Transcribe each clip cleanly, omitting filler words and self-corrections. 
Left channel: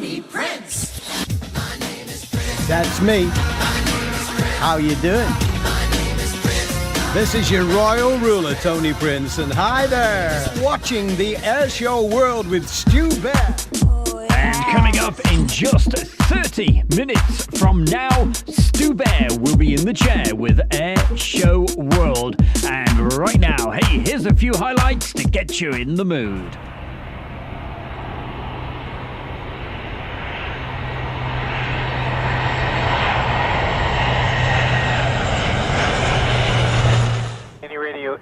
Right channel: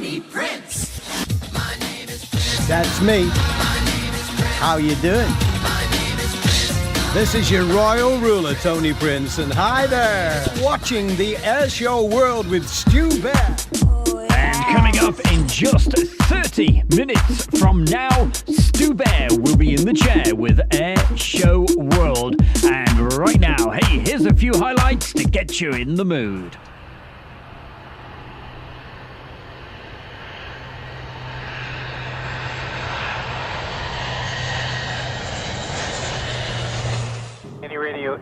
Tony Prince. That's me. How you doing? This is your royal ruler, Tony Prince, and hi there! Watching the Airshow World with Stu Bear. And coming up in just 30 minutes from now, Stu Bear will be in the chair with Airshow World. And right now, hey, here's a few highlights to get you in the mood.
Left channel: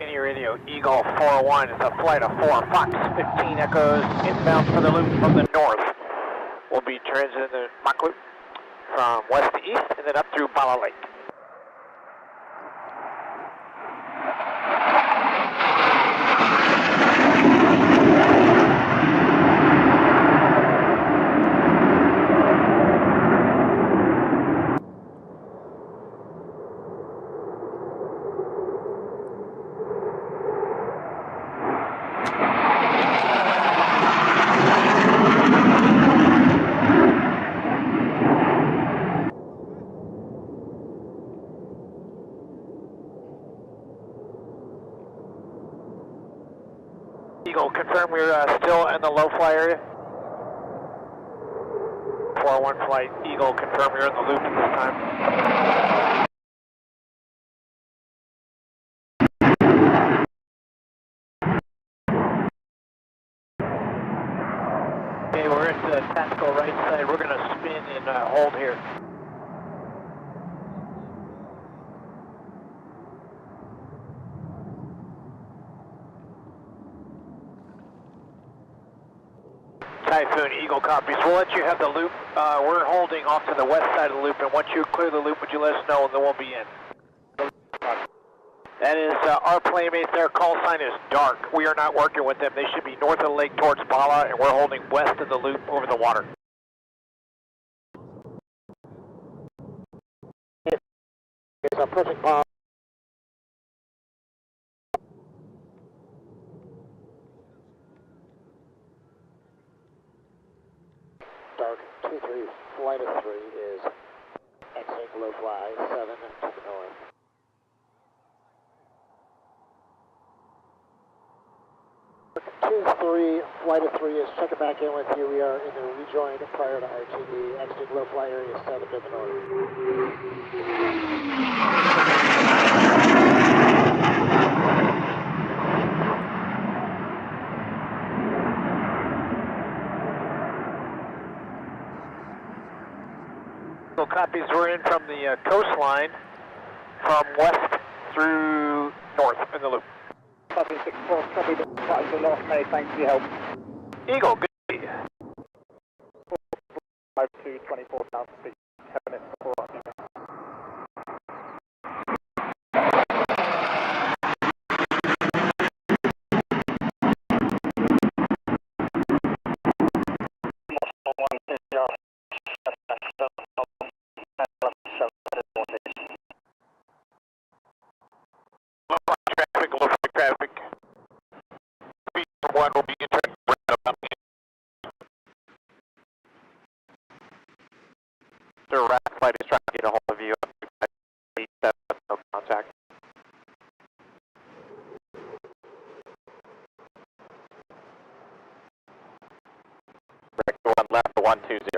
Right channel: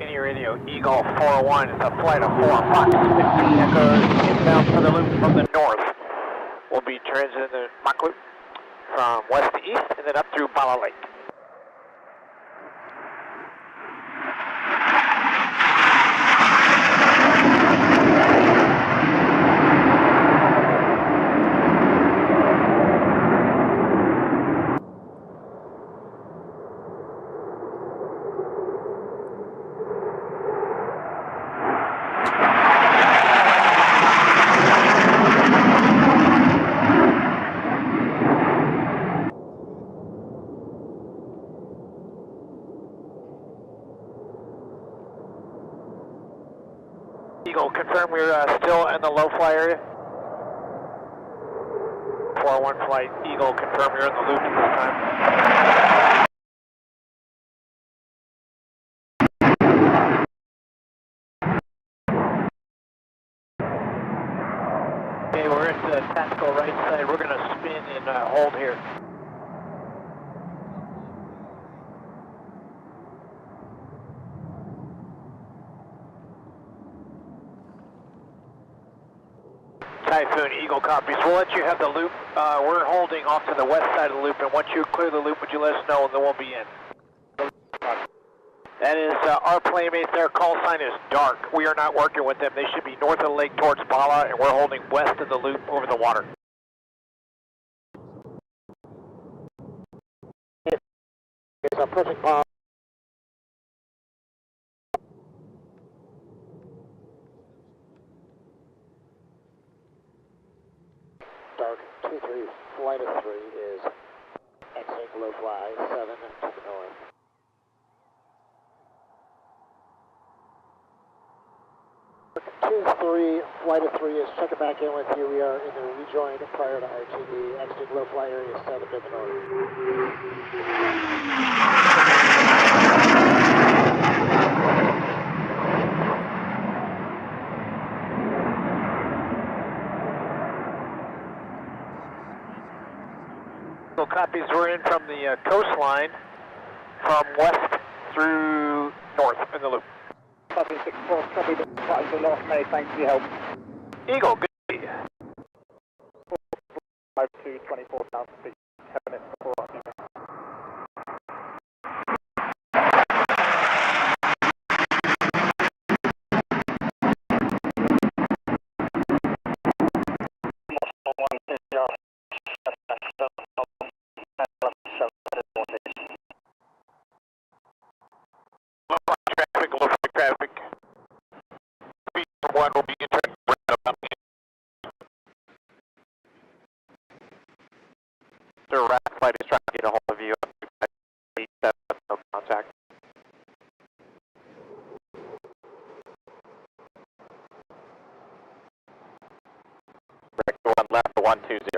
Any radio, Eagle 401, it's a flight of 4, Fox 15 Echoes, inbound for the loop from the north. We'll be transiting the Mach loop from west to east and then up through Bala Lake. Eagle, confirm we're still in the low fly area. 401 flight, Eagle, confirm you're in the loop at this time. Okay, we're at the tactical right side. We're going to spin and hold here. Typhoon, Eagle copies. We'll let you have the loop. We're holding off to the west side of the loop, and once you clear the loop, would you let us know, and then we'll be in. That is our playmate. Their call sign is dark. We are not working with them. They should be north of the lake towards Bala, and we're holding west of the loop over the water. It's approaching Bala. Dark 2-3, flight of 3 is exiting low fly 7 to the north. Dark 2-3, flight of 3 is checking back in with you. We are in the rejoin prior to RTD, exiting low fly area 7 to the north. Copies, we're in from the coastline from west through north in the loop. Copy 6-4, copy the flight to North May, thanks for your help. Eagle, good. 5 to 24,000 feet, 10 minutes before RTD. Traffic. Speed from 1 will be entering right about here. The RAC flight is trying to get a hold of you. No contact. Correct, 1 left, 120.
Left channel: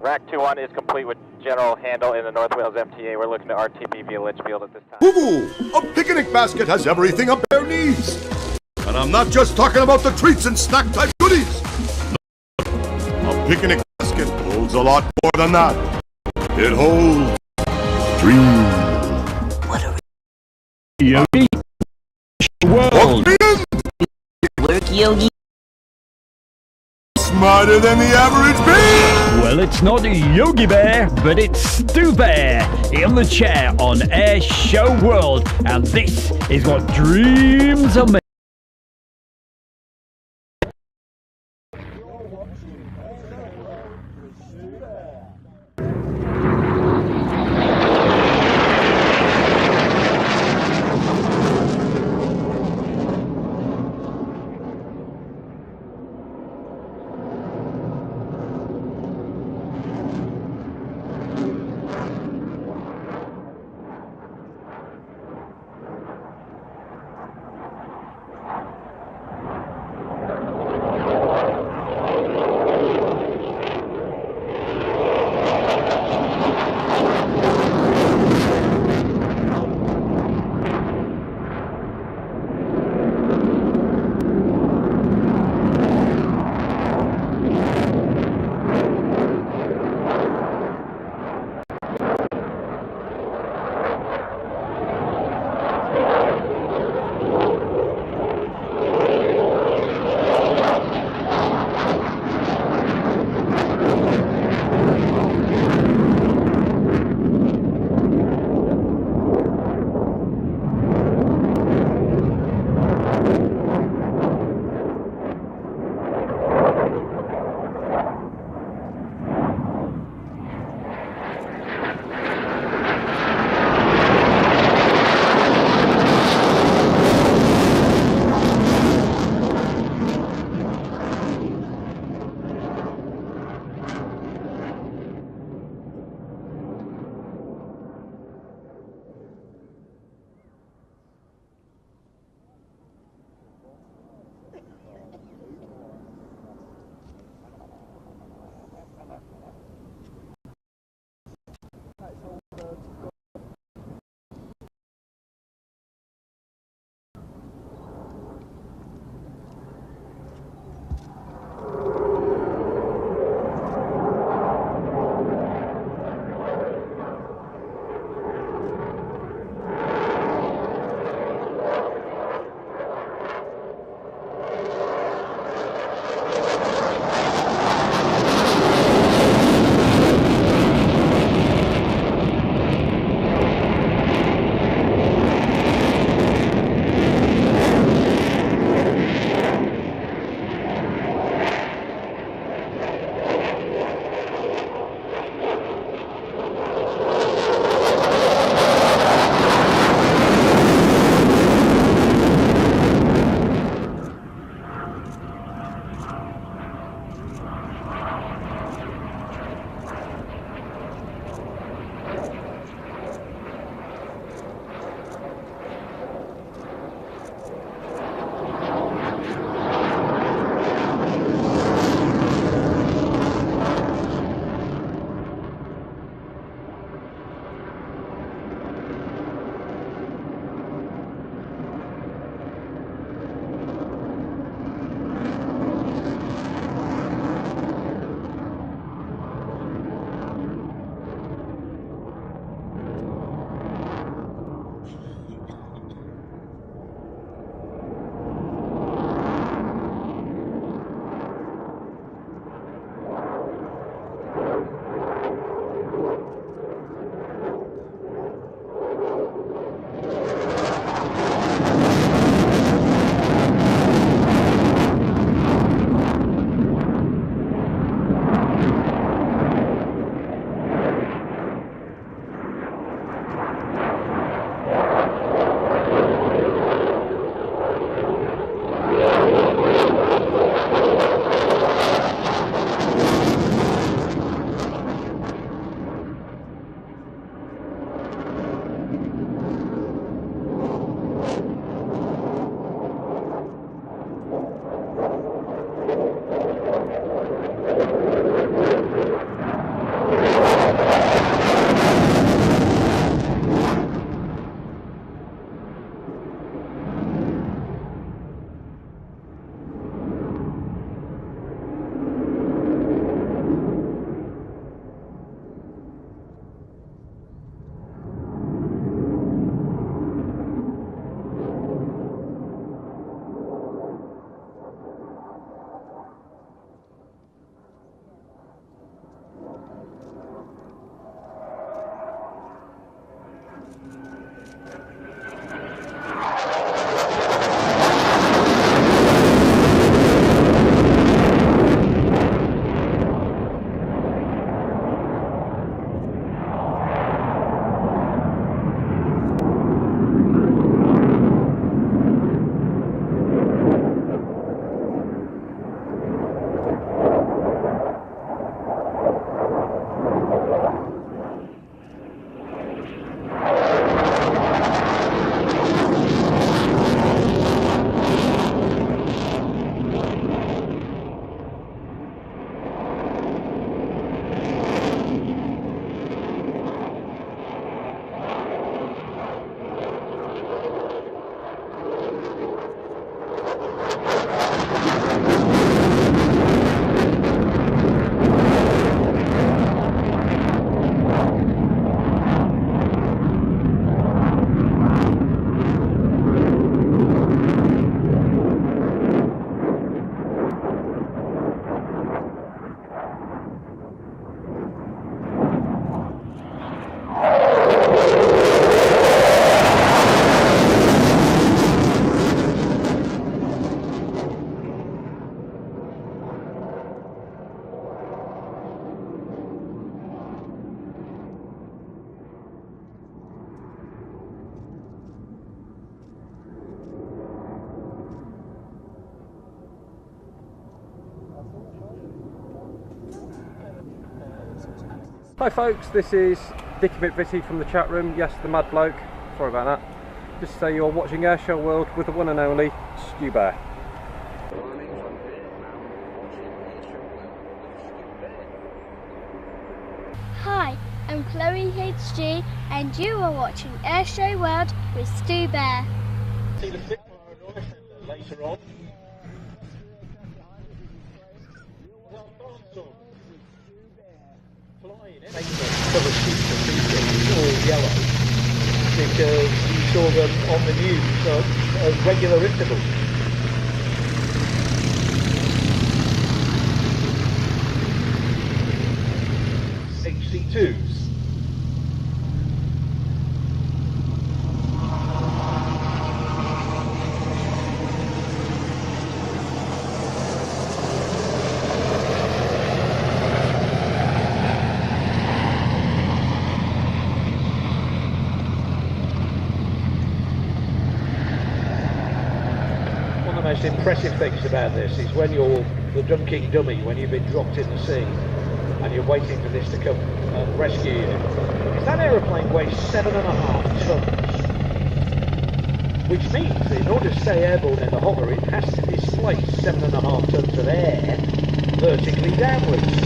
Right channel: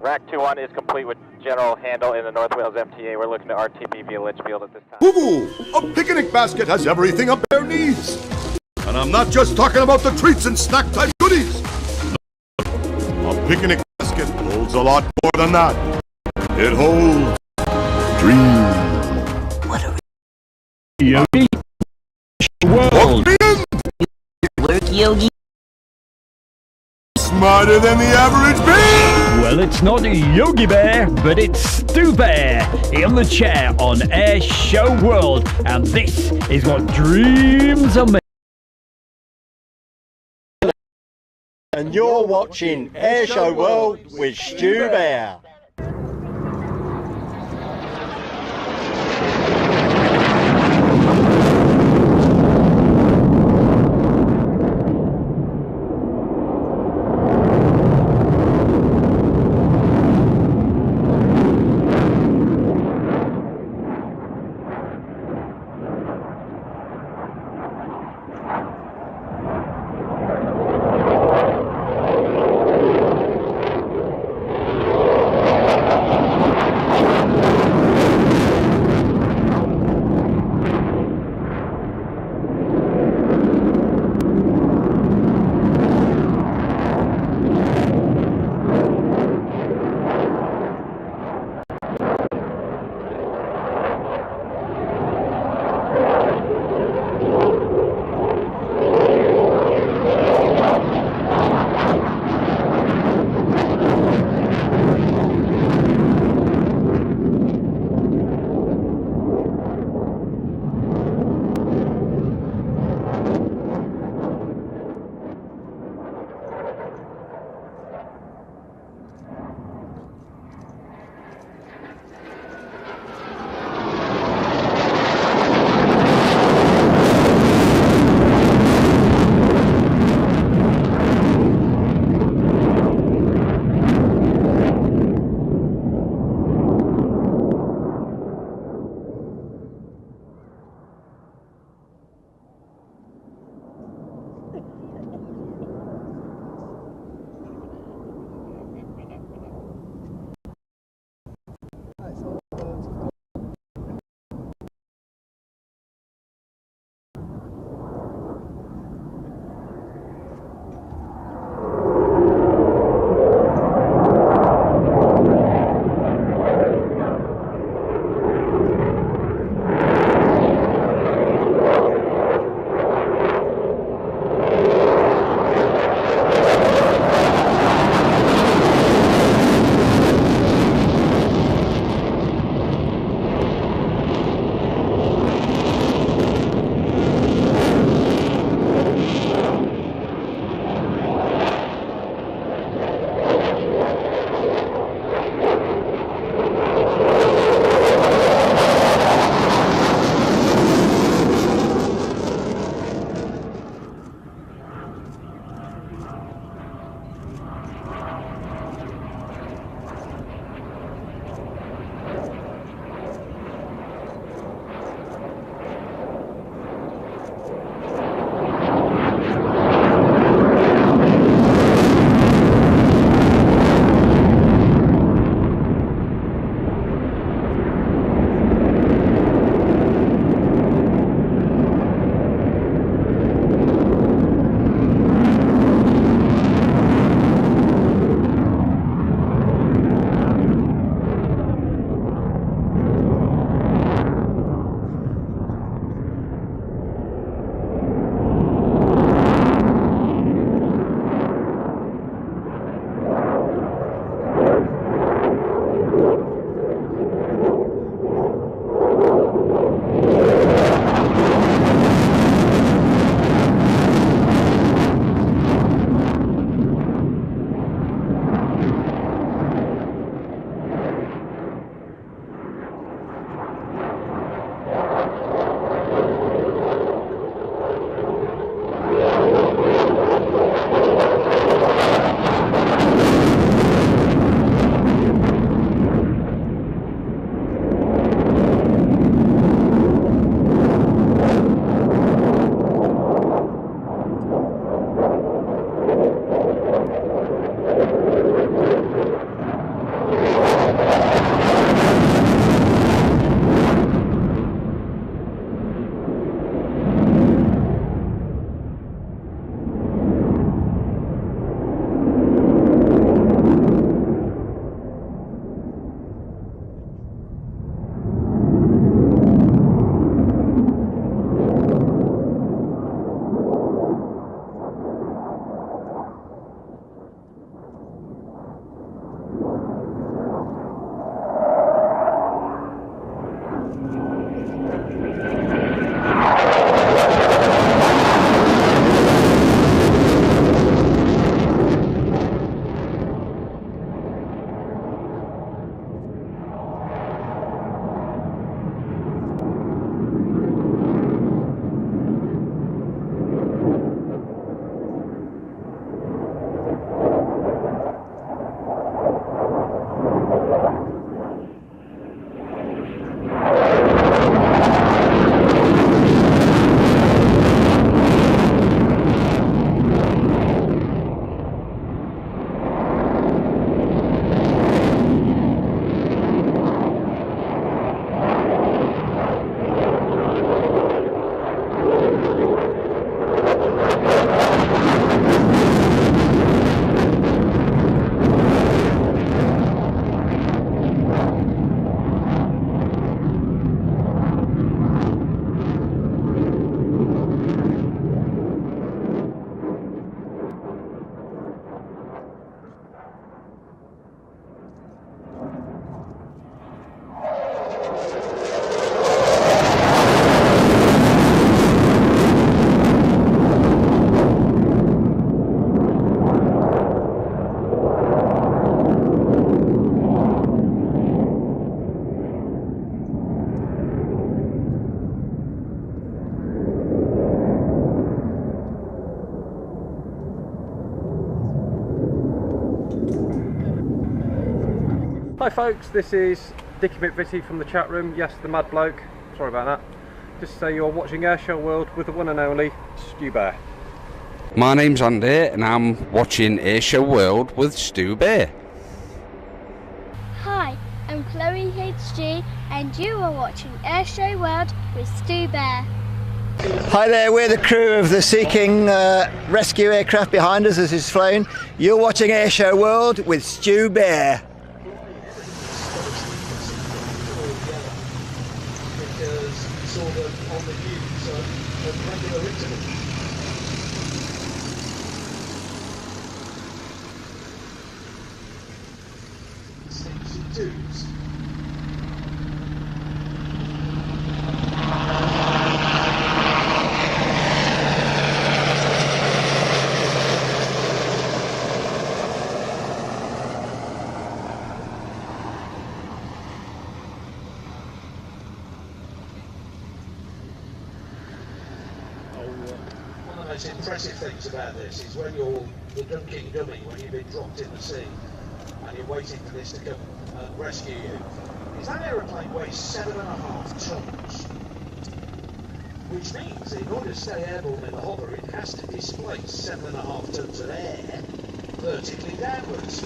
Rack 2-1 is complete with general handle in the North Wales MTA. We're looking to RTB via Litchfield at this time. Woo-hoo! A picnic basket has everything a bear needs. And I'm not just talking about the treats and snack-type goodies. A picnic basket holds a lot more than that. It holds dreams. What are Yogi World. work, Yogi? Smarter than the average bear. Well, it's not Yogi Bear, but it's Stu Bear in the chair on Air Show World, and this is what dreams are made. And you're watching Airshow World with Stu Bear. Hi folks, this is Dicky McVitie from the chat room. Yes, the mad bloke. Sorry about that. Just to say you're watching Airshow World with the one and only Stu Bear. My name's Andy and I'm watching Airshow World with Stu Bear. Hi, I'm Chloe HG and you are watching Airshow World with Stu Bear. Hi there, we're the crew of the Sea King rescue aircraft behind us as it's flown. You're watching Airshow World with Stu Bear. All yellow because you saw them on the news at regular intervals. HC2s. The most impressive things about this is when you're the Dunkirk dummy, when you've been dropped in the sea and you're waiting for this to come and rescue you. Is that aeroplane weighs 7.5 tons, which means in order to stay airborne in the hover it has to displace 7.5 tons of air vertically downwards.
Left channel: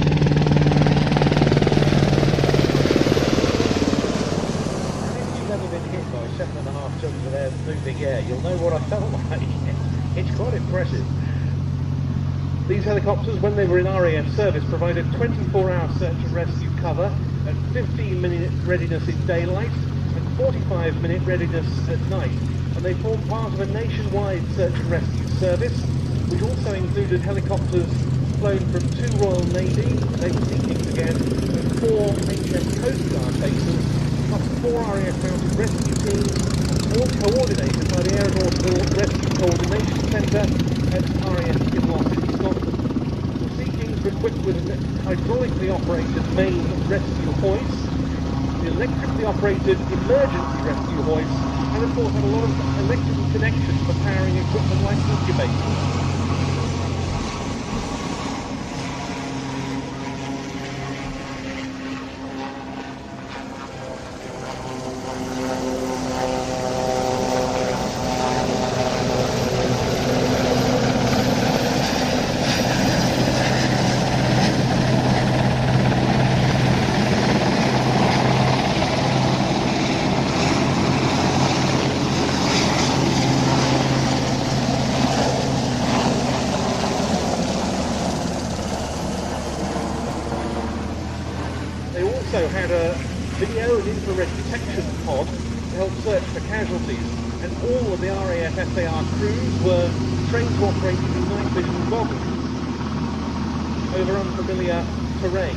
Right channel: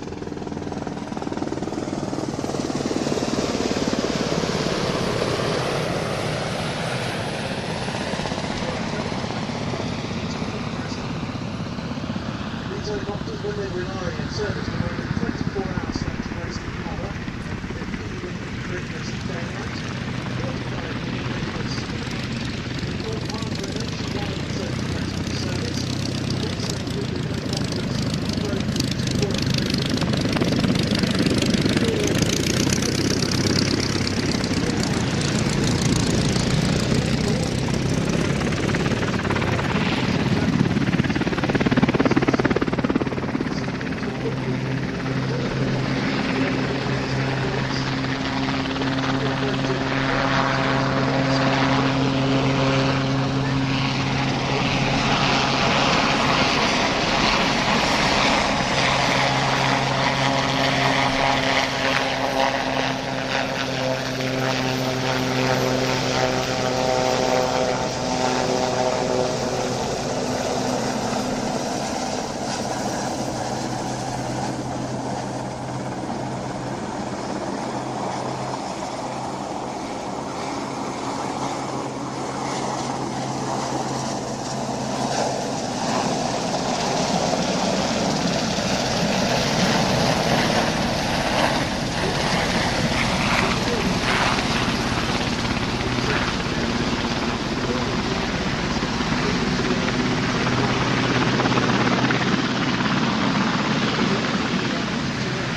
These helicopters, when they were in RAN service, provided 24-hour search and rescue cover and 15-minute readiness in daylight, 45-minute readiness at night. And they formed part of a nationwide search and rescue service, which also included helicopters flown from 2 Royal Navy, Navy Sea, 4 HM Coast Guard bases, plus 4 RAN rescue teams, all coordinated by the Airborne Rescue Coordination Centre, ex-RAN hydraulically operated main rescue ports, electrically operated emergency rescue ports, and also have a lot of electrical connections to powering rescue. also had a video of the protection pod of the casualties. All of the RAF SAR crews were trained to operate in over unfamiliar terrain.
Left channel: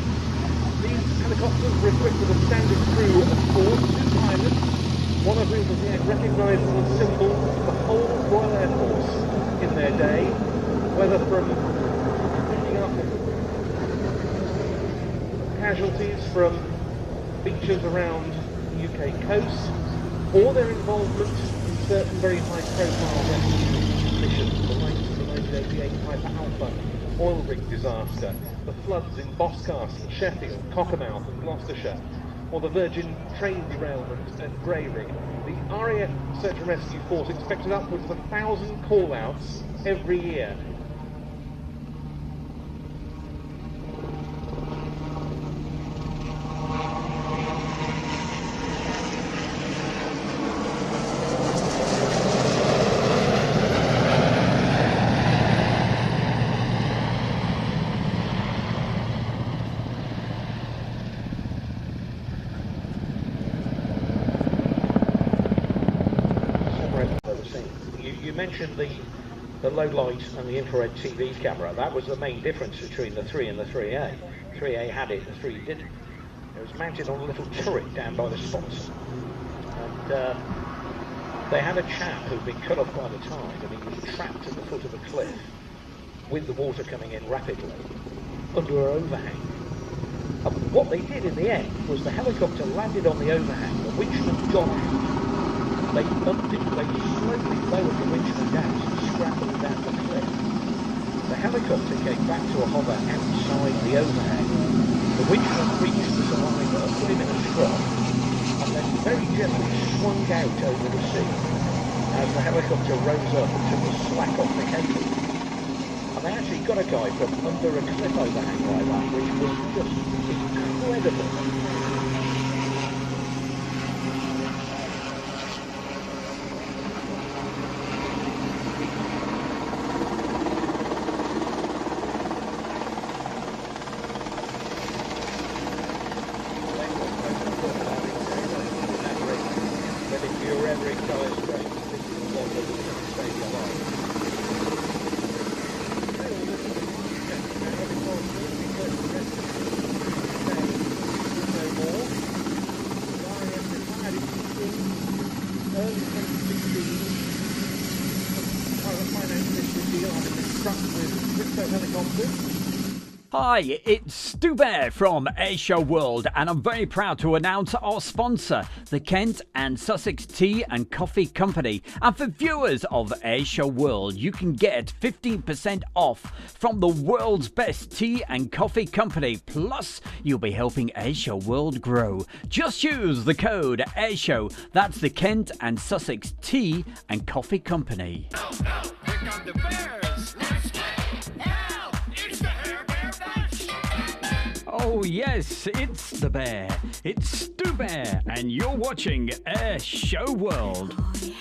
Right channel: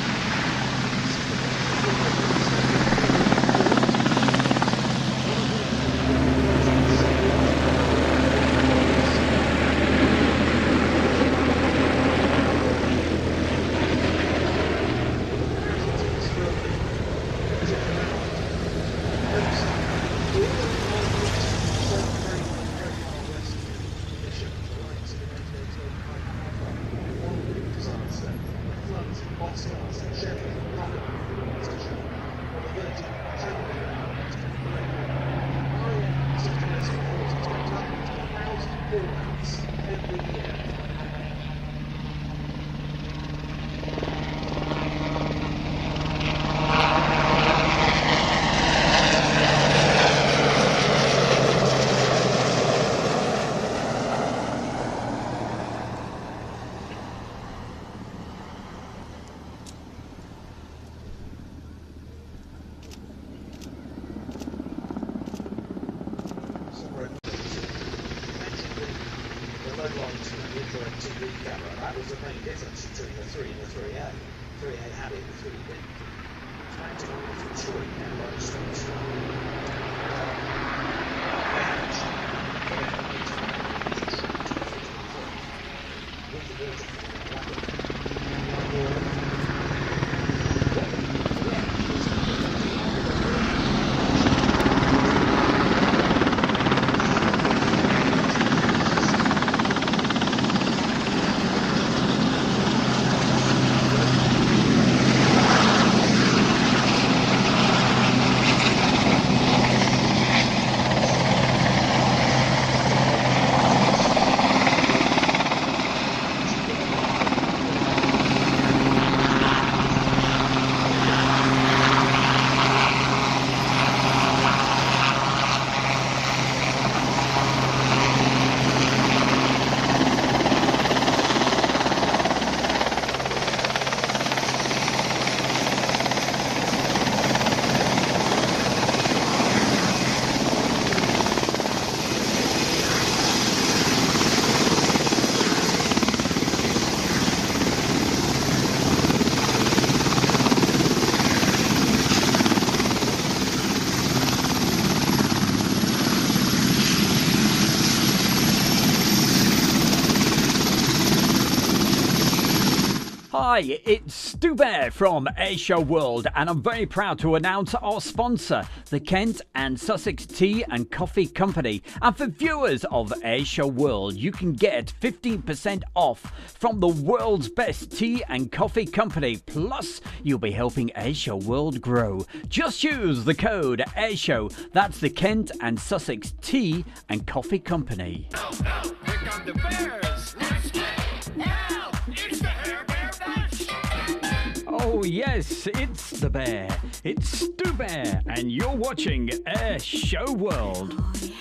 These helicopters were equipped with a standard crew of 4 pilots, one of whom was recognising symbol all the Royal Police okay. Casualties from beaches around the UK coast, or their involvement in certain very high-profile rescue missions, the likes of the 1988 Piper Alpha oil rig disaster, the floods in Boscastle, Sheffield, Cockermouth in Gloucestershire, or the Virgin train derailment at Bravery. RAF Search and Rescue Force expected upwards of 1,000 call-outs every year. The low lights and the infrared TV camera, that was the main difference between the 3 and the 3A. 3A had it, the 3 didn't. It was mounted on a little turret down by the slots. And they had a chap who had been cut off by the time, and he was trapped in the foot of the cliff with the water coming in rapidly under her own back. And what they did in the end was the helicopter landed on the ocean, reached the dock, they Hi, it's Stu Bear from Airshow World, and I'm very proud to announce our sponsor, the Kent and Sussex Tea and Coffee Company. And for viewers of Airshow World, you can get 15% off from the world's best tea and coffee company. Plus, you'll be helping Airshow World grow. Just use the code Airshow. That's the Kent and Sussex Tea and Coffee Company. Here come the bears. Let's get now. It's the Hair Bear Bash. Oh yes, it's the bear. It's Stu Bear, and you're watching Airshow World. Oh, yes.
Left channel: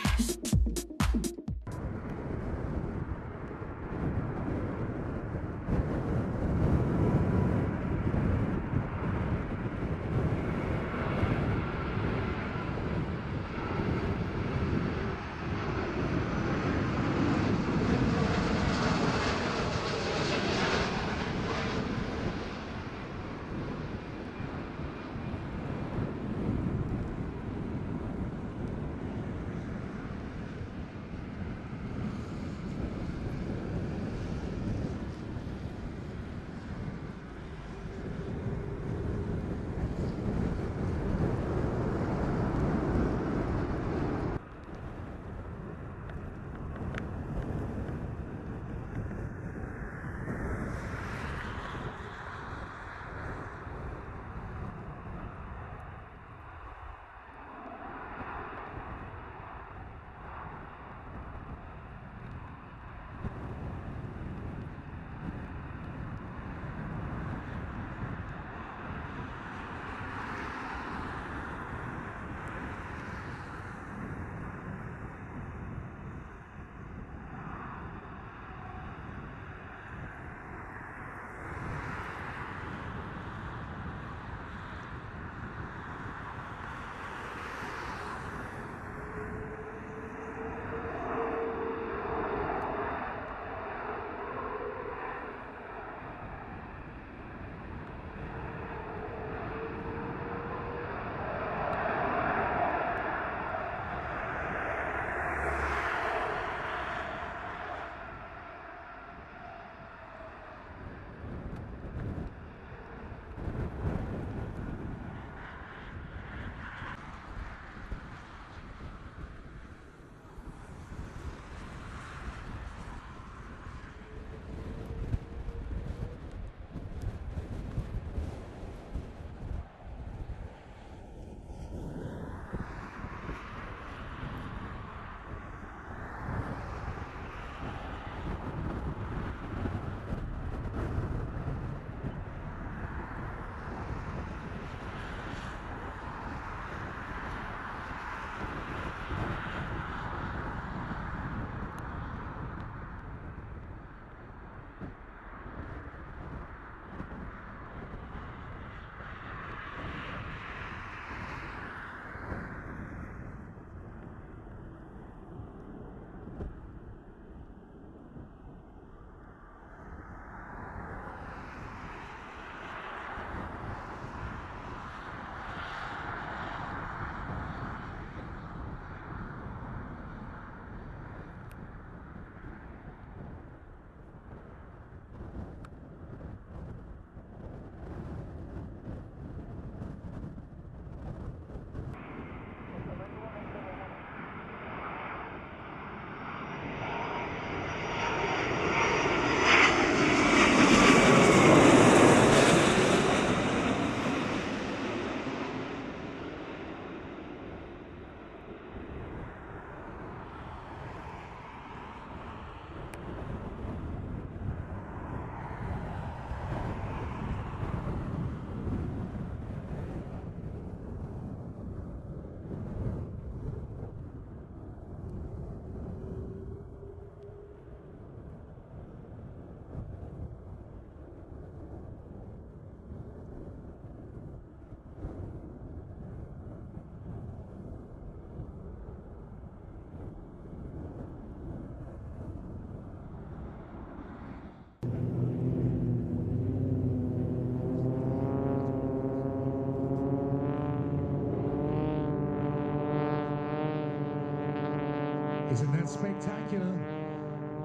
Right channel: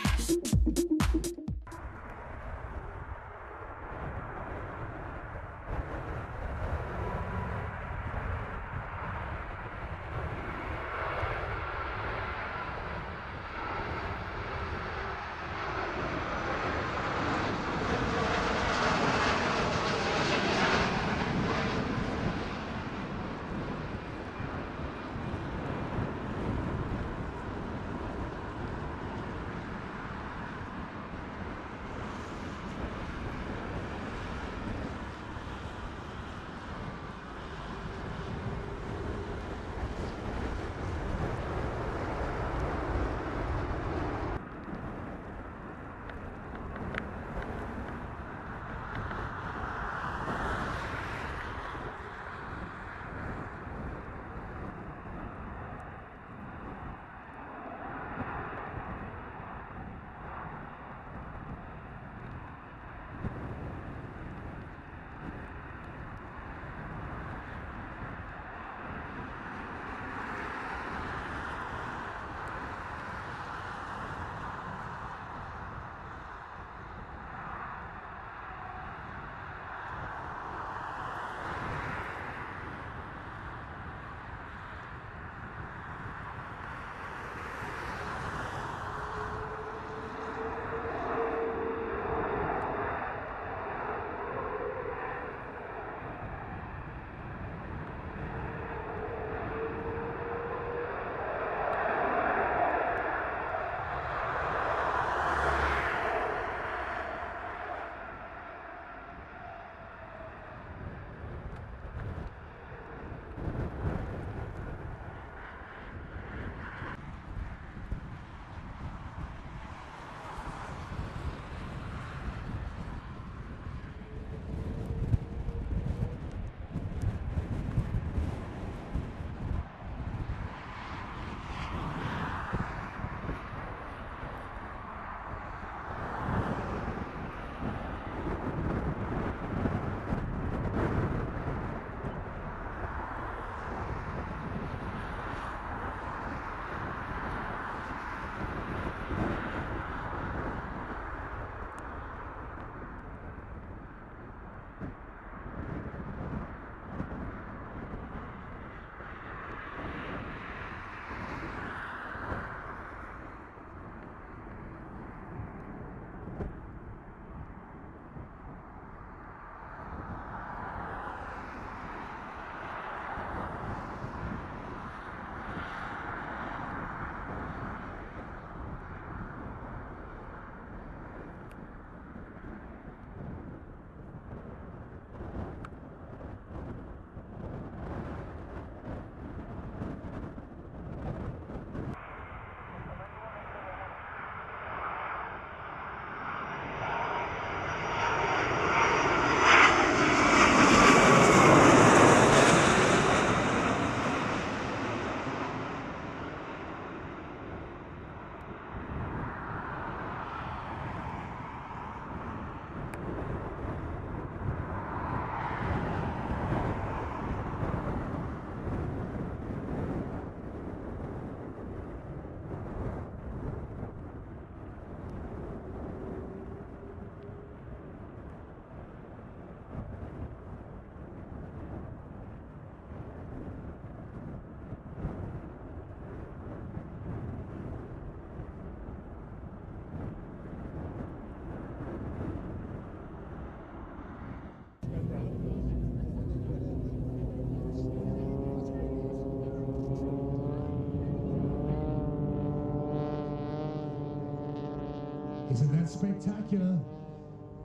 That's spectacular.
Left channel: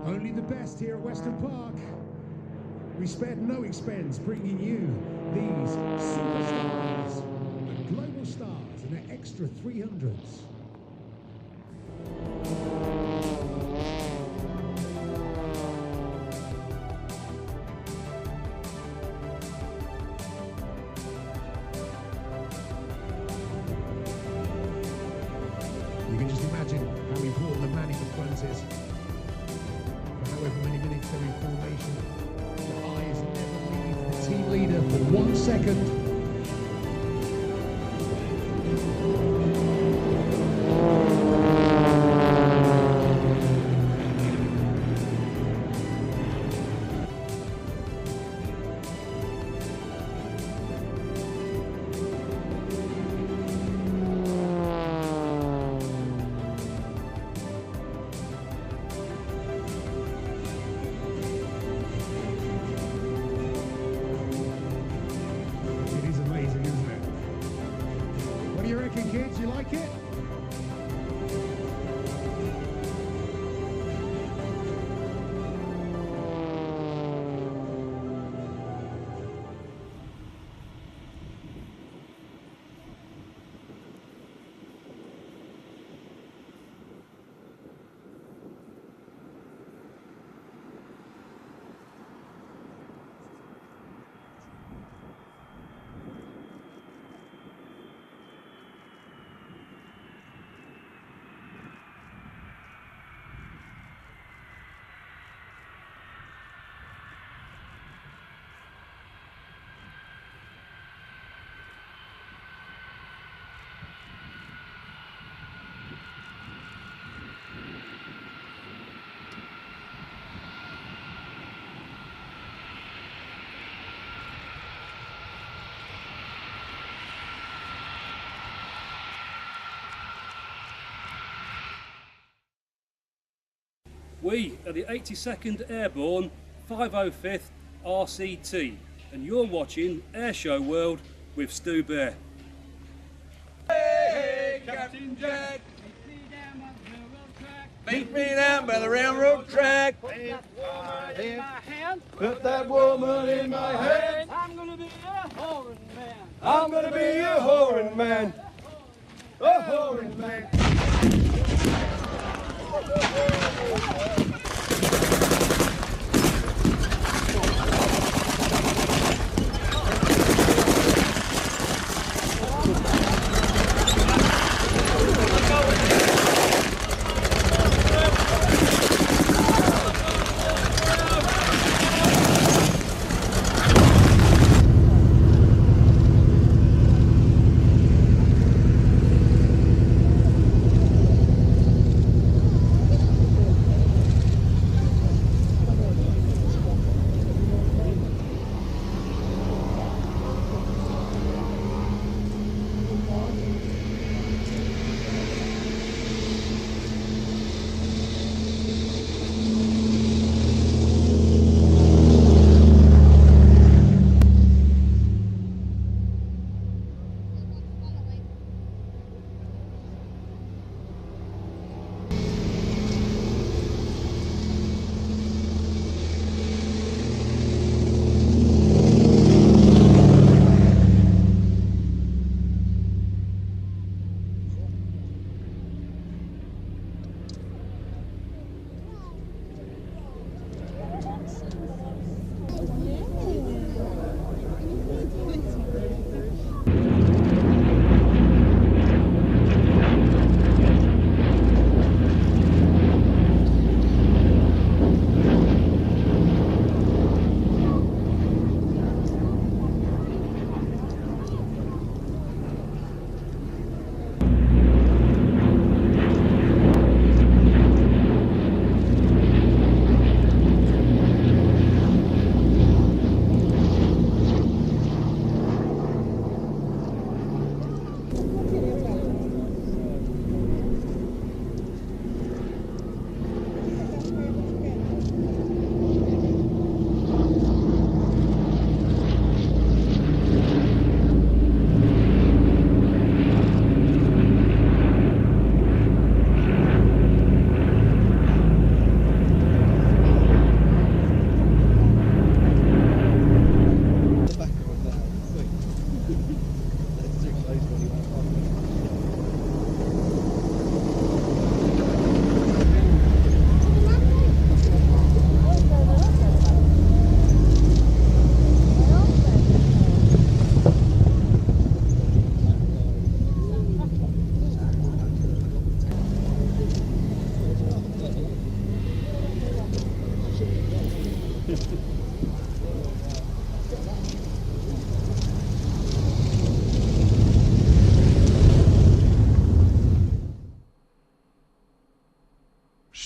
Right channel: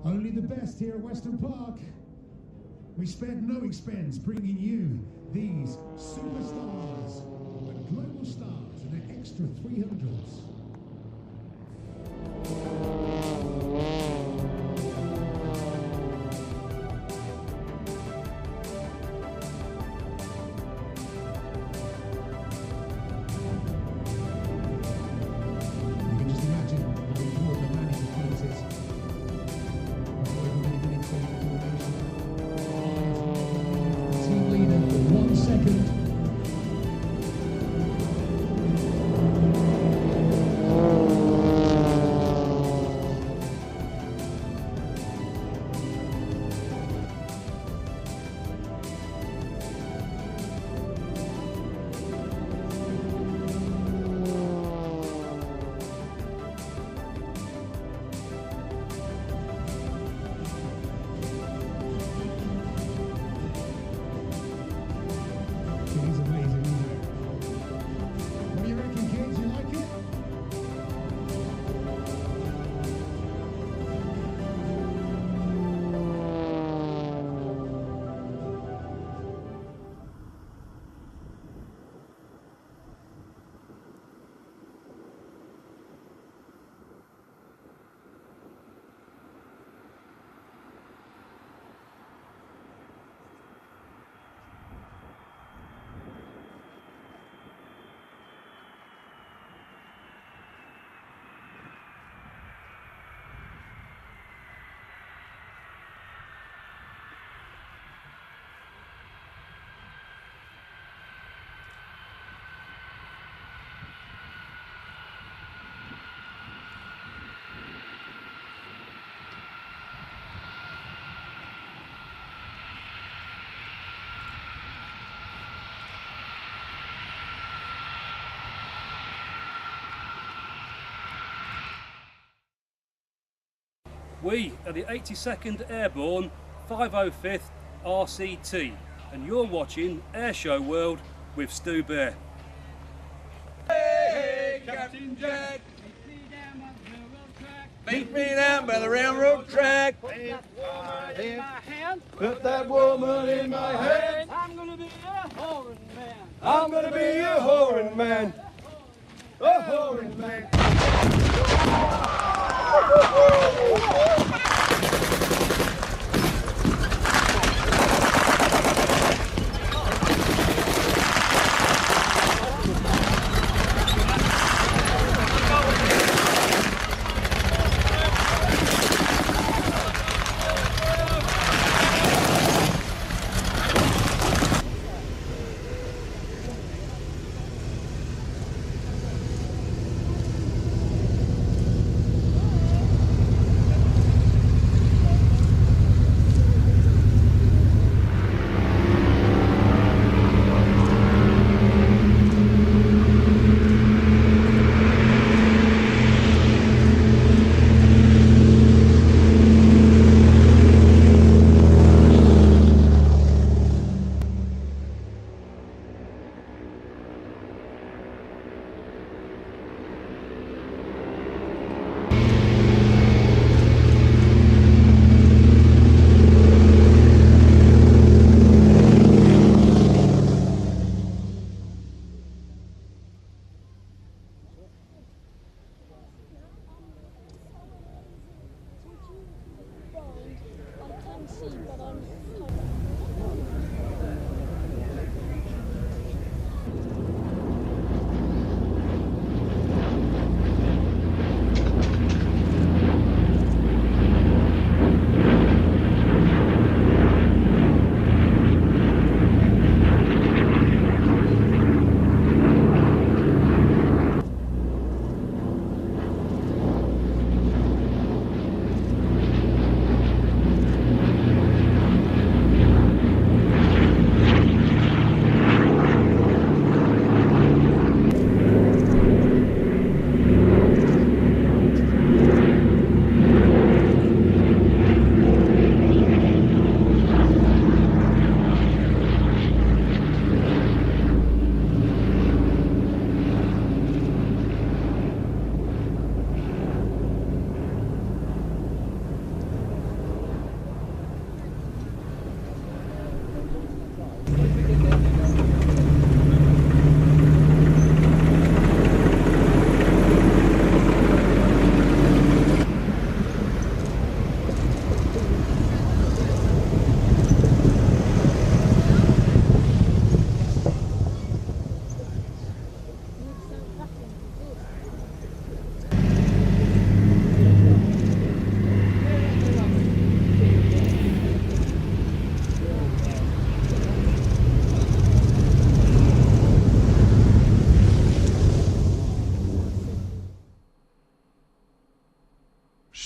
Only the best here at Western Park. We spared no expense bringing you these superstars and global stars in their extra 300s. You can just imagine how we brought the manic influences. However many minutes they're in formation. Eyes never leave the team leader for 1 second. We are the 82nd Airborne 505th RCT, and you're watching Airshow World with Stu Bear. Hey, Captain Jack. Meet me down by the railroad track. Put that woman in my hand. I'm gonna be a whoring man. I'm gonna be a whoring man. A whoring man.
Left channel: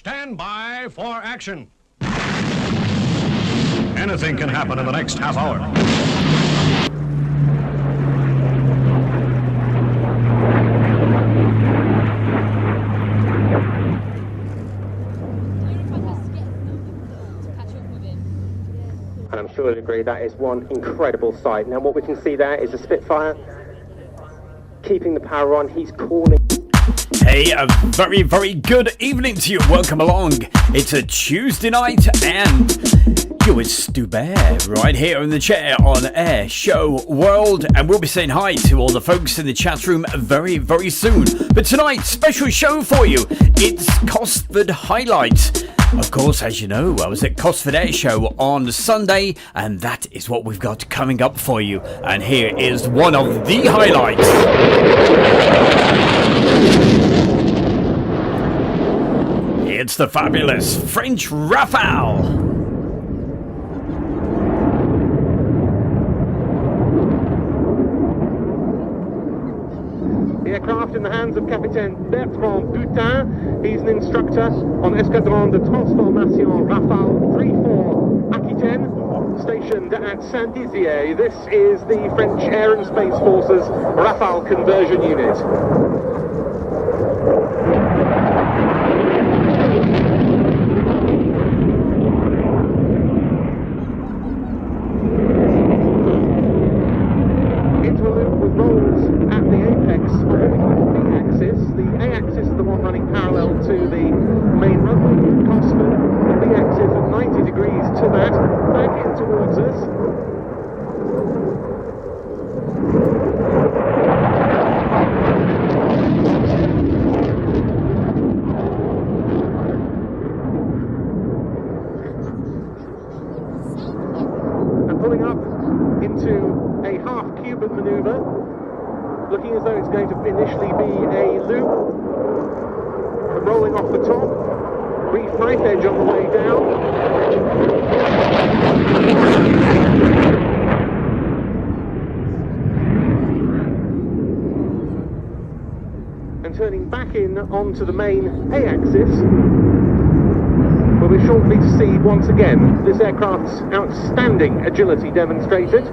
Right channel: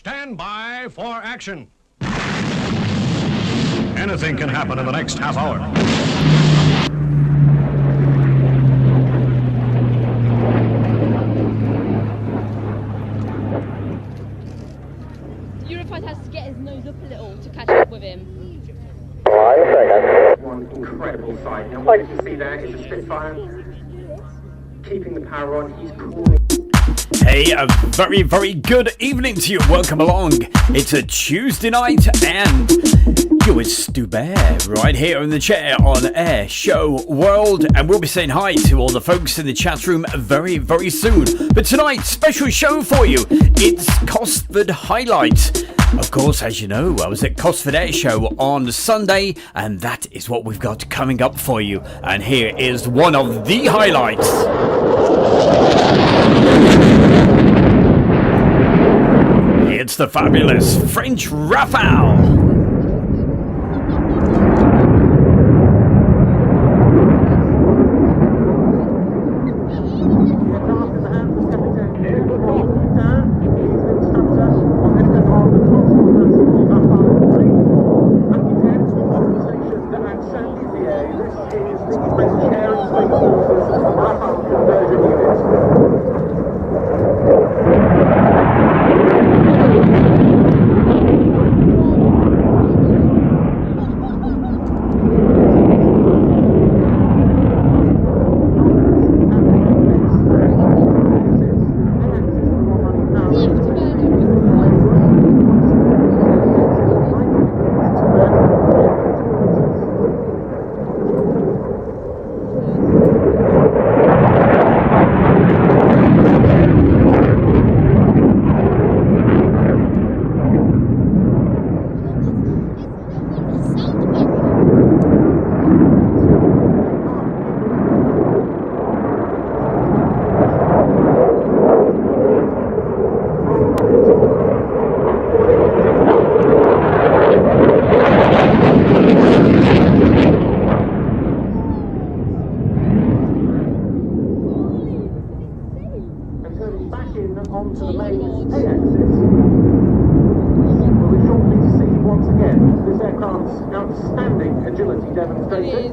Stand by for action. Anything can happen in the next half hour. Euroflight has to get his nose up a little to catch up with him. One incredible sight. Now what we can see there is a Spitfire keeping the power on. He's calling. Hey, a very, very good evening to you. Welcome along. It's a Tuesday night and you're with Stu Bear right here in the chair on Air Show World. And we'll be saying hi to all the folks in the chat room very, very soon. But tonight, special show for you. It's Cosford Highlights. Of course, as you know, I was at Cosford Airshow on Sunday, and that is what we've got coming up for you. And here is one of the highlights. It's the fabulous French Rafale. The aircraft in the hands of Capitaine Bertrand Gutin. He's an instructor on Escadron de Transformation Rafale 34 Aquitaine, stationed at Saint-Dizier. This is the French Air and Space Forces Rafale conversion unit. Onto the main A-axis, where we're shortly to see once again this aircraft's outstanding agility demonstrated.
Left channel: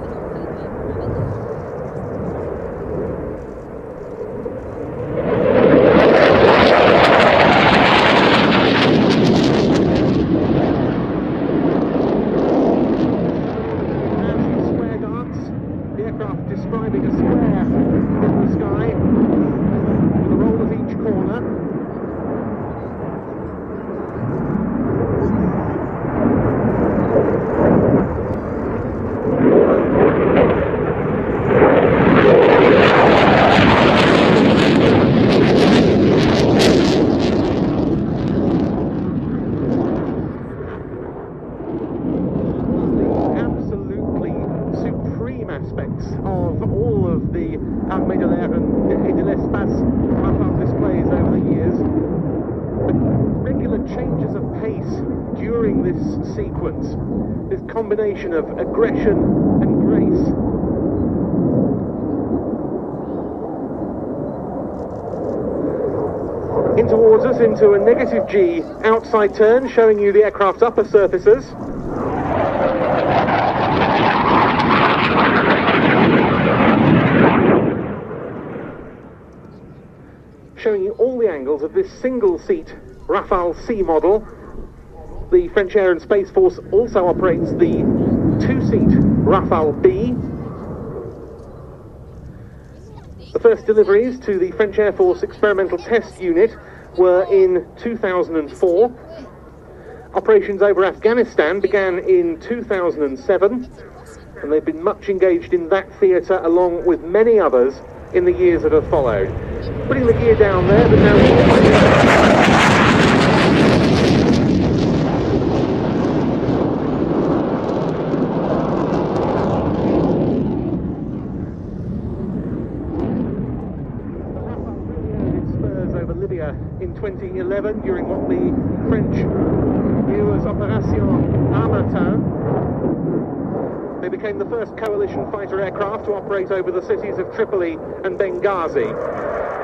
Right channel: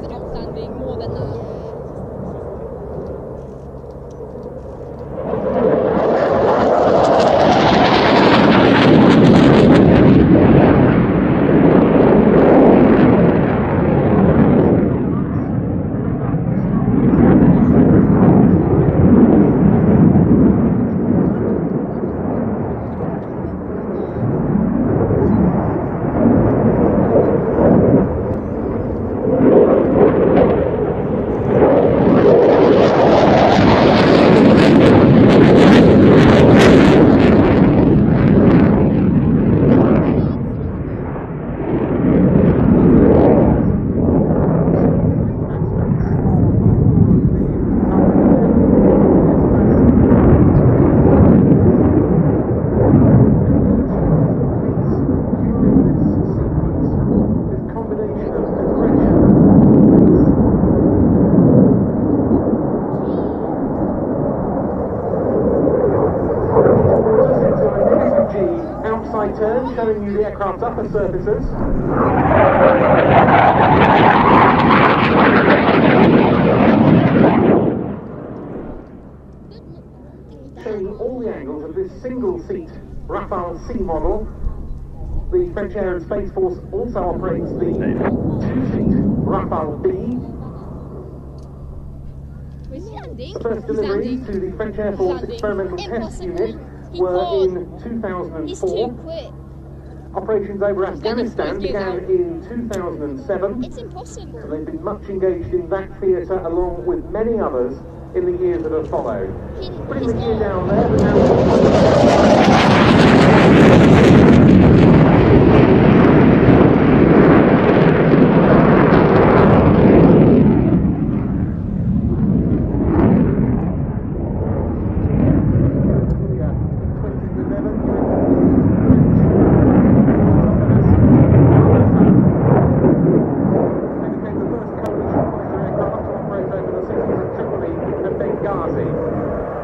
Into a negative G outside turn, showing you the aircraft's upper surfaces. Showing you all the angles of this single-seat Rafale C model. The French Air and Space Force also operates the two-seat Rafale B. The first deliveries to the French Air Force Experimental Test Unit were in 2004. Operations over Afghanistan began in 2007, and they've been much engaged in that theatre along with many others in the years that have followed. Putting the gear down there, but now during what the French Opération Armatan. They became the first coalition fighter aircraft to operate over the cities of Tripoli and Benghazi.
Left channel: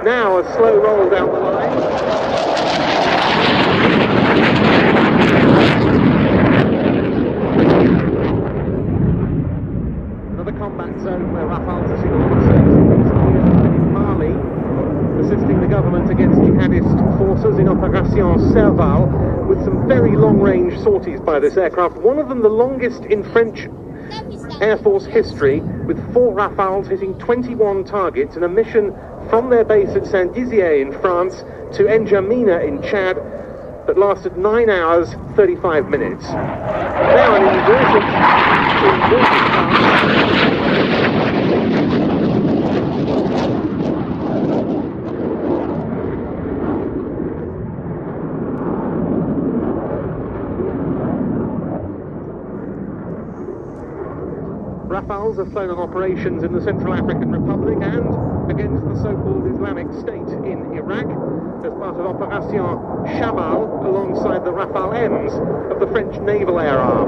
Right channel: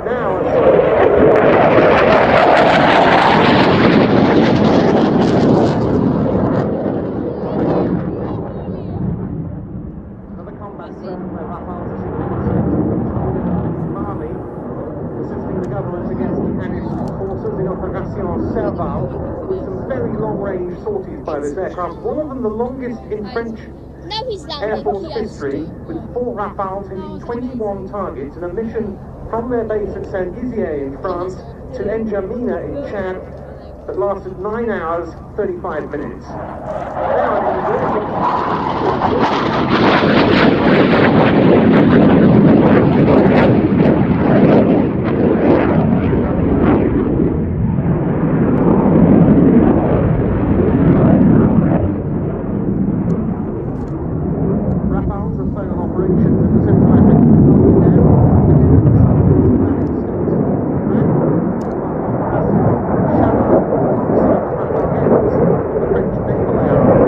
Now a slow roll down. Another combat zone where Rafales are seeing Mali, assisting the government against jihadist forces in Opération Serval, with some very long-range sorties by this aircraft. One of them the longest in French Air Force history, with 4 Rafales hitting 21 targets in a mission from their base at Saint-Dizier in France to N'Djamena in Chad that lasted 9 hours, 35 minutes. Now an Rafales are flown on operations in the Central African Republic and against the so-called Islamic State in Iraq as part of Opération Chamal alongside the Rafale M's of the French Naval Air Arm.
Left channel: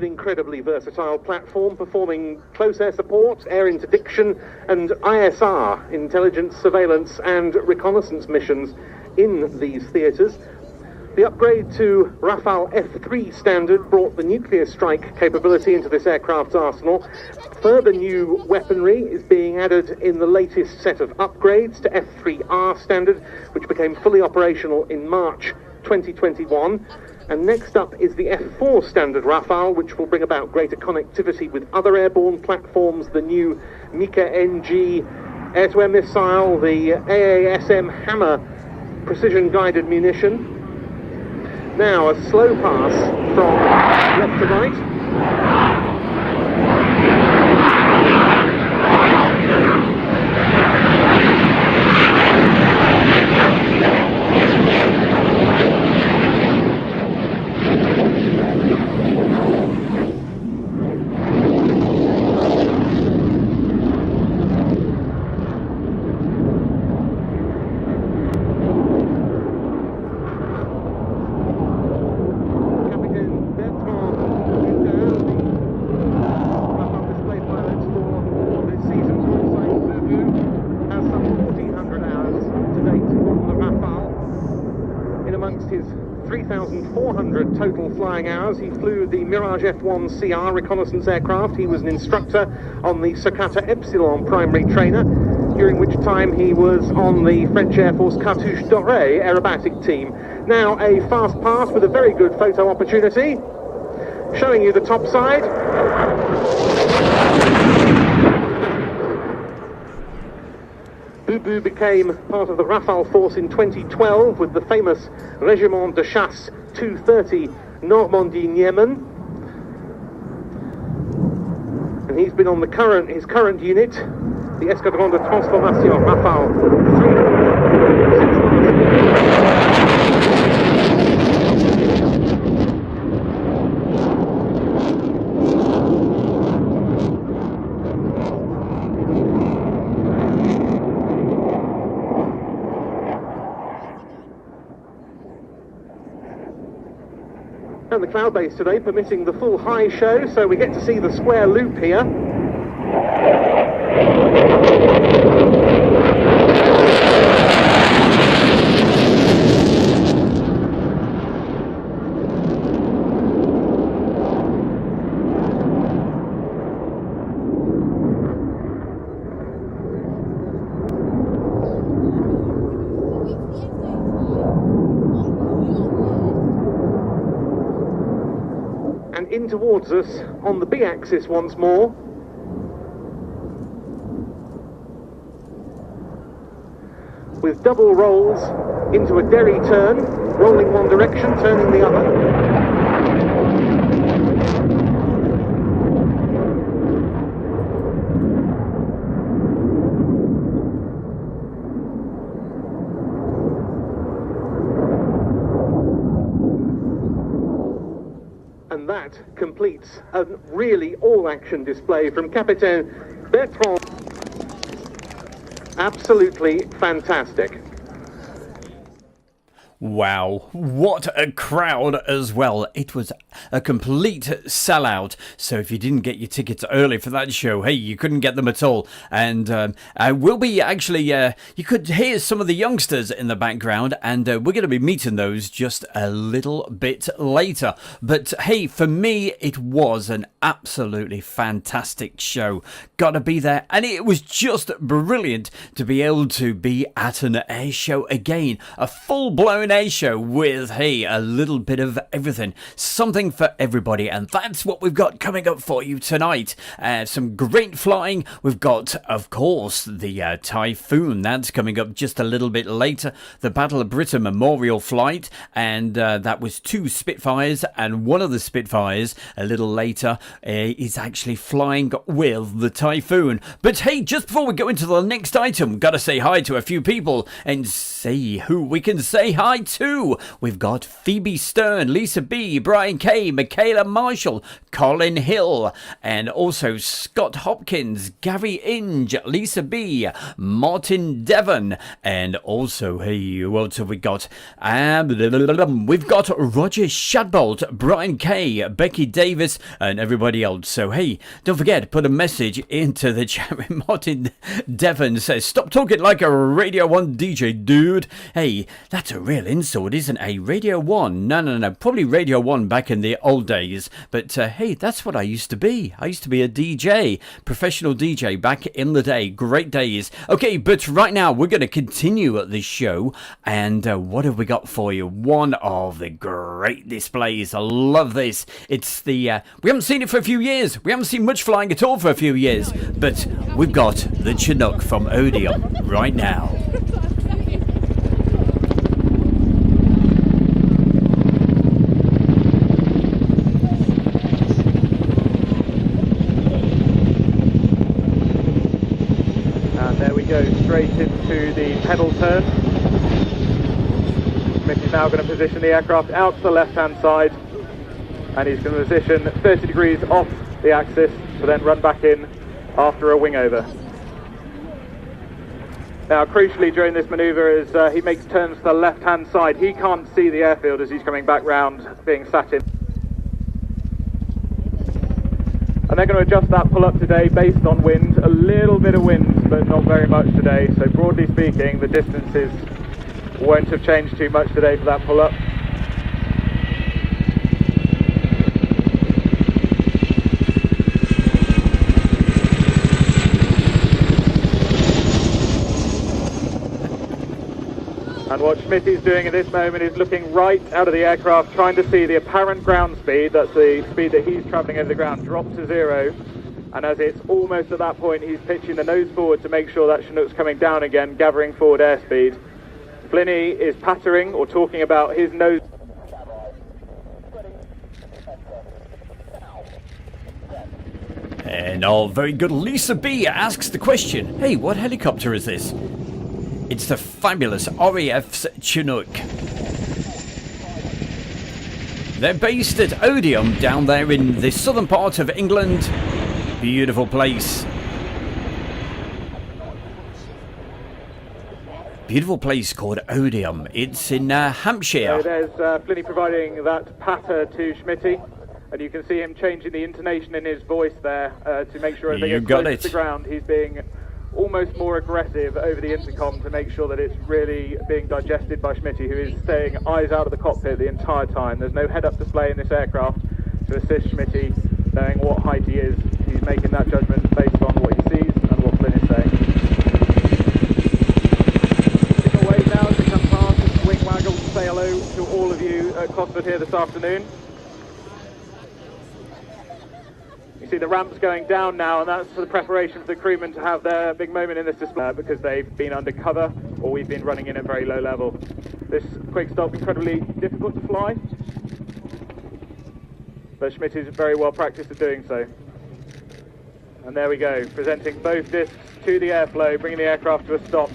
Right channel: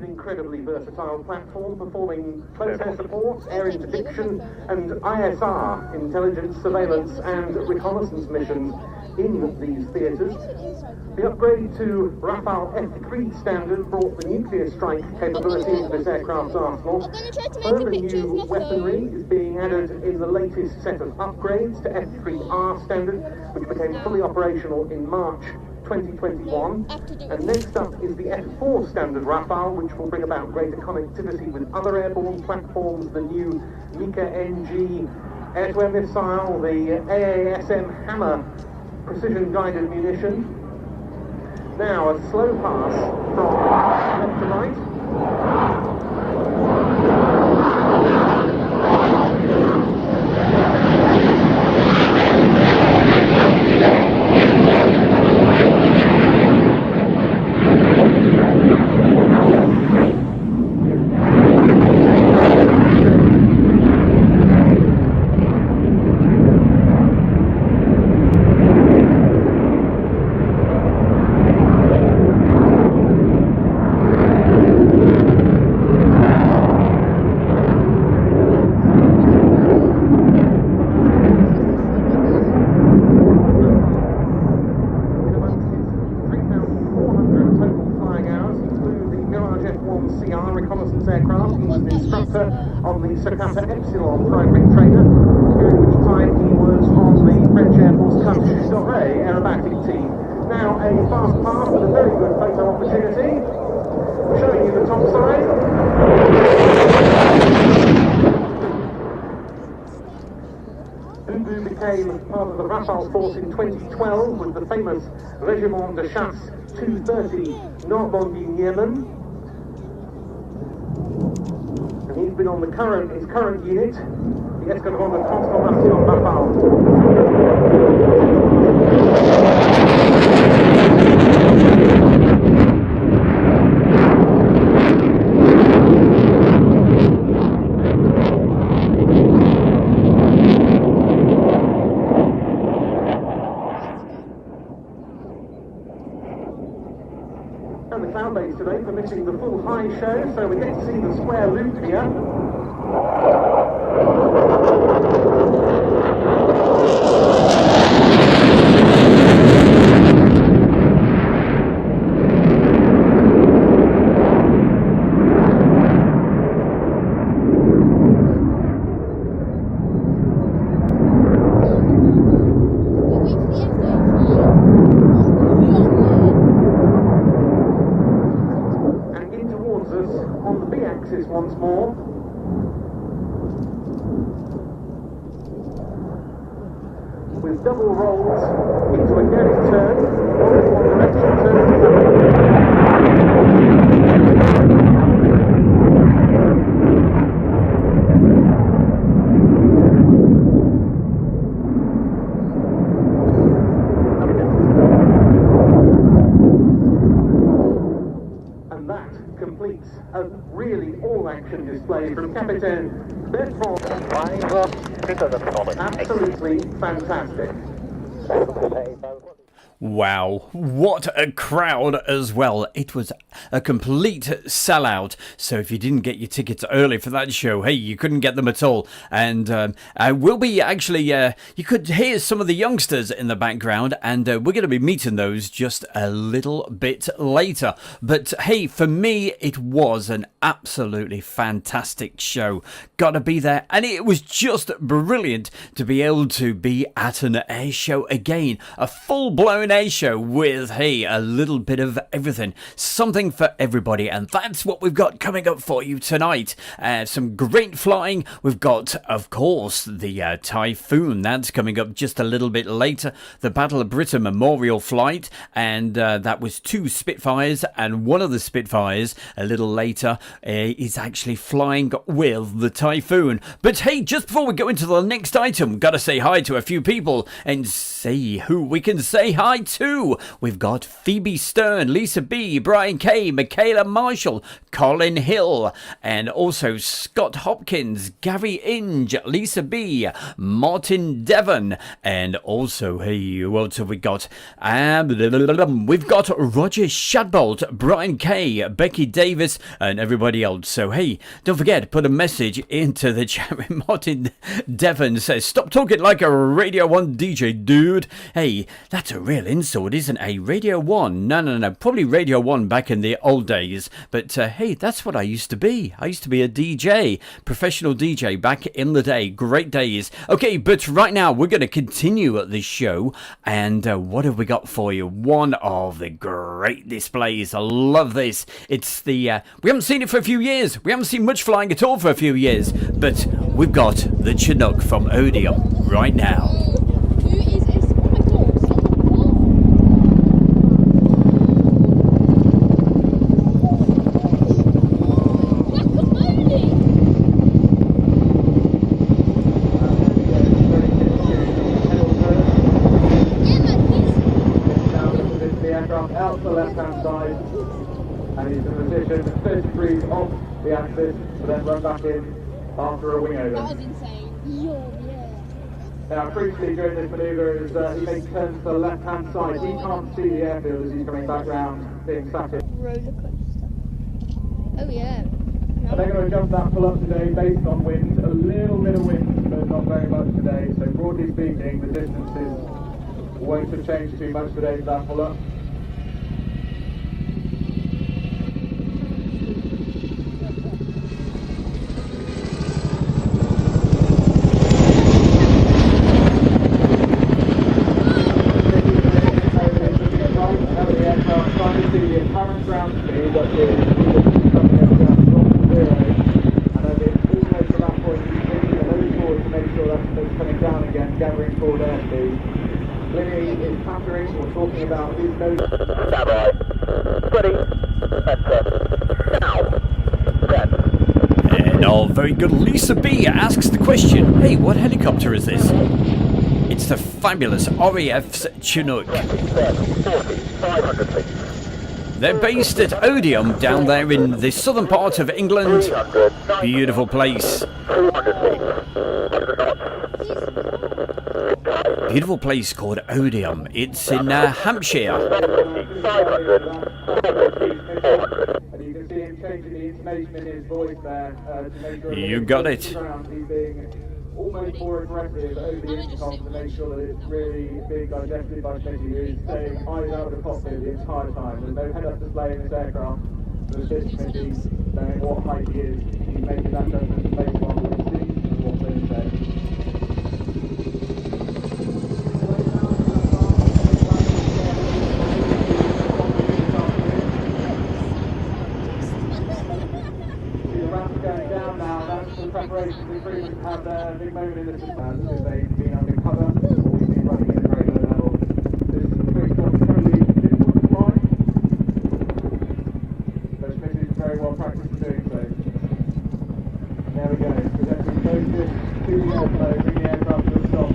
Incredibly versatile platform, performing close air support, air interdiction and ISR, intelligence, surveillance and reconnaissance missions in these theatres. The upgrade to Rafale F3 standard brought the nuclear strike capability into this aircraft's arsenal. Further new weaponry is being added in the latest set of upgrades to F3R standard, which became fully operational in March 2021, and next up is the F4 standard Rafale, which will bring about greater connectivity with other airborne platforms, the new Mika-NG air-to-air missile, the AASM Hammer precision-guided munition. Now a slow pass from left to right. F1CR reconnaissance aircraft. He was an instructor on the Sakata Epsilon primary trainer, during which time he was on the French Air Force Cartouche Dorée aerobatic team. Now a fast pass with a very good photo opportunity, showing you the top side. Bubu became part of the Rafale force in 2012 with the famous Régiment de Chasse 230 Normandie-Niemen. He's been on his current unit, the Escadron de Transformation Rafale 3 And the cloud base today permitting the full high show, so we get to see the square loop here. Towards us on the B-axis once more. With double rolls into a derry turn, rolling one direction, turning the other. And that completes It's a really all-action display from Captain Bertrand. Absolutely fantastic. Wow, what a crowd as well. It was a complete sellout. So if you didn't get your tickets early for that show, hey, you couldn't get them at all. And we'll be actually, you could hear some of the youngsters in the background, and we're going to be meeting those just a little bit later. But hey, for me, it was an absolutely fantastic show. Gotta be there. And it was just brilliant to be able to be at an air show again. A full-blown air show with, hey, a little bit of everything, something for everybody, and that's what we've got coming up for you tonight. Some great flying. We've got, of course, the Typhoon. That's coming up just a little bit later. The Battle of Britain Memorial Flight, and that was 2 Spitfires, and one of the Spitfires a little later is actually flying with the Typhoon. But hey, just before we go into the next item, gotta say hi to a few people and see who we can say hi to. We've got Phoebe Stern, Lisa B, Brian K, Michaela Marshall, Colin Hill, and also Scott Hopkins, Gary Inge, Lisa B, Martin Devon, and also, hey, who else have we got? We've got Roger Shadbolt, Brian K, Becky Davis, and everybody else. So hey, don't forget, put a message into the chat. Martin Devon says, stop talking like a Radio 1 DJ, dude. Hey, that's a real insult, isn't it? Radio 1? No. Probably Radio 1 back in the old days. But hey, that's what I used to be. I used to be a DJ. Professional DJ back in the day. Great days. Okay, but right now we're going to continue at this show. And what have we got for you? One of the great displays. I love this. It's the... we haven't seen it for a few years. We haven't seen much flying at all for a few years. But we've got the Chinook from Odeon right now. Aircraft out to the left-hand side, and he's going to position 30 degrees off the axis to then run back in after a wing over. Now, crucially during this manoeuvre, as he makes turns to the left-hand side, he can't see the airfield as he's coming back round, being sat in. And they're going to adjust that pull-up today based on wind, a little bit of wind, but not very much today. So broadly speaking, the distances won't have changed too much today for that pull-up. Right out of the aircraft, trying to see the apparent ground speed, that's the speed that he's travelling over the ground, drop to 0, and as it's almost at that point, he's pitching the nose forward to make sure that Chinook's coming down again, gathering forward airspeed. Blinny is pattering or talking about his nose. And very good. Lisa B asks the question, hey, what helicopter is this? It's the fabulous RAF's Chinook. They're based at Odeon down there in the southern part of England. Beautiful place. Beautiful place called Odeon. It's in Hampshire. And you can see him changing the intonation in his voice there to make sure you got it. The ground. He's being almost more aggressive over the intercom to make sure that it's really being digested by Schmitty, who is staying eyes out of the cockpit the entire time. There's no head-up display in this aircraft to assist Schmitty knowing what height he is. He's making that judgment based on what he sees and what Flynn is saying. Signal wave now to come past. Wing waggle will say hello to all of you at Cosford here this afternoon. See the ramps going down now, and that's for the preparation of the crewmen to have their big moment in this display because they've been under cover or we've been running in at very low level. This quick stop is incredibly difficult to fly, but Schmidt is very well practiced at doing so. And there we go, presenting both discs to the airflow, bringing the aircraft to a stop.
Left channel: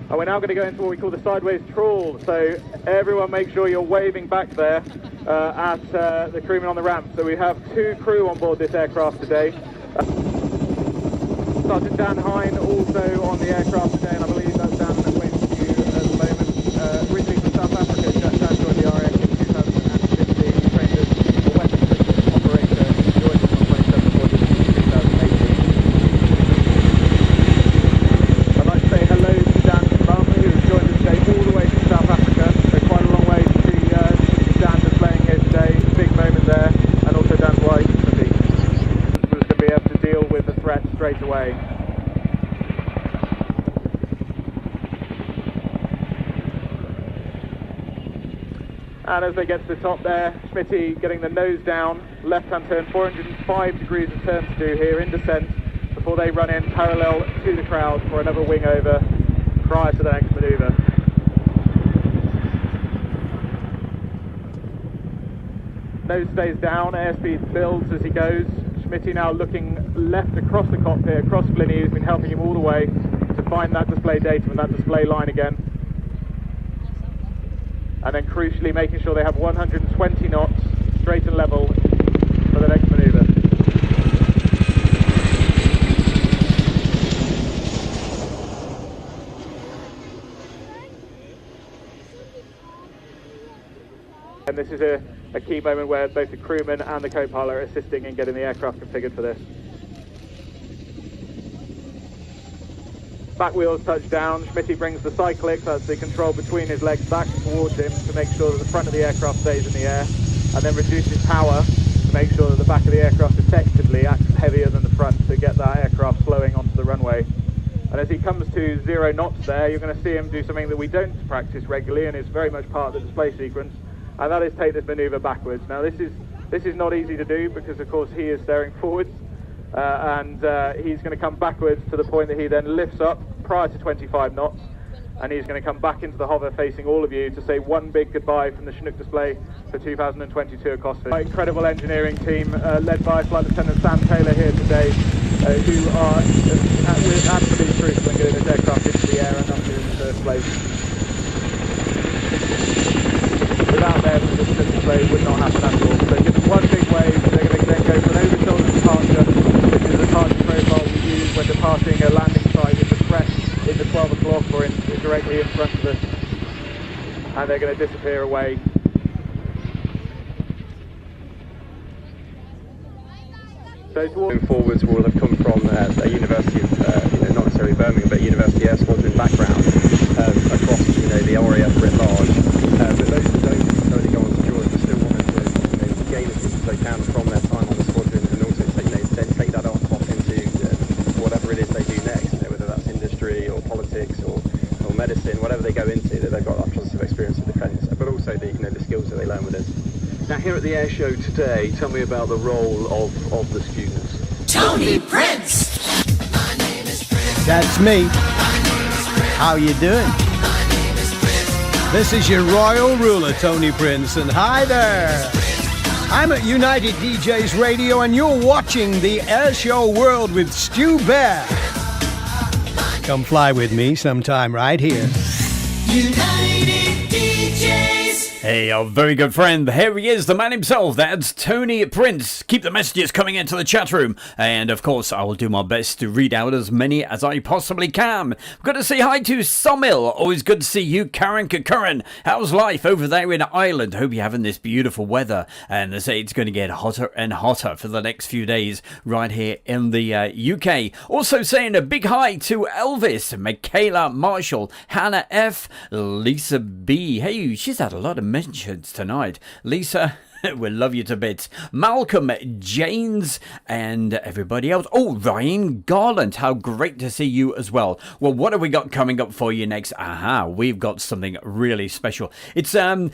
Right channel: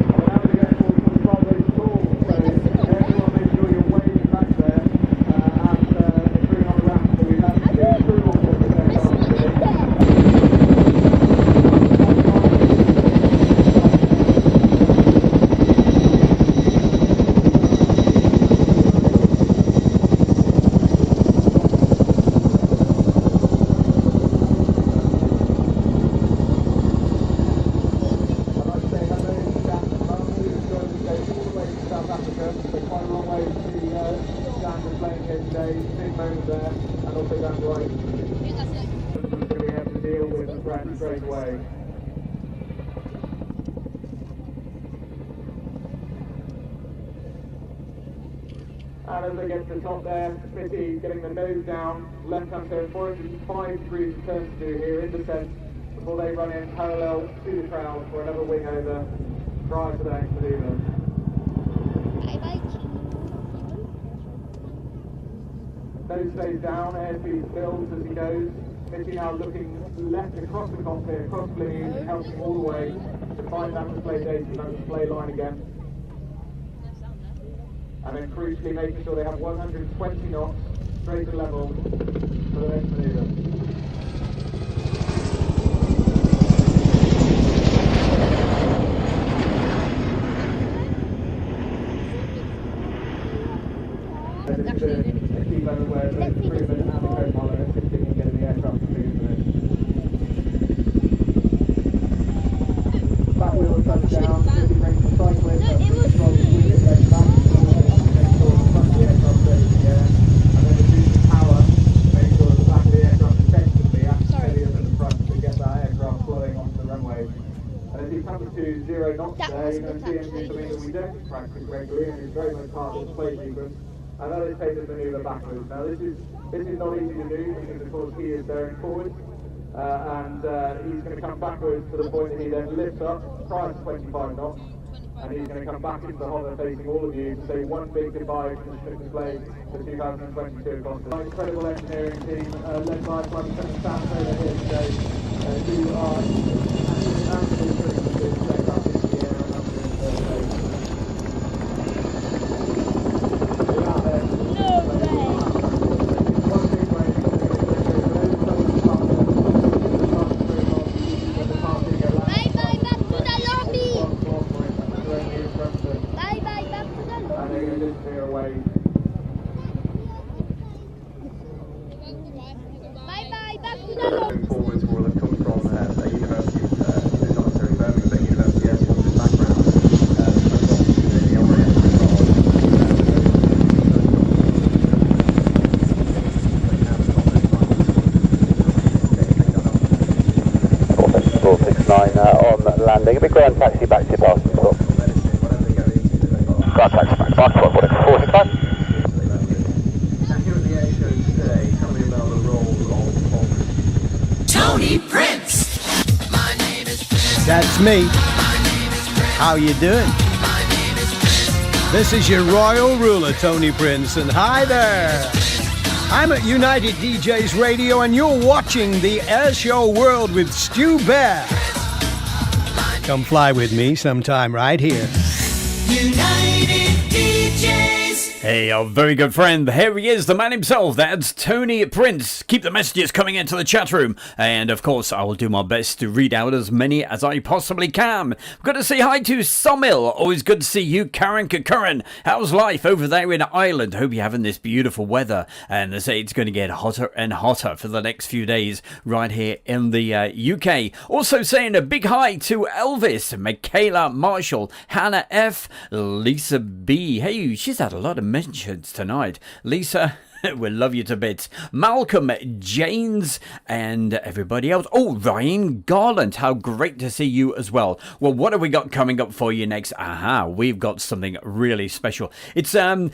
And we're now going to go into what we call the sideways crawl. So sure you're waving back there at the crewmen on the ramp. So we have 2 crew on board this aircraft today. Captain Dan Hine also on the aircraft today, and I believe that's down the way bridging to South Africa to stand on the RS in 2015, trained as a weapons operator, joined us on 27th of 2018. I'd like to say hello to Dan's mum, who has joined us today all the way from South Africa. So quite a long way to see Dan displaying here today. Big moment there, and also Dan's wife, Sophie, was going to be able to deal with the threat straight away. And as they get to the top there, Smitty getting the nose down, left-hand turn, 405 degrees of turn to do here in descent before they run in parallel to the crowd for another wing over prior to the next manoeuvre. Nose stays down, airspeed builds as he goes. Smitty now looking left across the cockpit, across Flinny, who's been helping him all the way to find that display data and that display line again. And then crucially making sure they have 120 knots straight and level for the next manoeuvre. And this is a key moment where both the crewman and the co-pilot are assisting in getting the aircraft configured for this. Back wheels touch down, Smitty brings the cyclic, that's the control between his legs, back towards him to make sure that the front of the aircraft stays in the air, and then reduces power to make sure that the back of the aircraft effectively acts heavier than the front to get that aircraft flowing onto the runway. And as he comes to 0 knots there, you're going to see him do something that we don't practice regularly and is very much part of the display sequence, and that is take this manoeuvre backwards. Now this is not easy to do because of course he is staring forwards. And he's going to come backwards to the point that he then lifts up prior to 25 knots, and he's going to come back into the hover facing all of you to say one big goodbye from the Chinook display for 2022 at Cosford. An incredible engineering team led by Flight Lieutenant Sam Taylor here today, who are with absolute truth when getting this aircraft into the air and up in the first place. Without them, the Chinook display would not happen at all. So give them one big wave, they're going to then go for an over-shoulder departure. Profile we use when departing a landing site with the threat in the 12 o'clock or directly in front of us, and they're going to disappear away. Moving forwards will have come from a university of, not necessarily Birmingham, but University Air Squadron background across the area writ large. But most of those things only go on to George and still gain as much as they can from their time on the squadron, and also take that on on landing. A big grand taxi back to Boston. Or medicine, whatever they go into, that they've got grand taxi back to the skills that they learn with it. Now here at the air show today, tell me about the role of the students. Tony Prince! That's me. How you doing? This is your royal ruler, Tony Prince, and hi there! I'm at United DJs Radio, and you're watching the Airshow World with Stu Bear. Come fly with me sometime right here. United DJs. Hey, our very good friend, here he is, the man himself, that's Tony Prince. Keep the messages coming into the chat room, and of course I will do my best to read out as many as I possibly can. Got to say hi to Somil, always good to see you. Karen Curran, how's life over there in Ireland? Hope you're having this beautiful weather, and they say it's going to get hotter and hotter for the next few days right here in the UK. Also saying a big hi to Elvis, Michaela Marshall, Hannah F, Lisa B. Hey, she's had a lot of mentions tonight. Lisa, we'll love you to bits. Malcolm, Janes, and everybody else. Oh, Ryan Garland, how great to see you as well. Well, what have we got coming up for you next? Aha, we've got something really special. It's a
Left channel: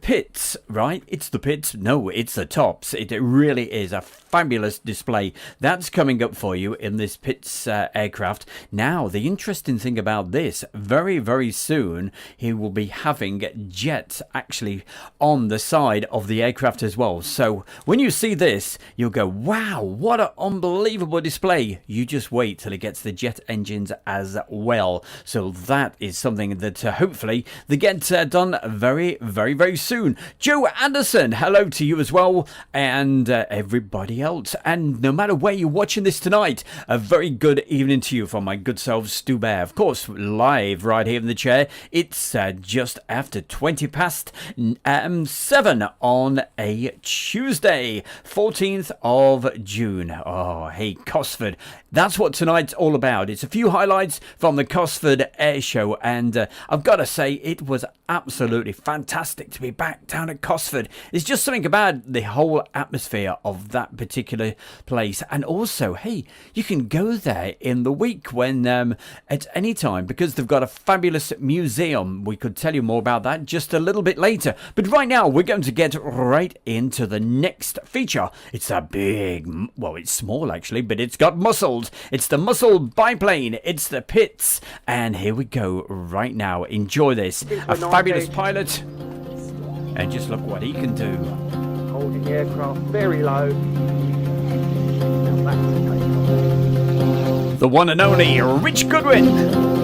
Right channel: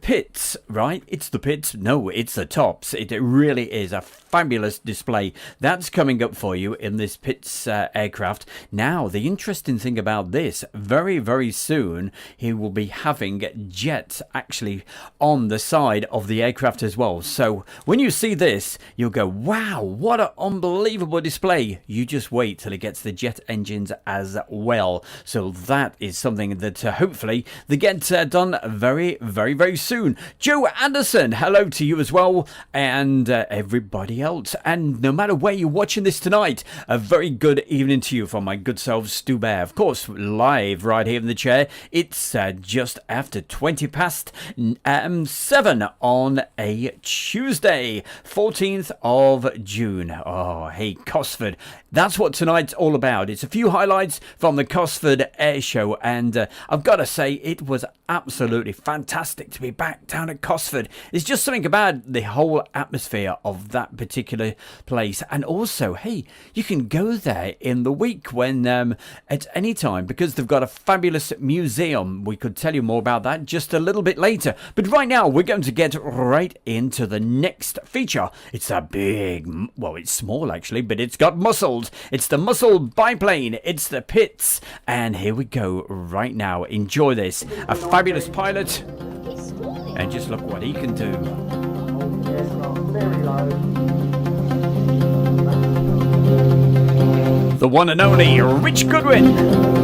Pits, right? It's the Pits. No, it's the Tops. It really is a fabulous display that's coming up for you in this Pits aircraft. Now, the interesting thing about this, very, very soon, he will be having jets actually on the side of the aircraft aircraft as well. So when you see this, you'll go, wow, what an unbelievable display. You just wait till it gets the jet engines as well. So that is something that hopefully they get done very, very, very soon. Joe Anderson, hello to you as well, and everybody else. And no matter where you're watching this tonight, a very good evening to you from my good self, Stu Bear. Of course, live right here in the chair. It's just after 20 past 7 on a Tuesday, 14th of June. Oh, hey, Cosford. That's what tonight's all about. It's a few highlights from the Cosford Airshow, and I've got to say, it was absolutely fantastic to be back down at Cosford. There's just something about the whole atmosphere of that particular place, and also, hey, you can go there in the week when at any time, because they've got a fabulous museum. We could tell you more about that just a little bit later, but right now we're going to get right into the next feature. It's a big, well, it's small actually, but it's got muscles. It's the muscle biplane. It's the Pitts, and here we go right now. Enjoy this. A fabulous pilot, and just look what he can do. Holding the aircraft very low. The one and only Rich Goodwin.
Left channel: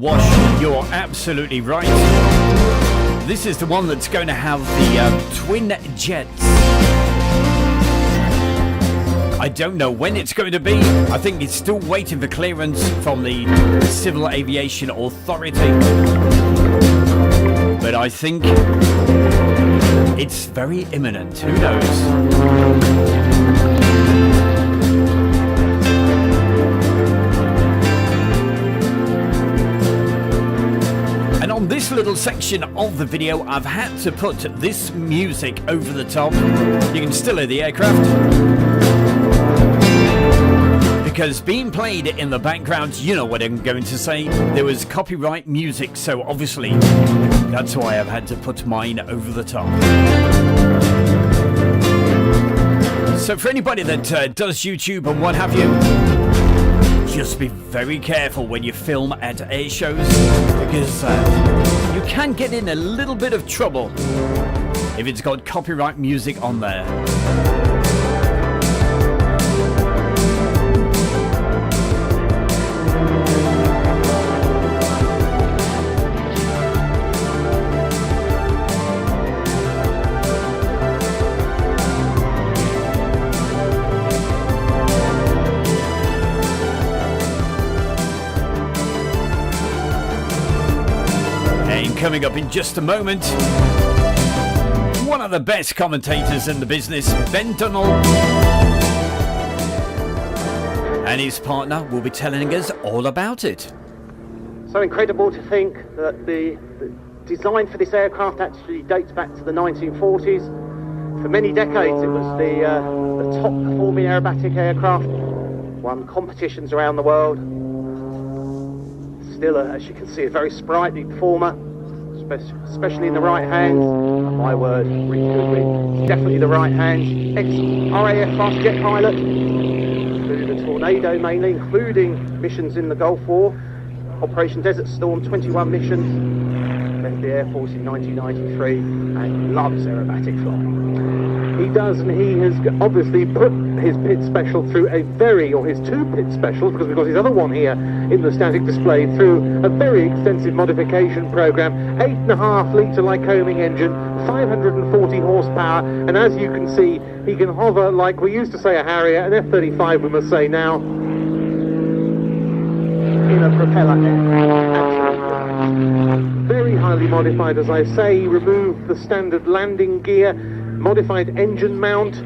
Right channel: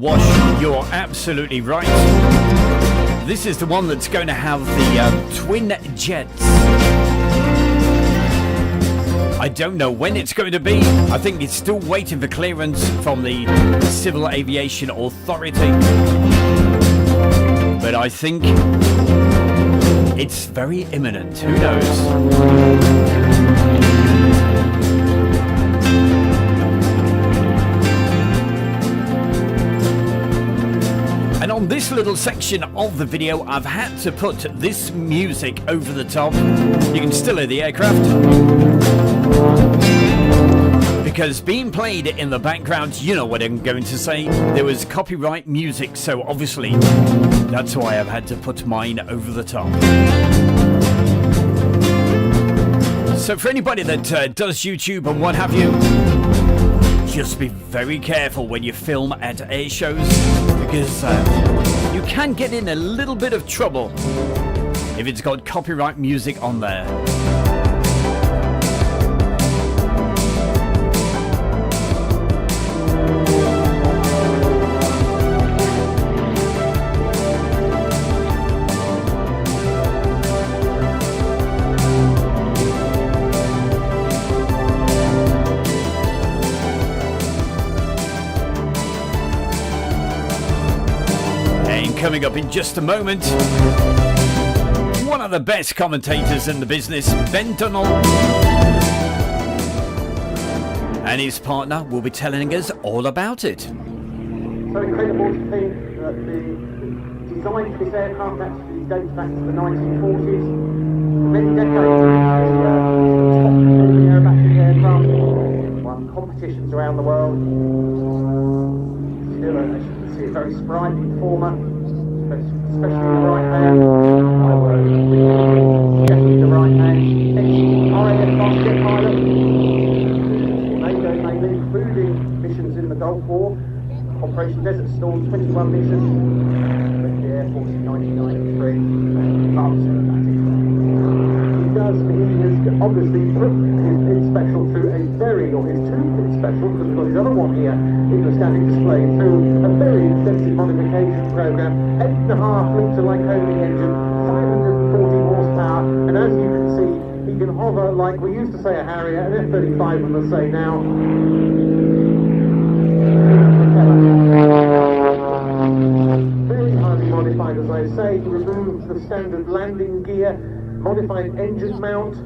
Wash, you're absolutely right. This is the one that's going to have the twin jets. I don't know when it's going to be. I think it's still waiting for clearance from the Civil Aviation Authority. But I think it's very imminent. Who knows? And on this little section of the video, I've had to put this music over the top. You can still hear the aircraft, because being played in the background, you know what I'm going to say, there was copyright music, so obviously that's why I've had to put mine over the top. So for anybody that does YouTube and what have you, just be very careful when you film at air shows, because you can get in a little bit of trouble if it's got copyright music on there. Coming up in just a moment, one of the best commentators in the business, Ben Dunnell, and his partner will be telling us all about it. So incredible to think that the design for this aircraft actually dates back to the 1940s. For many decades it was the top performing aerobatic aircraft, won competitions around the world. Still, as you can see, a very sprightly performer, especially in the right hand. My word, definitely the right hand. Ex-RAF fast jet pilot, the Tornado mainly, including missions in the Gulf War. Operation Desert Storm, 21 missions. Left the Air Force in 1993 and loves aerobatic flying. He has obviously put his pit special through his two pit specials, because we've got his other one here in the static display, through a very extensive modification program. 8.5 litre Lycoming engine, 540 horsepower, and as you can see, he can hover like we used to say a Harrier, an F-35 we must say now. Very highly modified, as I say, removed the standard landing gear, modified engine mount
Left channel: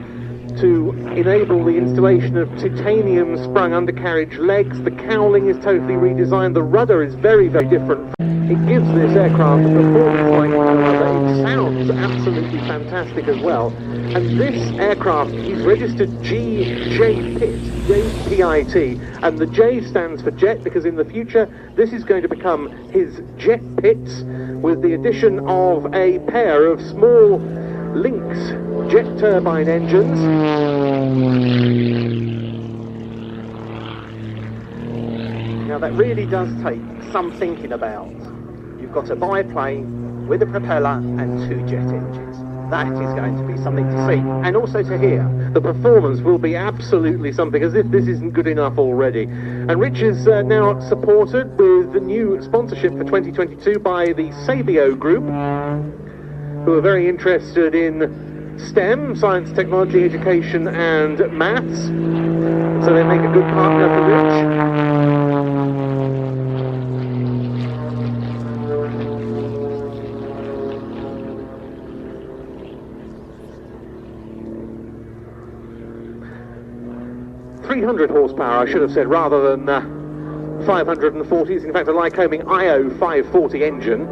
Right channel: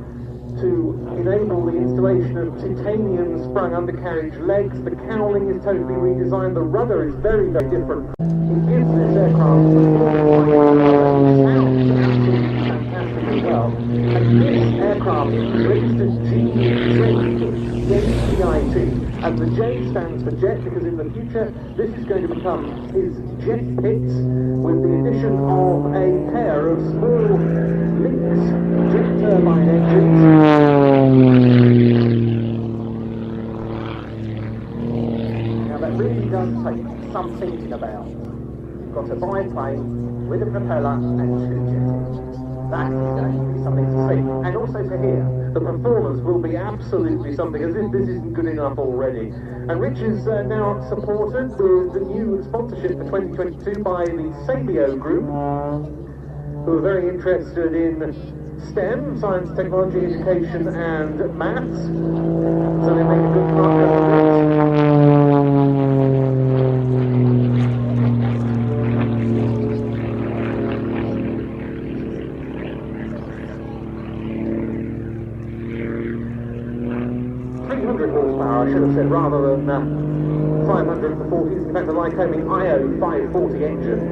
to enable the installation of titanium sprung undercarriage legs. The cowling is totally redesigned, the rudder is very, very different. It gives this aircraft a performance like no other. It sounds absolutely fantastic as well. And this aircraft is registered JPIT, and the J stands for jet, because in the future this is going to become his jet pits, with the addition of a pair of small Lynx jet turbine engines. Now that really does take some thinking about. You've got a biplane with a propeller and 2 jet engines. That is going to be something to see, and also to hear. The performance will be absolutely something, as if this isn't good enough already. And Rich is now supported with the new sponsorship for 2022 by the Sabio Group, who are very interested in STEM, science, technology, education and maths. So they make a good partner for Rich. 300 horsepower, I should have said, rather than 540s. In fact, a Lycoming IO 540 engine.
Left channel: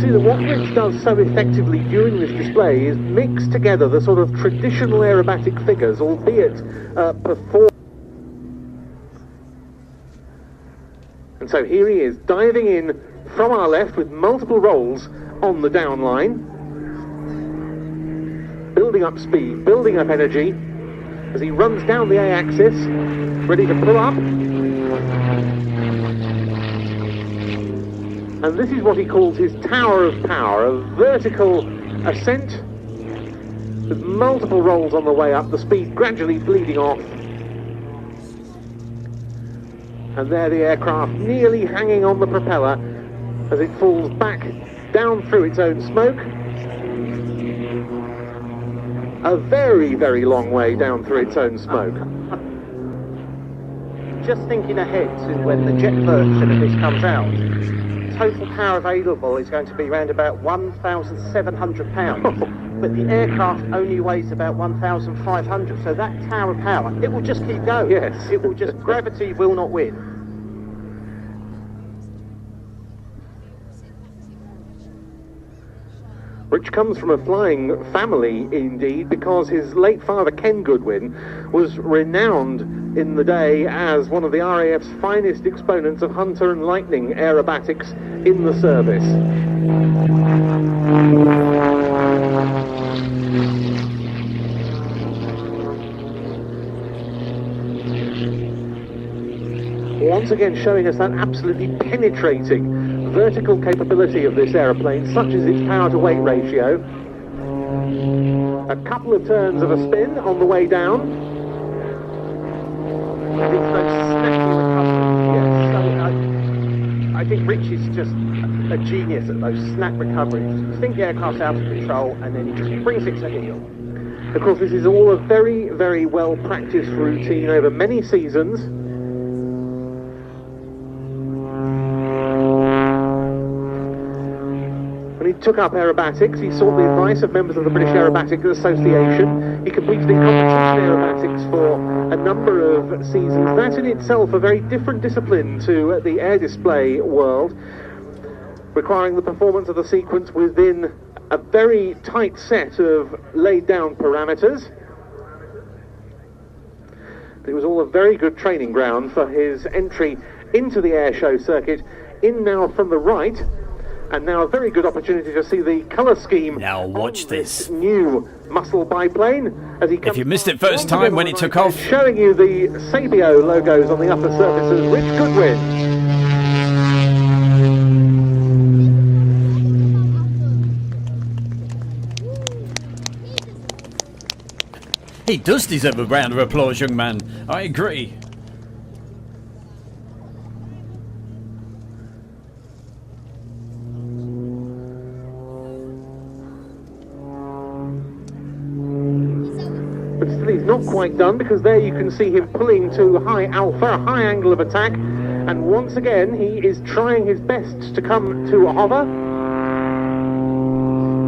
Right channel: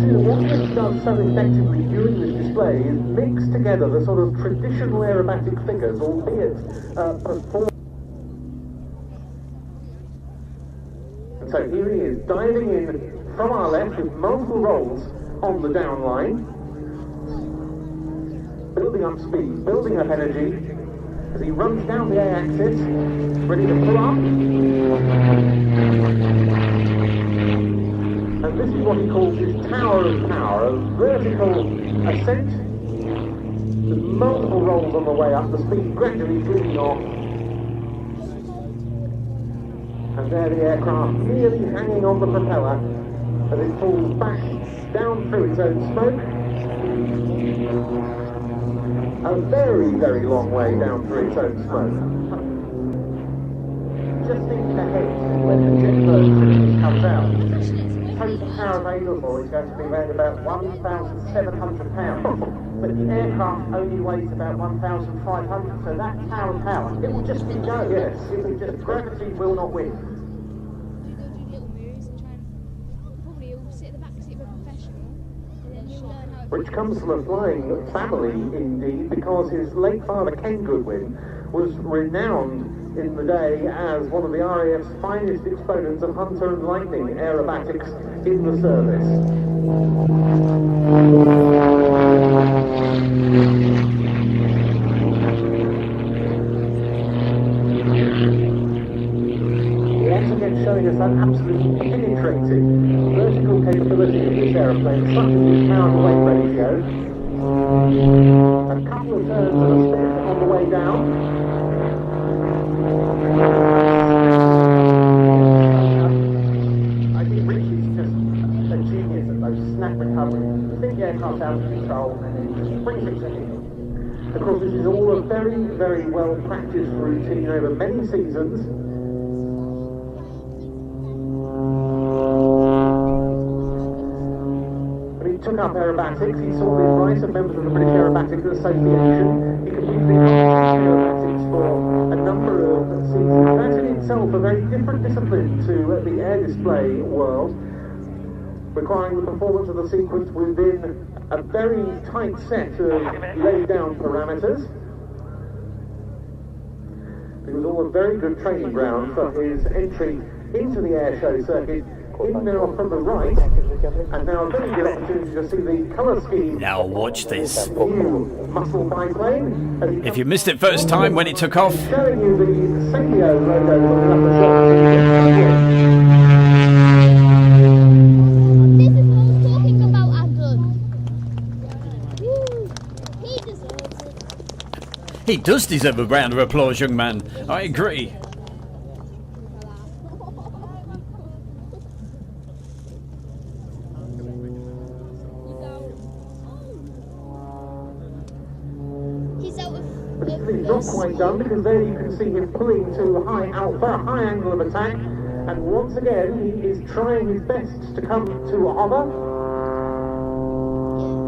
See, what Rich does so effectively during this display is mix together the sort of traditional aerobatic figures, albeit perform. And so here he is, diving in from our left with multiple rolls on the down line, building up speed, building up energy, as he runs down the A-axis, ready to pull up. And this is what he calls his Tower of Power, a vertical ascent with multiple rolls on the way up, the speed gradually bleeding off. And there the aircraft nearly hanging on the propeller as it falls back down through its own smoke. A very, very long way down through its own smoke. Just thinking ahead to when the jet version of this comes out, total power available is going to be around about 1,700 pounds. But the aircraft only weighs about 1,500, so that tower of power, it will just keep going. Yes. It will just, gravity will not win. Rich comes from a flying family, indeed, because his late father, Ken Goodwin, was renowned in the day as one of the RAF's finest exponents of Hunter and Lightning aerobatics in the service. Once again showing us that absolutely penetrating vertical capability of this aeroplane, such as its power-to-weight ratio. A couple of turns of a spin on the way down. I think Rich is just a genius at those snap recoveries. You think the aircraft's out of control and then he just brings it to heel. Of course, this is all a very, very well-practiced routine over many seasons. took up aerobatics. He sought the advice of members of the British Aerobatic Association. He competed in competition aerobatics for a number of seasons. That's in itself a very different discipline to the air display world, requiring the performance of the sequence within a very tight set of laid down parameters. It was all a very good training ground for his entry into the air show circuit. In now from the right, and now a very good opportunity to see the colour scheme. Now watch this. New muscle biplane. As he If you missed it first time when it took off, showing you the Sabio logos on the upper surfaces with good width. he does deserve a round of applause, young man. I agree. But still he's not quite done, because there you can see him pulling to high alpha, a high angle of attack, and once again he is trying his best to come to a hover.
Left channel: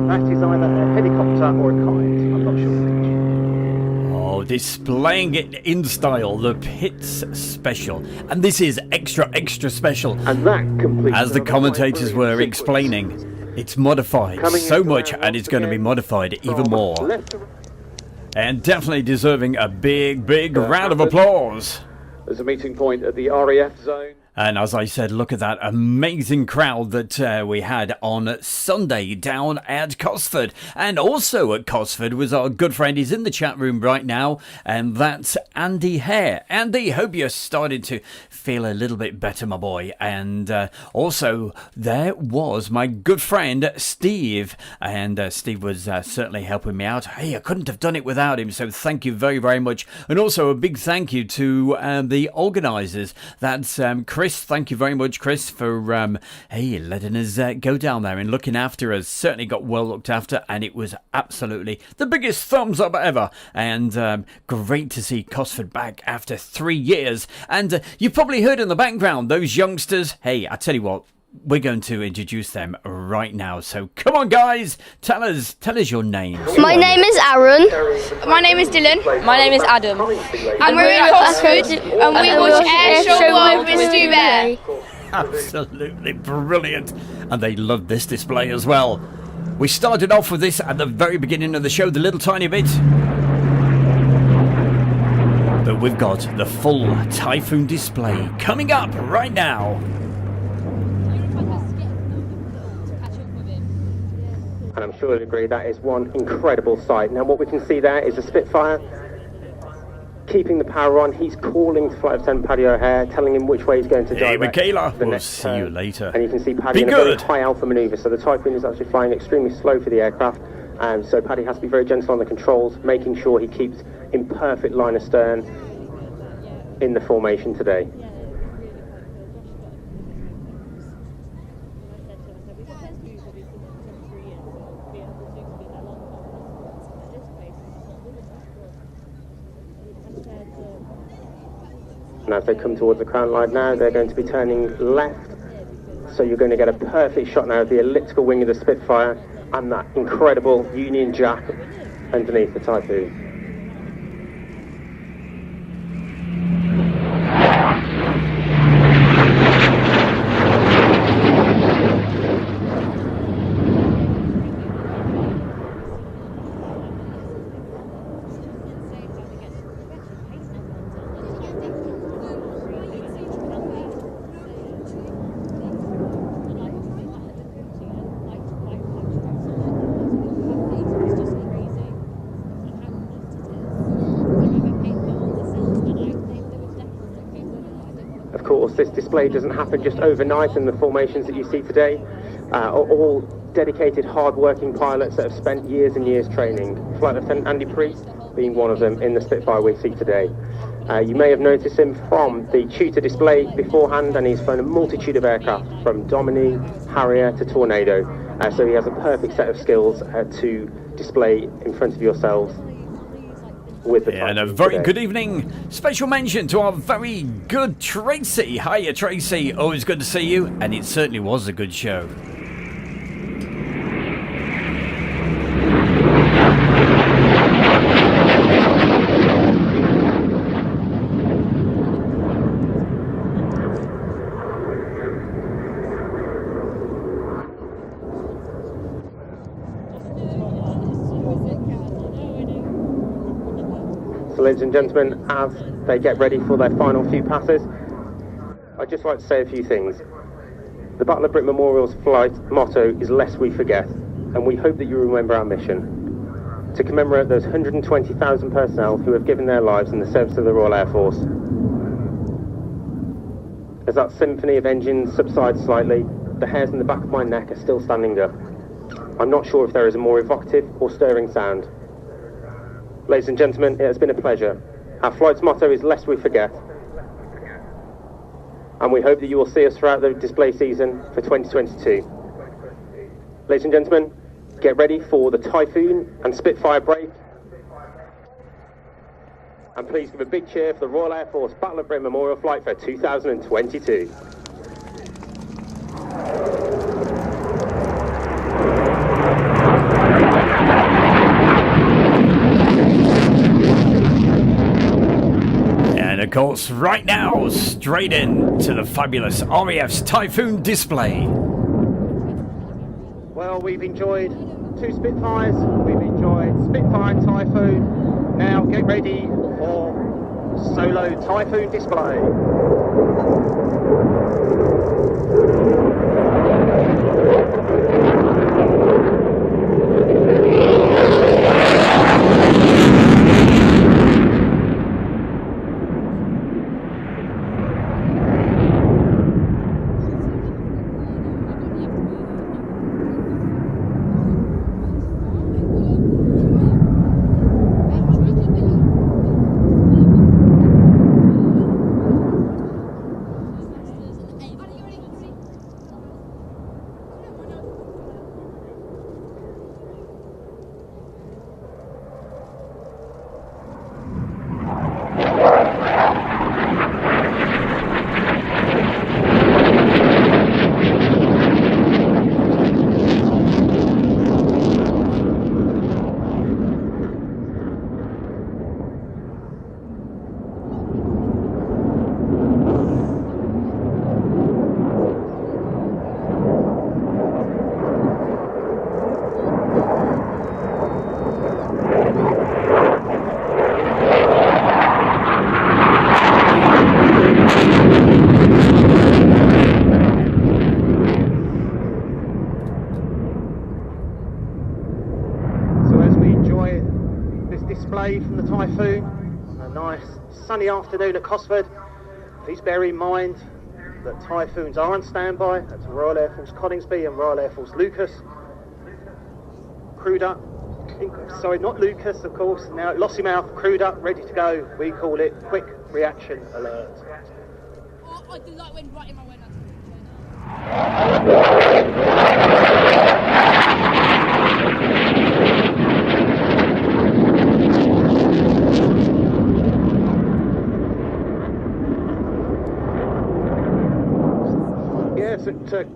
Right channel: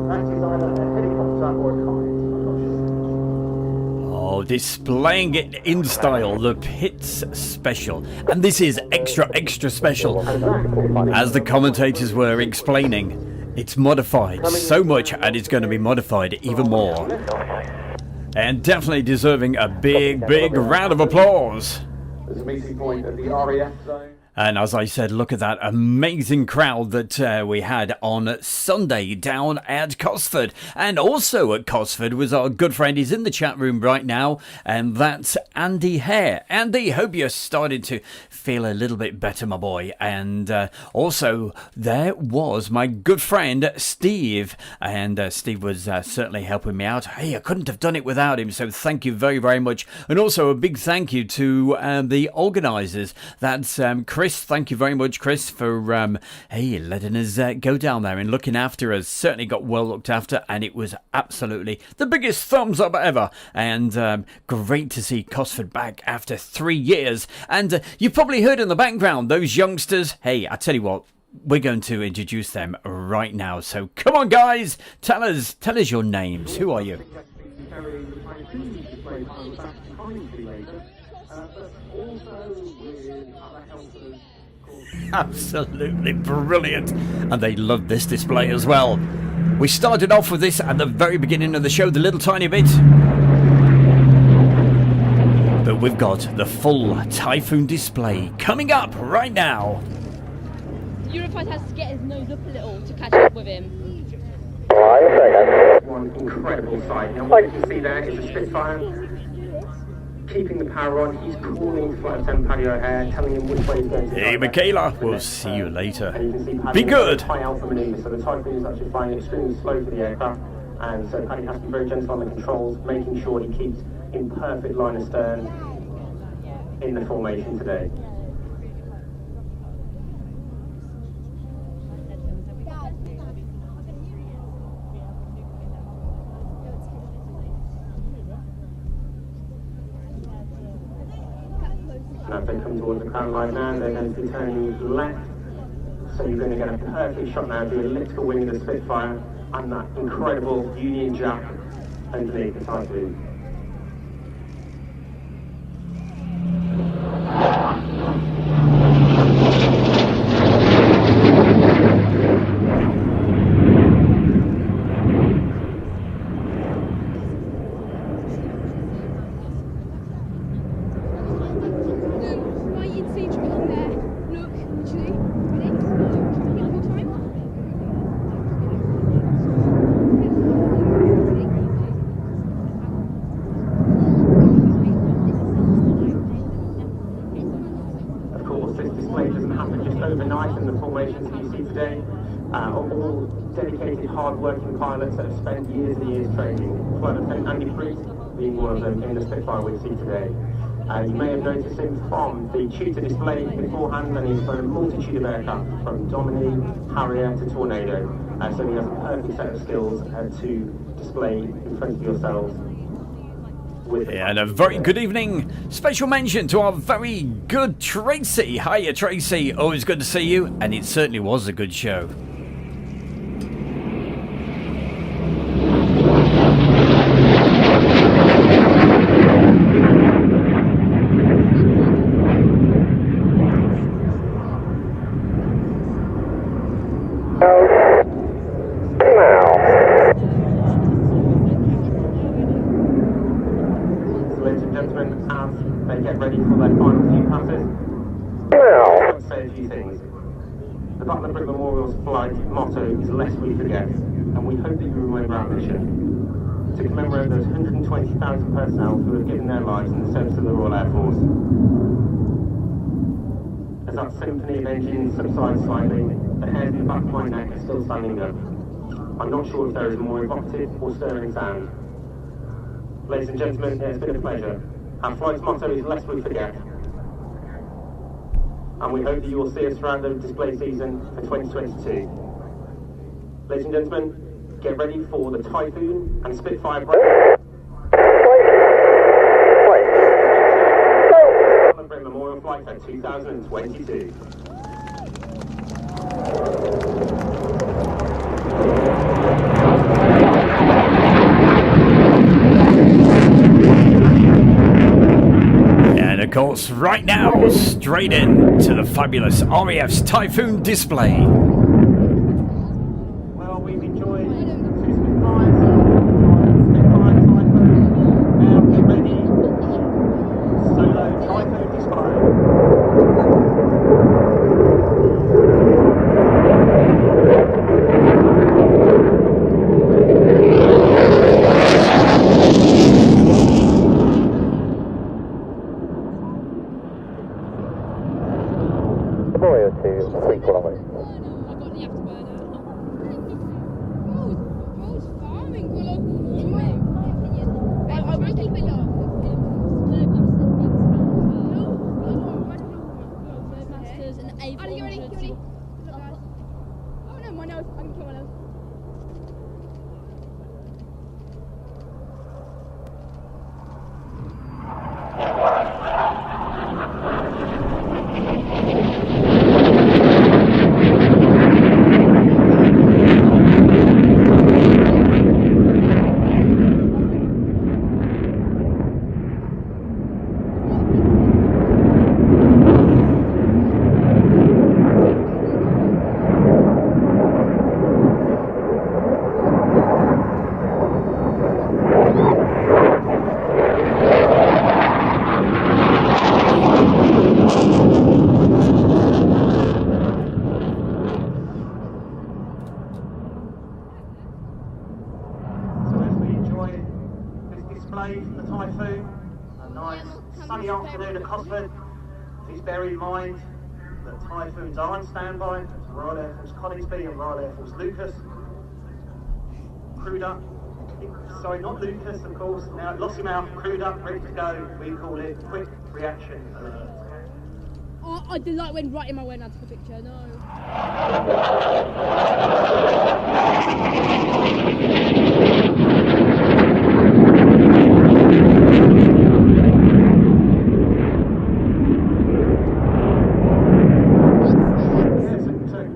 That is either a helicopter or a kite, I'm not sure. Oh, displaying it in style, the Pitts Special. And this is extra, extra special. As the commentators were explaining, it's modified so much, and it's going to be modified even more. And definitely deserving a big, big round of applause. There's a meeting point at the RAF zone. And as I said, look at that amazing crowd that we had on Sunday down at Cosford. And also at Cosford was our good friend. He's in the chat room right now. And that's Andy Hare. Andy, hope you're starting to feel a little bit better, my boy. And also, there was my good friend, Steve. And Steve was certainly helping me out. Hey, I couldn't have done it without him. So thank you very, very much. And also a big thank you to the organisers. That's Chris. Thank you very much, Chris, for letting us go down there and looking after us. Certainly got well looked after, and it was absolutely the biggest thumbs up ever. And great to see Cosford back after 3 years. And you've probably heard in the background those youngsters. Hey, I tell you what, we're going to introduce them right now. So come on, guys, tell us your names. My name is Aaron. My name is Dylan. My name is Adam. And we're in Cosford, and we watch Airshow World with Stu Bear. Absolutely brilliant. And they loved this display as well. We started off with this at the very beginning of the show, the little tiny bit. But we've got the full Typhoon display coming up right now. Eurofight has to get his nose up a little to catch up with him. One incredible sight. Now what we can see there is a Spitfire keeping the power on. He's calling Flight Lieutenant Paddy O'Hare, telling him which way he's going to Hey, direct Michaela, the we'll next see you later. And you can see Paddy Be in a very good. high alpha manoeuvre. So the Typhoon is actually flying extremely slow for the aircraft, and so Paddy has to be very gentle on the controls, making sure he keeps in perfect line of stern in the formation today. And as they come towards the crown line now, they're going to be turning left. So you're going to get a perfect shot now of the elliptical wing of the Spitfire and that incredible Union Jack underneath the Typhoon. This display doesn't happen just overnight in the formations that you see today. All dedicated, hard-working pilots that have spent years and years training. Flight Lieutenant Andy Priest being one of them in the Spitfire we see today. You may have noticed him from the Tutor display beforehand, and he's flown a multitude of aircraft from Domini, Harrier to Tornado. So he has a perfect set of skills to display in front of yourselves. And a very good evening. Special mention to our very good Tracy. Hiya, Tracy. Always good to see you. And it certainly was a good show. So ladies and gentlemen, as they get ready for their final few passes, I'd like to say a few things. The Battle of Britain Memorial's flight motto is "Lest we forget," and we hope that you remember our mission to commemorate those 120,000 personnel who have given their lives in the service of the Royal Air Force. As that symphony of engines subsides slightly, the hairs in the back of my neck are still standing up. I'm not sure if there is a more evocative or stirring sound. Ladies and gentlemen, it has been a pleasure. Our flight's motto is "Lest we forget," and we hope that you will see us throughout the display season for 2022. Ladies and gentlemen, get ready for the Typhoon and Spitfire break. Battle of Britain Memorial Flight for 2022. And of course, right now, straight in to the fabulous RAF's Typhoon display. Well, we've enjoyed 2 Spitfires, we've enjoyed Spitfire and Typhoon. Now get ready for solo Typhoon display. From the Typhoon, a nice sunny afternoon at Cosford. Please bear in mind that Typhoons are on standby at Royal Air Force Coningsby and Royal Air Force Lucas. Crewed up, sorry, not Lucas of course, now at Lossiemouth, crewed up, ready to go. We called it Quick Reaction Alert. Oh, I did like when right in my way, that's the picture, no.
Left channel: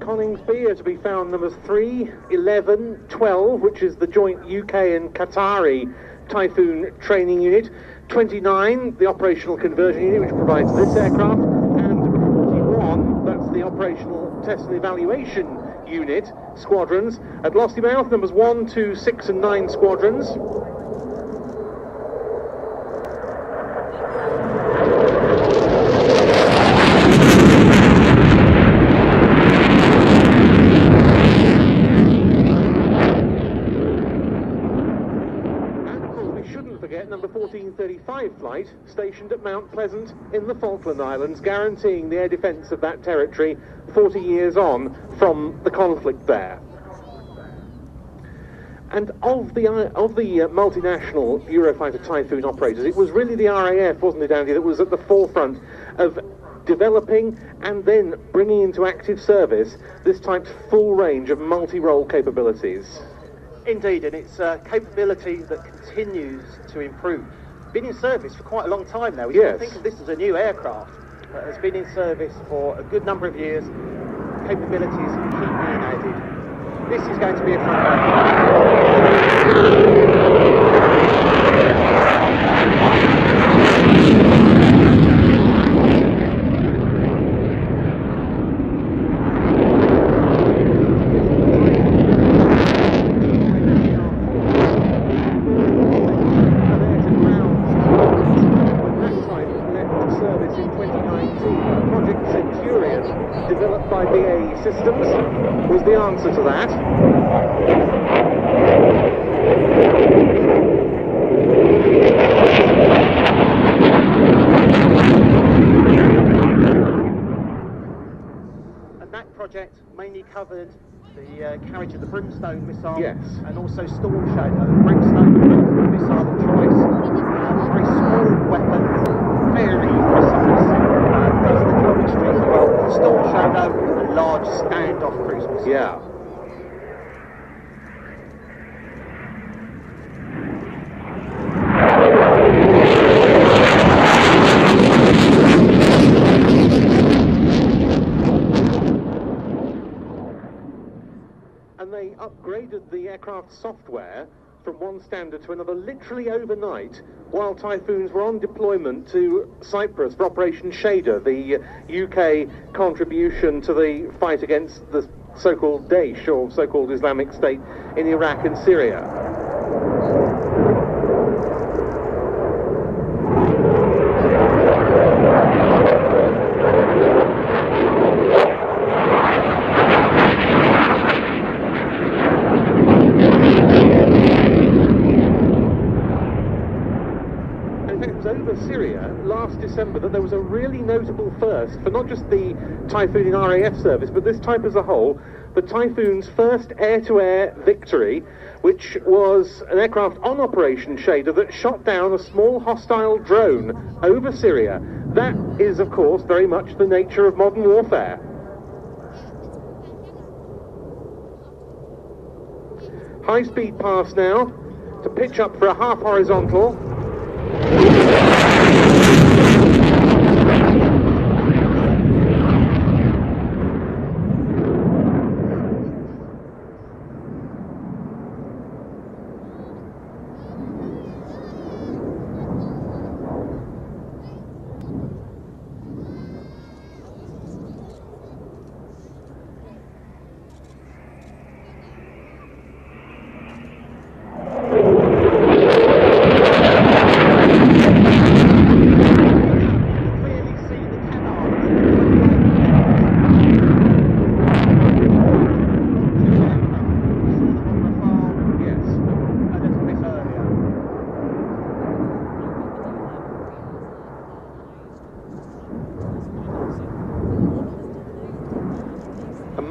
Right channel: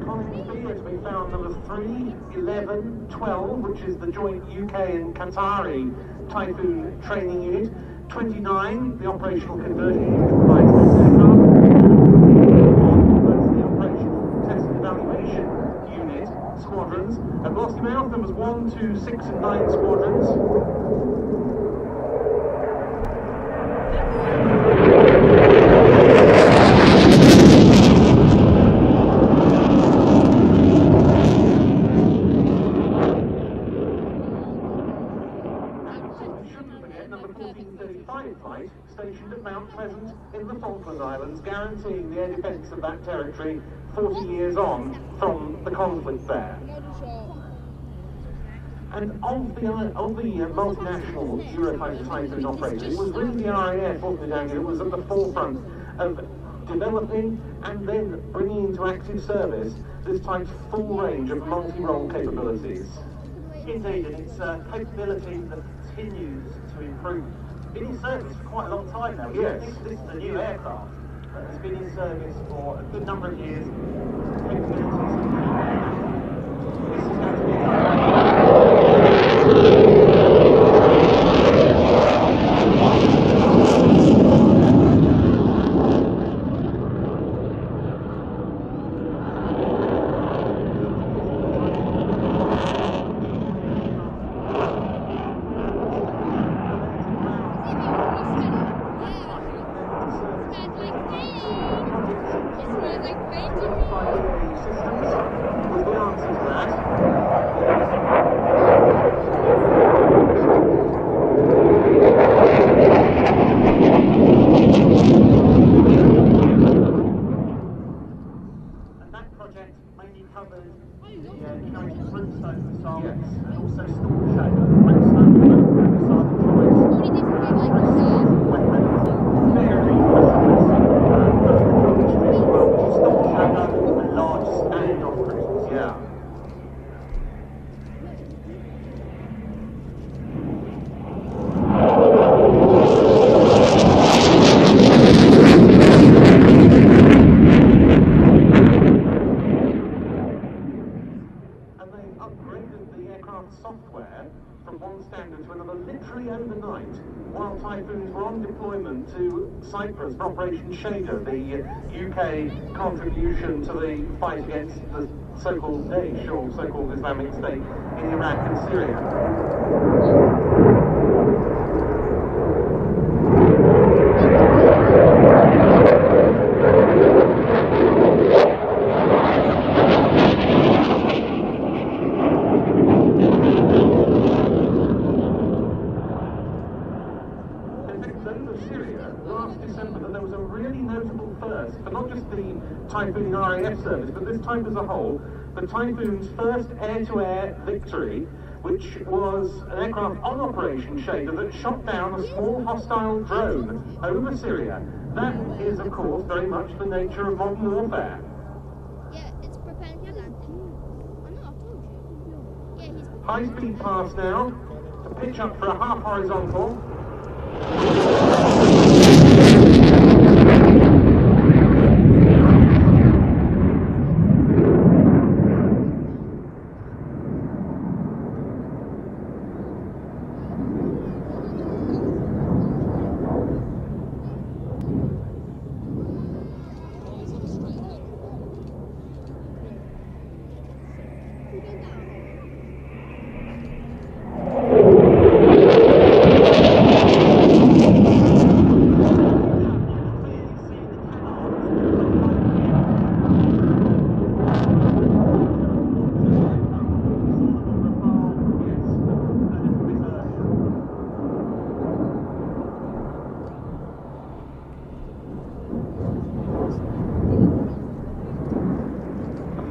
Coningsby as we found numbers 3, 11, 12, which is the joint UK and Qatari Typhoon training unit, 29, the operational conversion unit, which provides this aircraft, and 1, that's the operational test and evaluation unit, squadrons. At Lossiemouth, numbers 1, 2, 6 and 9 squadrons. Number 1435 flight stationed at Mount Pleasant in the Falkland Islands, guaranteeing the air defence of that territory 40 years on from the conflict there. And of the multinational Eurofighter Typhoon operators, it was really the RAF, wasn't it, Andy, that was at the forefront of developing and then bringing into active service this type's full range of multi-role capabilities. Indeed, and it's a capability that continues to improve. Been in service for quite a long time now. You Yes. think of this as a new aircraft, but it's been in service for a good number of years. Capabilities keep being added. This is going to be a fun was the answer to that. And that project mainly covered the carriage of the Brimstone missile, Yes. and also Storm Shadow. Brimstone, the missile of choice, very small weapon, very precise, does the job extremely well with the Storm Shadow, a large standoff cruise missile. Yeah. And they upgraded the aircraft software from one standard to another literally overnight while Typhoons were on deployment to Cyprus for Operation Shader, the UK contribution to the fight against the so-called Daesh, or so-called Islamic State, in Iraq and Syria. Syria last December that there was a really notable first for not just the Typhoon RAF service, but this type as a whole, the Typhoon's first air-to-air victory, which was an aircraft on Operation Shader that shot down a small hostile drone over Syria. That is, of course, very much the nature of modern warfare. High-speed pass now to pitch up for a half horizontal.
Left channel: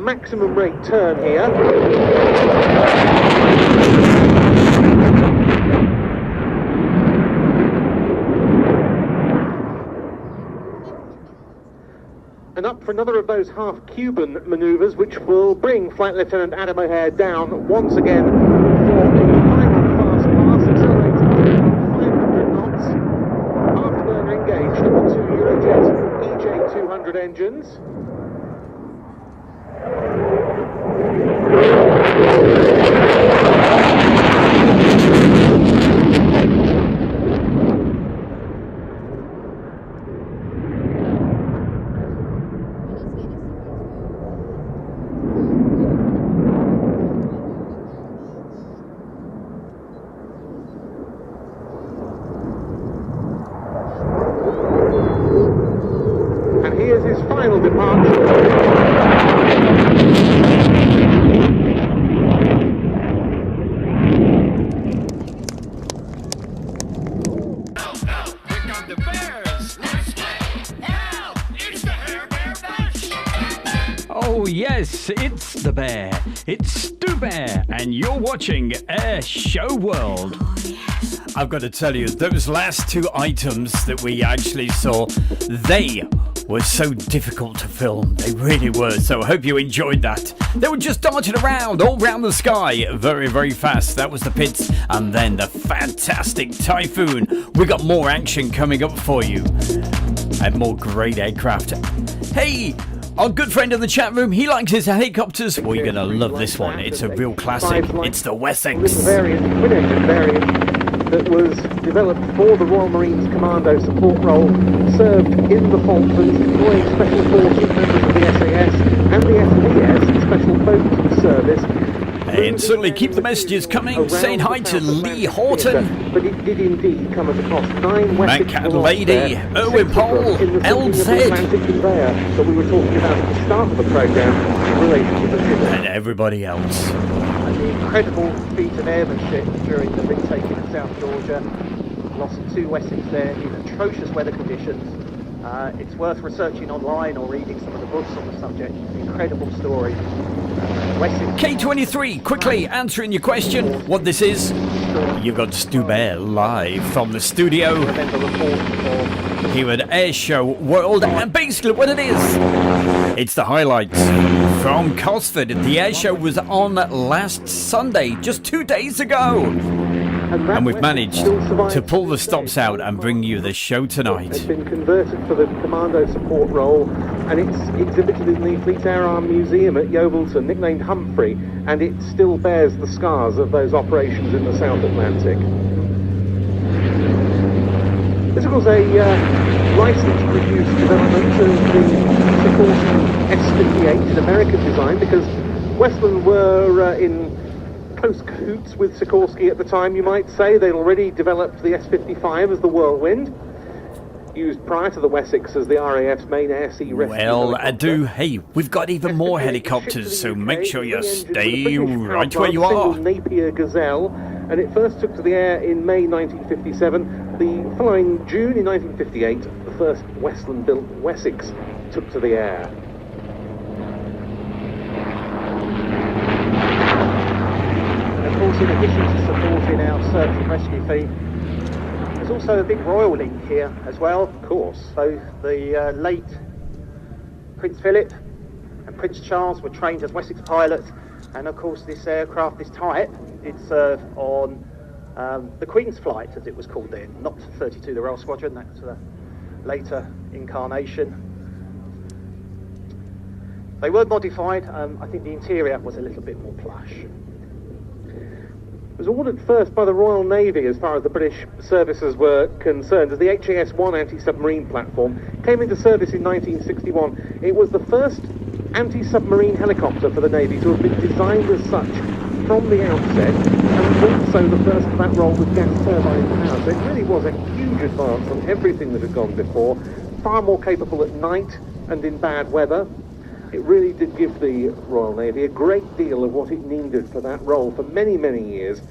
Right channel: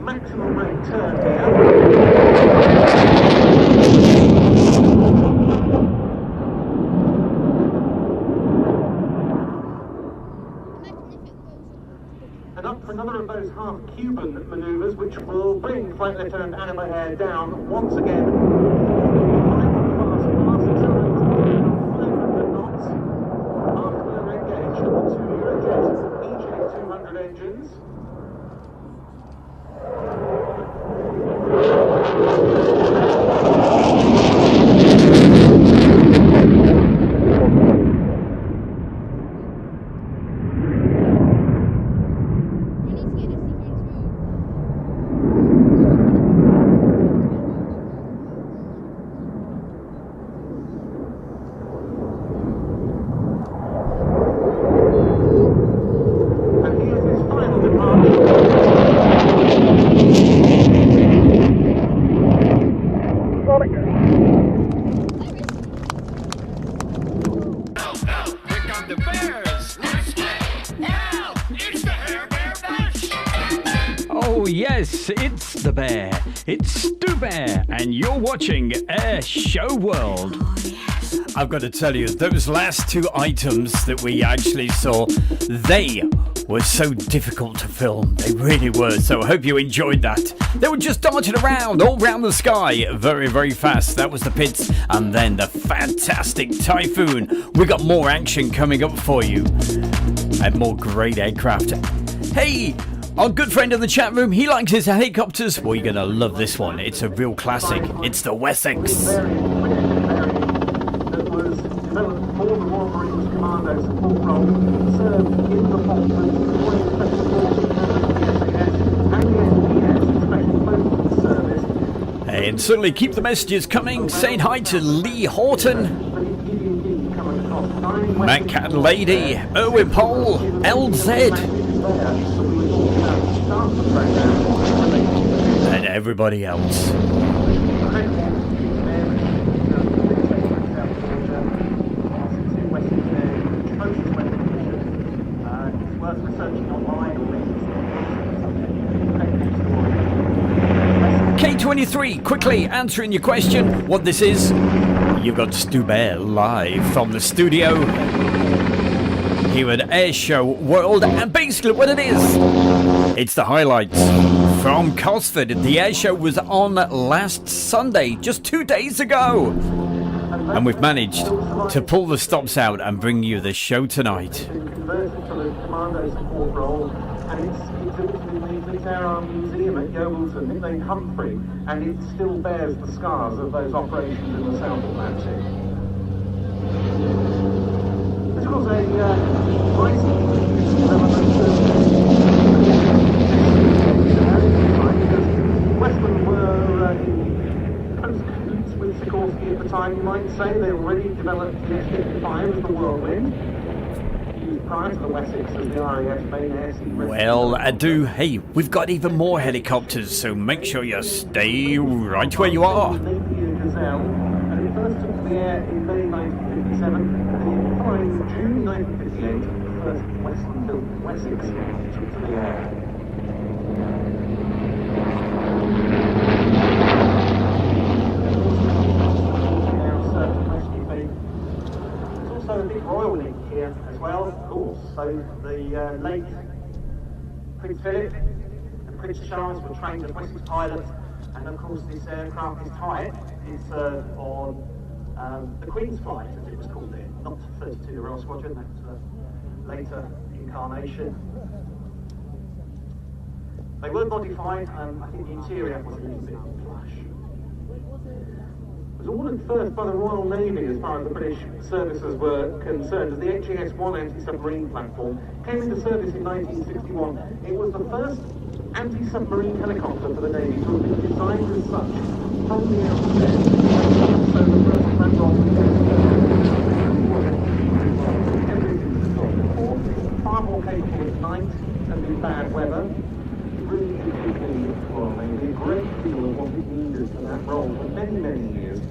Maximum rate turn here. And up for another of those half-Cuban manoeuvres, which will bring Flight Lieutenant Adam O'Hare down once again for a final fast pass, accelerating to about 500 knots. Afterburner engaged at the two Eurojet EJ200 engines. And here's his final departure. Oh yes, it's the Bear. It's Stu Bear, and you're watching Air Show World. I've got to tell you, those last two items that we actually saw, they were so difficult to film. They really were. So I hope you enjoyed that. They were just darting around all around the sky very, very fast. That was the Pits, and then the fantastic Typhoon. We got more action coming up for you, and more great aircraft. Hey, our good friend in the chat room, he likes his helicopters. Well, you're going to love this one. It's a real classic. It's the Wessex. Variant, twin engine variant that was developed for the Royal Marines Commando support role, served in the Falklands, deploying special forces members of the SAS and the SDS, the Special Boat Service, And certainly keep the messages coming. Saying hi to Lee Horton, But it did indeed come across 9 Matt Cat Lady, Erwin Pole, LZ, that we were talking about at the start of the programme in relation to and everybody else. the incredible feat of airmanship during the big takeover in South Georgia. Lost 2 Wessex there in atrocious weather conditions. It's worth researching online or reading some of the books on the subject. Incredible story. K23, quickly answering your question, what this is. You've got Stu Bear live from the studio here at Airshow World, and basically what it is, it's the highlights from Cosford. The Airshow was on last Sunday, just 2 days ago. And we've managed to pull the stops out and bring you the show tonight. It's been converted for the commando support role, and it's exhibited in the Fleet Air Arm Museum at Yeovilton, nicknamed Humphrey, and it still bears the scars of those operations in the South Atlantic. This was a licensed-produced development of the S-58 in American design, because Westland were in close cahoots with Sikorsky at the time, you might say. They'd already developed the S-55 as the Whirlwind, used prior to the Wessex as the RAF's main air-sea rescue. Well, hey, we've got even more helicopters, so make sure you stay right where you are. Napier Gazelle, and it first took to the air in May 1957. The following June in 1958, the first Westland-built Wessex took to the air. Of course, in addition to supporting our search and rescue fleet, there's also a big royal link here as well, of course. So the late Prince Philip and Prince Charles were trained as Wessex pilots, and of course this aircraft, this type, it served on the Queen's flight, as it was called then, not 32, the Royal Squadron, that's a later incarnation. They were modified. I think the interior was a little bit more plush. It was ordered first by the Royal Navy as far as the British services were concerned, as the HAS-1 anti-submarine platform came into service in 1961. It was the first anti-submarine helicopter for the Navy to have been designed as such from the outset, and also the first flat roll with gas turbines. So it really was a huge advance on everything that had gone before, far more capable at night and in bad weather. It really did give the Royal Navy a great deal of what it needed for that role for many, many years.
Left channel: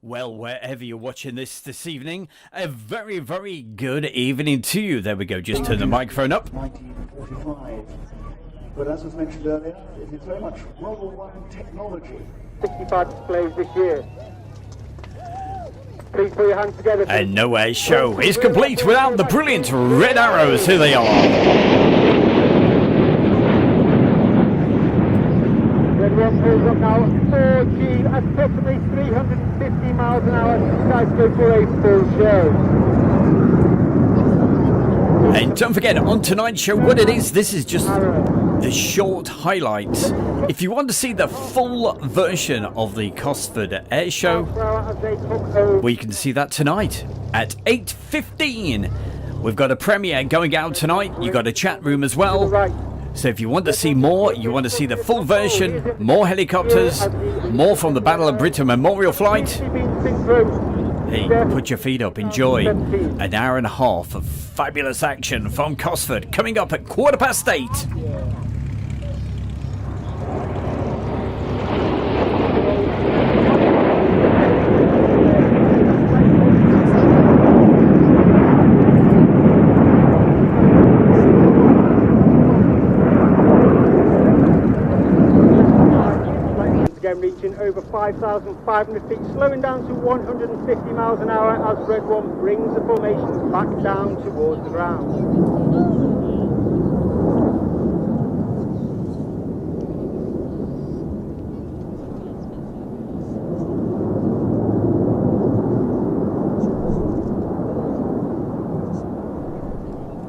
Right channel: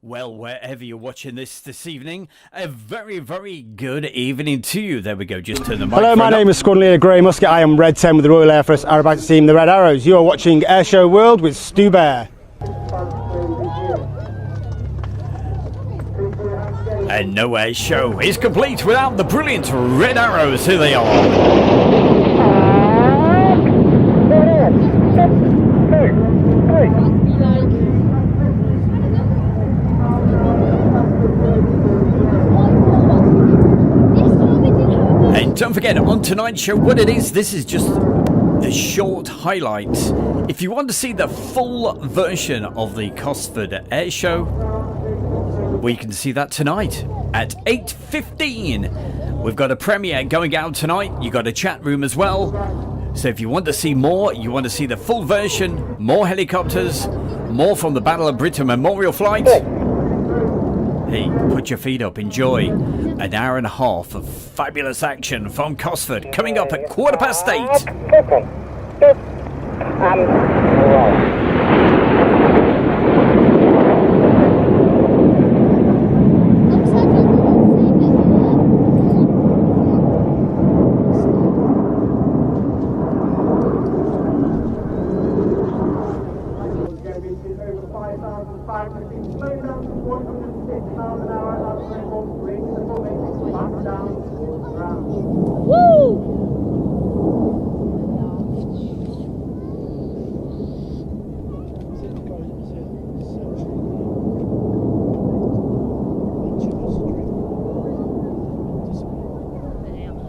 Well, wherever you're watching this evening, a very, very good evening to you. There we go, just turn the microphone Hello, my up. name is Squadron Leader Grey Musket. I am Red 10 with the Royal Air Force Aerobatic Team, the Red Arrows. You are watching Airshow World with Stu Bear. 65 displays this year. Please put your hands together. And no air show is complete without the brilliant Red Arrows. Here they are. And don't forget, on tonight's show, what it is, this is just the short highlights. If you want to see the full version of the Cosford Airshow, we can see that tonight at 8:15. We've got a premiere going out tonight. You've got a chat room as well. So if you want to see more, you want to see the full version, more helicopters, more from the Battle of Britain Memorial Flight, hey, put your feet up, enjoy an hour and a half of fabulous action from Cosford coming up at 8:15. Reaching over 5,500 feet, slowing down to 150 miles an hour as Red One brings the formation back down towards the ground. Woo!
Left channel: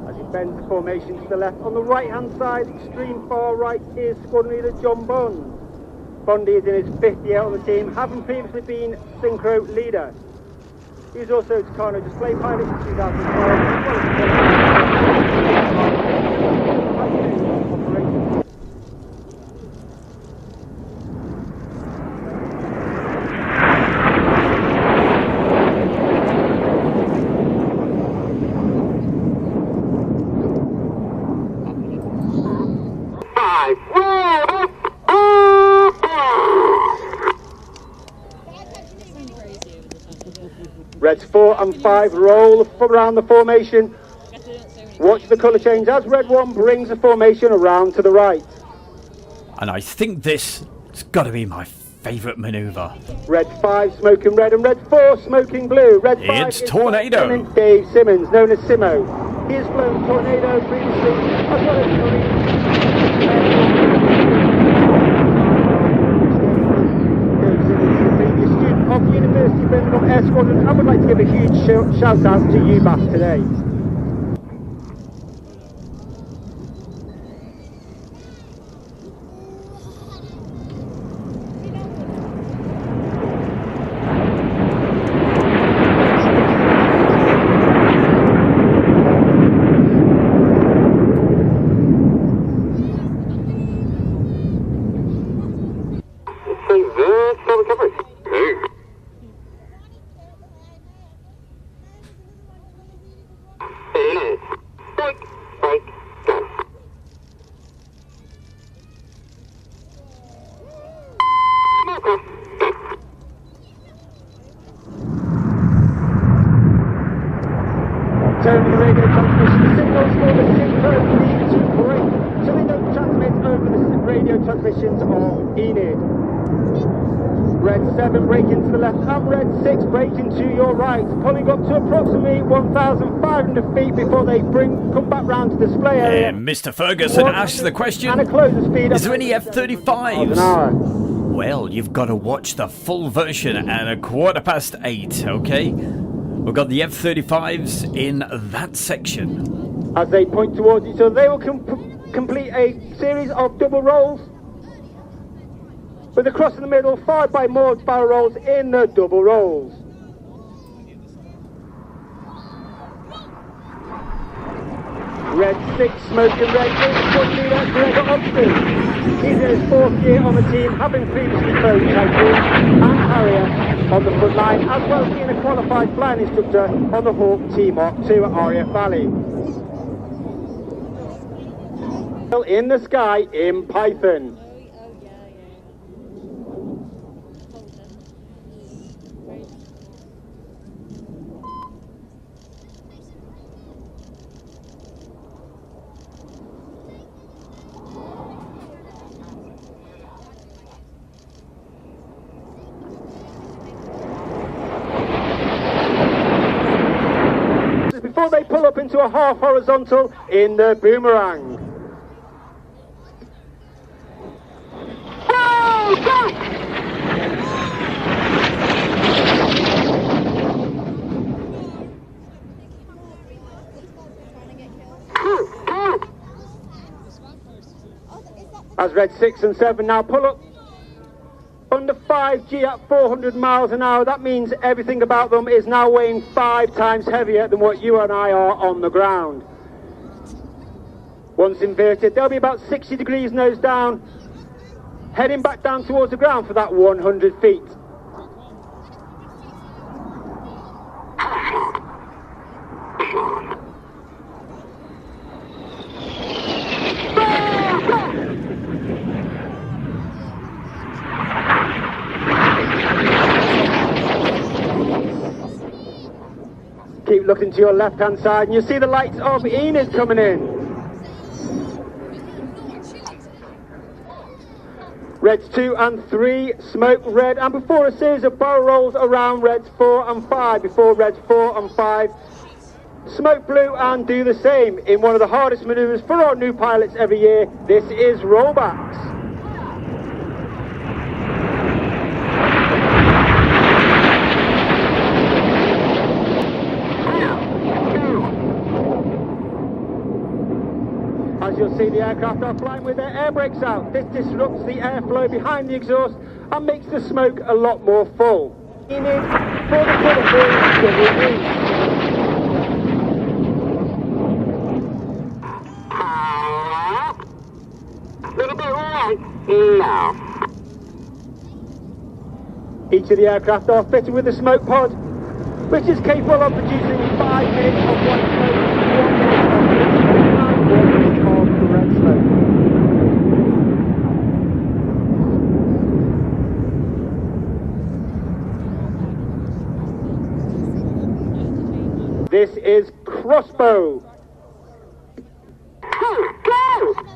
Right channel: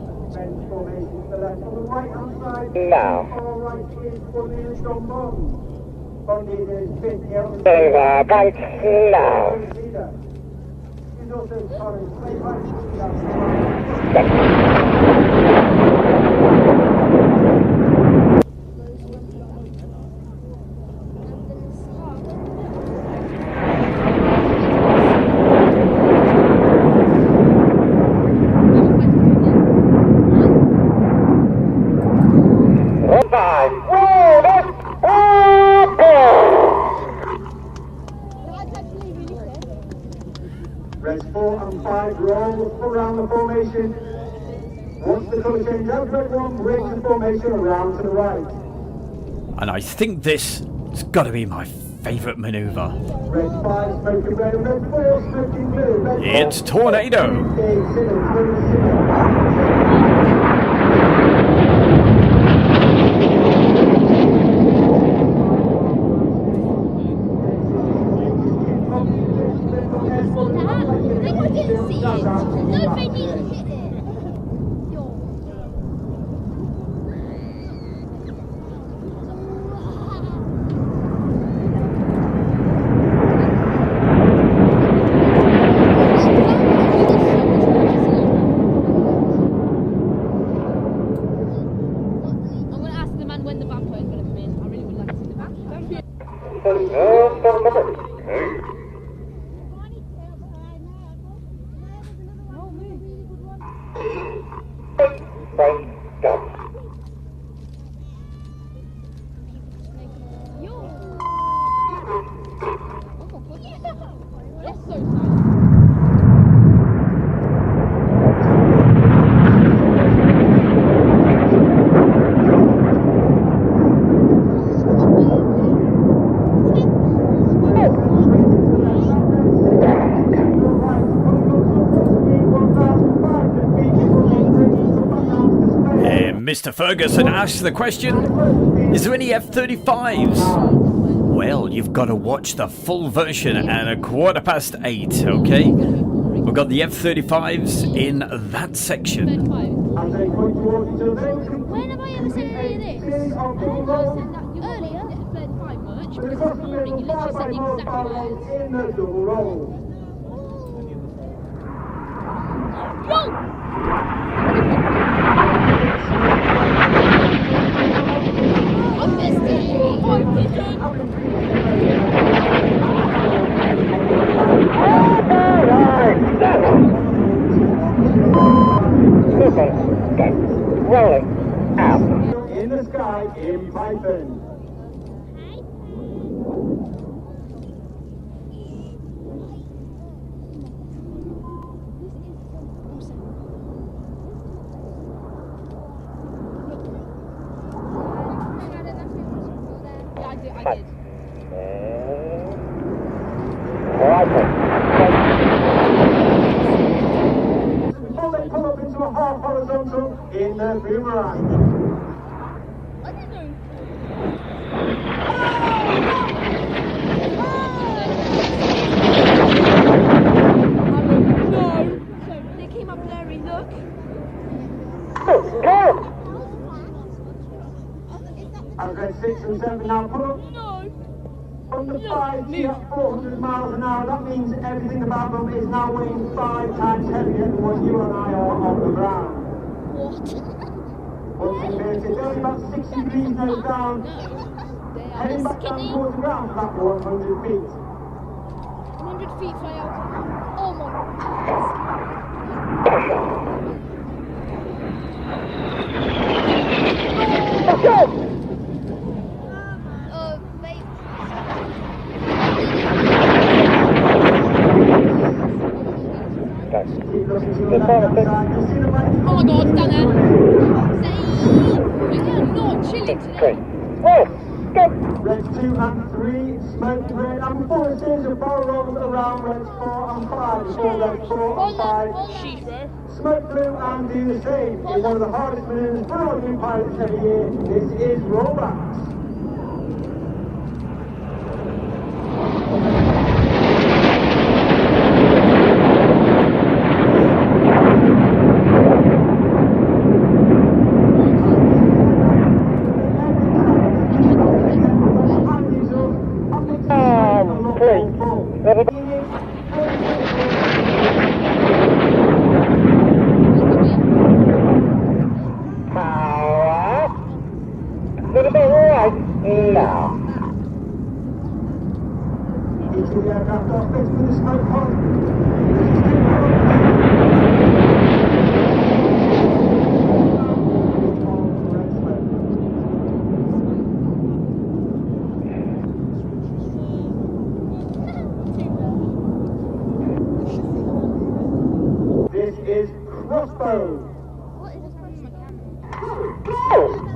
As it bends the formation to the left, on the right hand side, far right is Squadron Leader John Bond. Bondi is in his 50th year on the team, road leader. He's also a China display pilot in 2012. 4 and 5 roll around the formation. Watch the colour change as red 1 brings the formation around to the right. And I think this has got to be my favourite manoeuvre. Red 5 smoking red and red 4 smoking blue. Red 5 It's Tornado. Dave Simmons, known as Simo. Of University of Birmingham Air Squadron, I would like to give a huge shout out to you back today. Mr. Ferguson asks the question, is there any F-35s? Well, you've got to watch the full version at 8:15, okay? We've got the F-35s in that section. As they point towards each other, they will complete a series of double rolls with a cross in the middle, followed by more barrel rolls in the double rolls. Red 6 smoke again, he's in his 4th year on the team, having previously flown Typhoon and Harrier on the front line, and one service on the Hawk team on 2 at Rafale. Rolling out. In the sky in Python. Before they pull up into a half horizontal in the boomerang. As red 6 and 7 now pull up under 5G at 400 miles an hour, that means everything about them is now weighing 5 times heavier than what you and I are on the ground. Once inverted, they'll be about 60 degrees nose down, heading back down towards the ground for that 100 feet. 100 feet, oh my. Keep looking to your left-hand side and you see the lights of Enid coming in. Reds 2 and 3 smoke red, and before a series of barrel rolls around Reds 4 and 5 before Reds 4 and 5 smoke blue and do the same in one of the hardest manoeuvres for our new pilots every year. This is rollbacks. That makes the smoke a lot more full. Each of the aircraft are fitted with a smoke pod, which is capable of producing 5 minutes of the red smoke. This is crossbow. Go!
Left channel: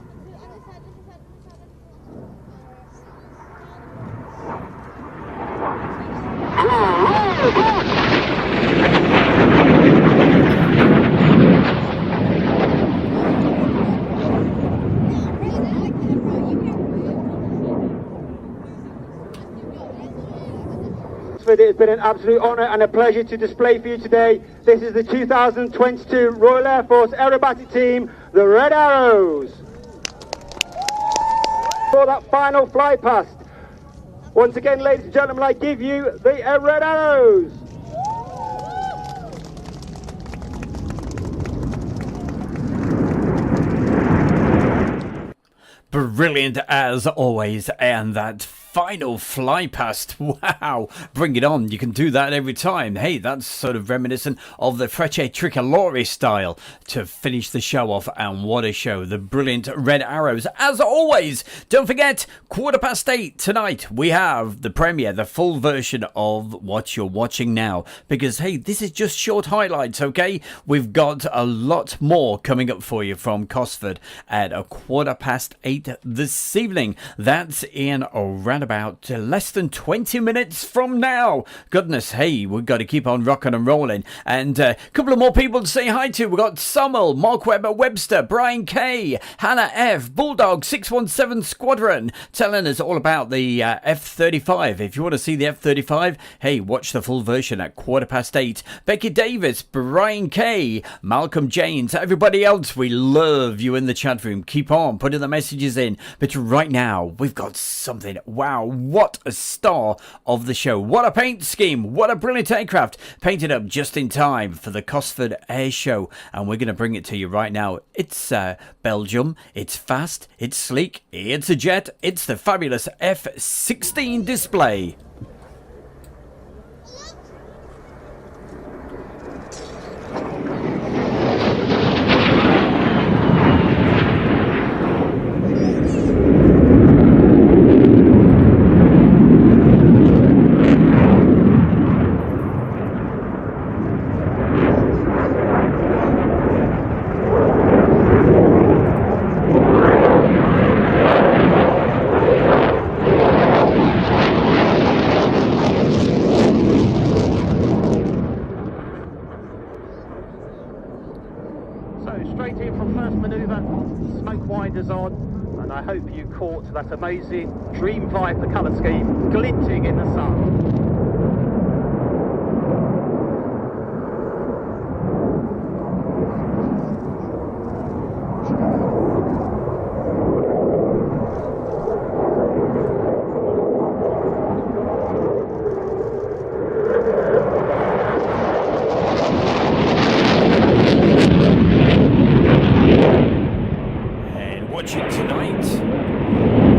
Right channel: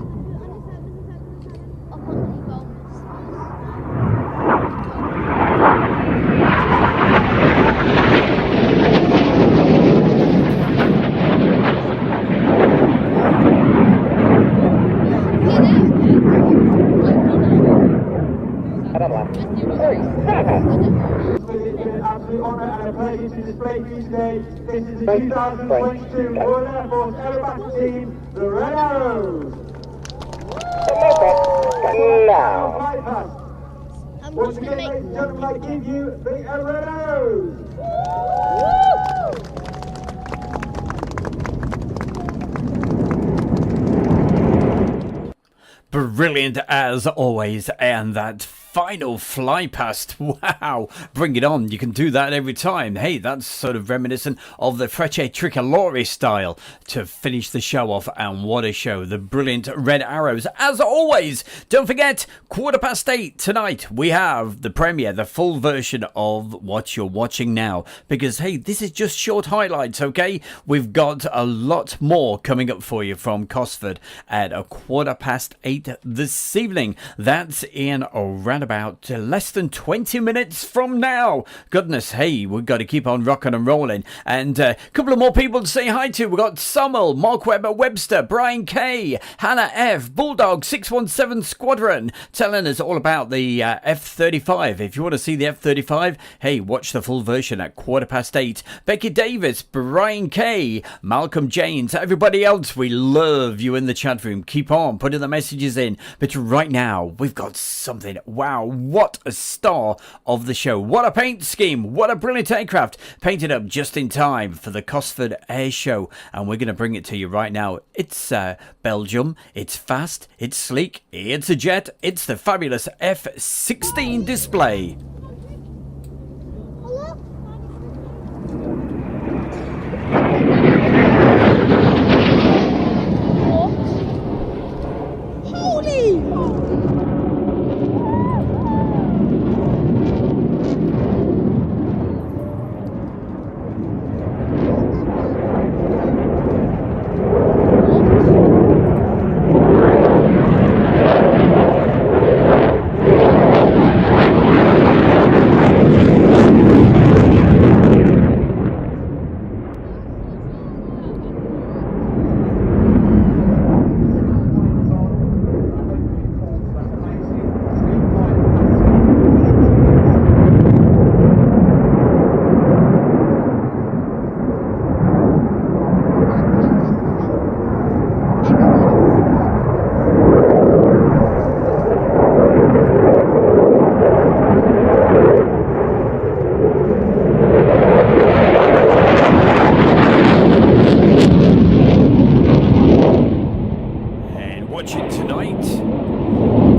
It has been an absolute honour and a pleasure to display for you today. This is the 2022 Royal Air Force Aerobatic Team, the Red Arrows. For that final flight past. Once again, ladies and gentlemen, I give you the Red Arrows. Brilliant as always, and that final fly past, wow, bring it on. You can do that every time. Hey, that's sort of reminiscent of the Frecce Tricolore style to finish the show off, and what a show. The brilliant Red Arrows as always. Don't forget, 8:15 tonight we have the premiere, the full version of what you're watching now, because hey, this is just short highlights, okay? We've got a lot more coming up for you from Cosford at 8:15 this evening. That's in around about less than 20 minutes from now. Goodness, hey, we've got to keep on rocking and rolling. And a couple of more people to say hi to. We've got Summel, Mark Webster, Brian K, Hannah F, Bulldog 617 Squadron, telling us all about the F-35. If you want to see the F-35, hey, watch the full version at 8:15. Becky Davis, Brian K, Malcolm James, everybody else, we love you in the chat room. Keep on putting the messages in. But right now, we've got something. Wow, what a star of the show. What a paint scheme. What a brilliant aircraft. Painted up just in time for the Cosford Airshow. And we're going to bring it to you right now. It's Belgium. It's fast. It's sleek. It's a jet. It's the fabulous F-16 display.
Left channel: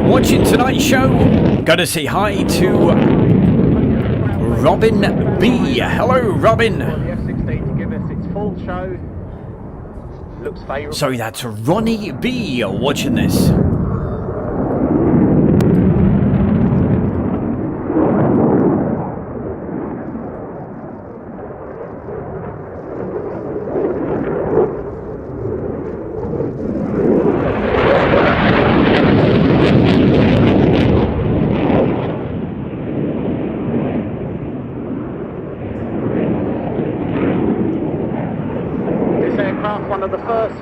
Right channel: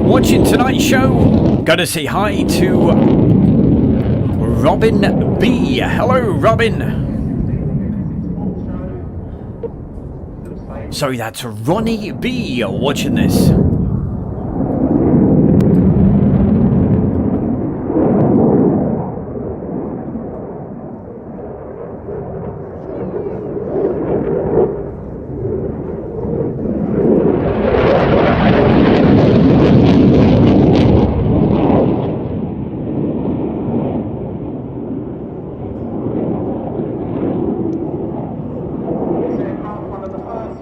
Watching tonight's show, gotta say hi to Robin B. Hello, Robin. Sorry, that's Ronnie B. watching this.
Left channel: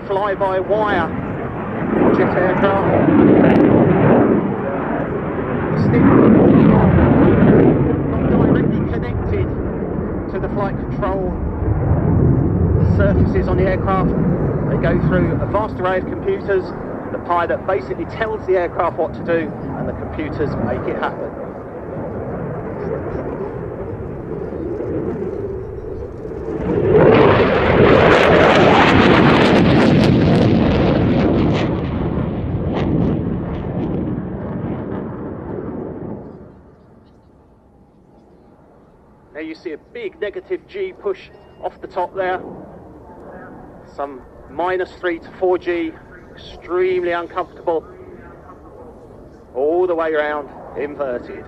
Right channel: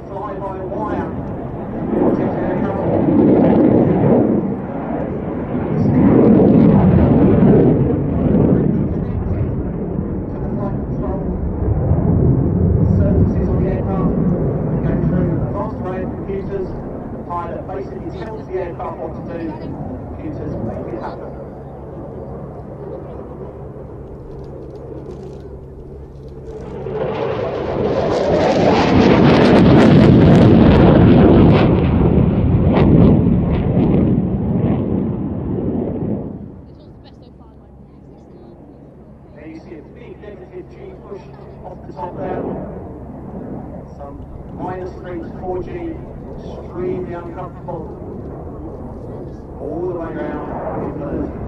Fly-by-wire jet aircraft. Directly connected to the flight control surfaces on the aircraft. They go through a vast array of computers. The pilot basically tells the aircraft what to do, and the computers make it happen. There you see a big negative G push off the top there. Some -3 to 4G, extremely uncomfortable. All the way around, inverted.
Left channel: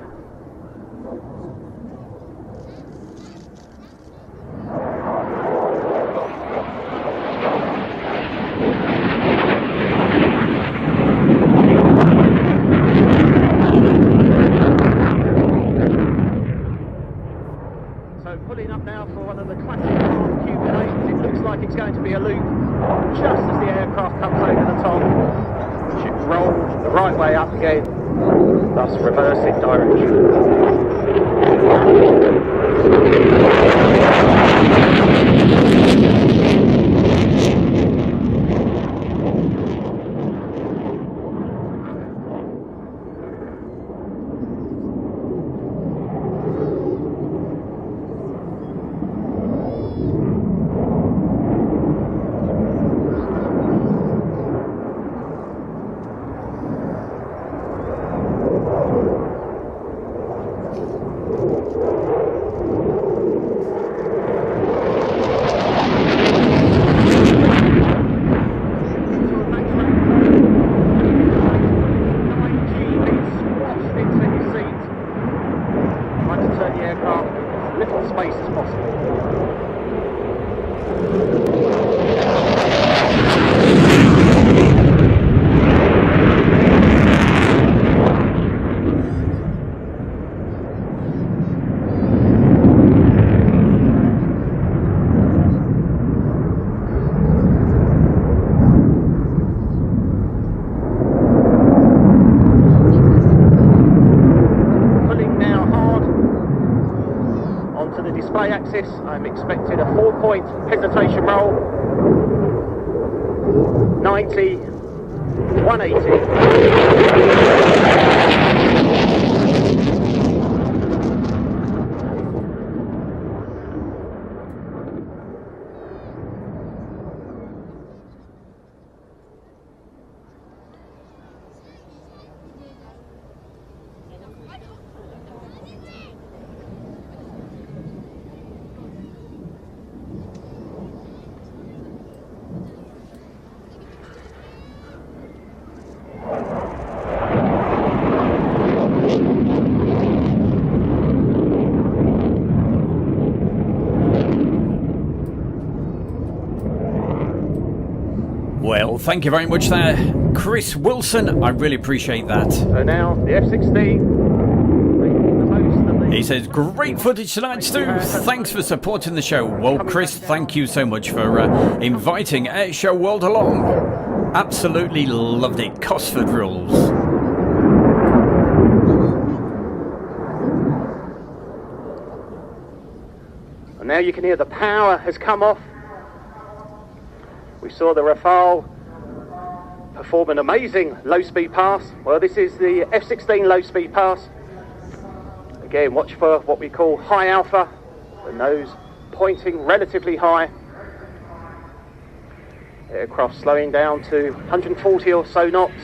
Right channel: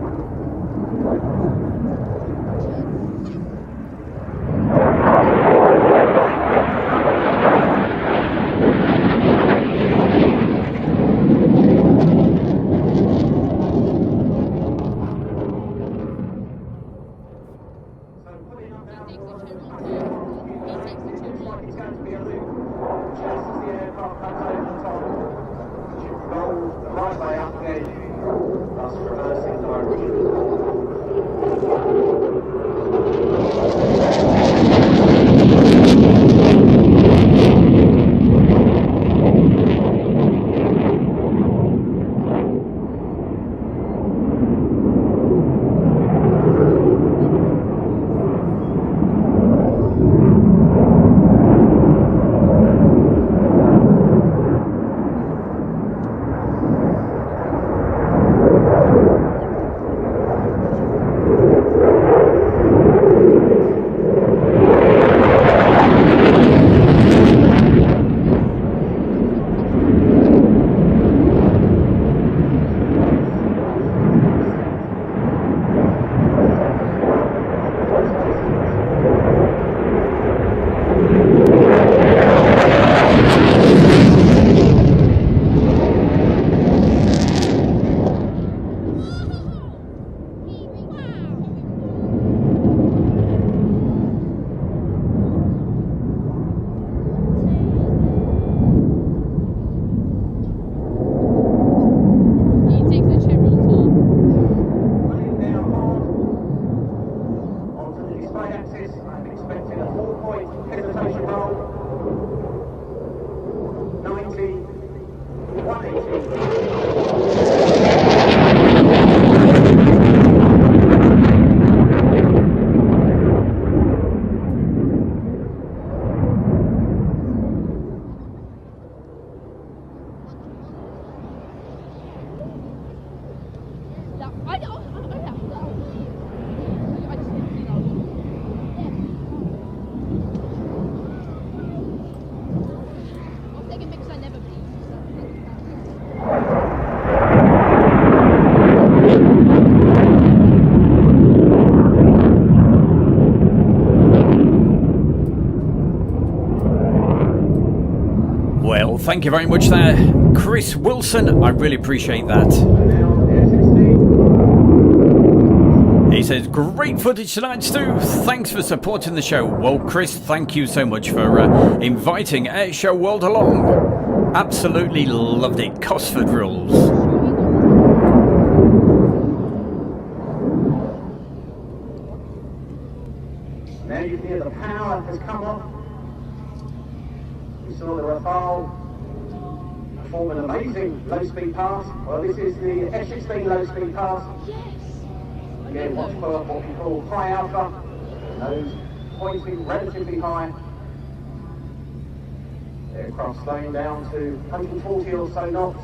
thus reversing direction. I'm expecting a 4-point hesitation roll. 90, 180. Well, thank you very much there, Chris Wilson. I really appreciate that. So now the F-16. He says, great footage tonight, Stu. Thanks for supporting the show. Well, Chris, thank you so much for inviting Airshow World along. Absolutely loved it. Cosford rules. And now you can hear the power has come off. We saw the Rafale perform an amazing low-speed pass. Well, this is the F-16 low-speed pass. Again, watch for what we call high alpha, the nose pointing relatively high. Aircraft slowing down to 140 or so knots.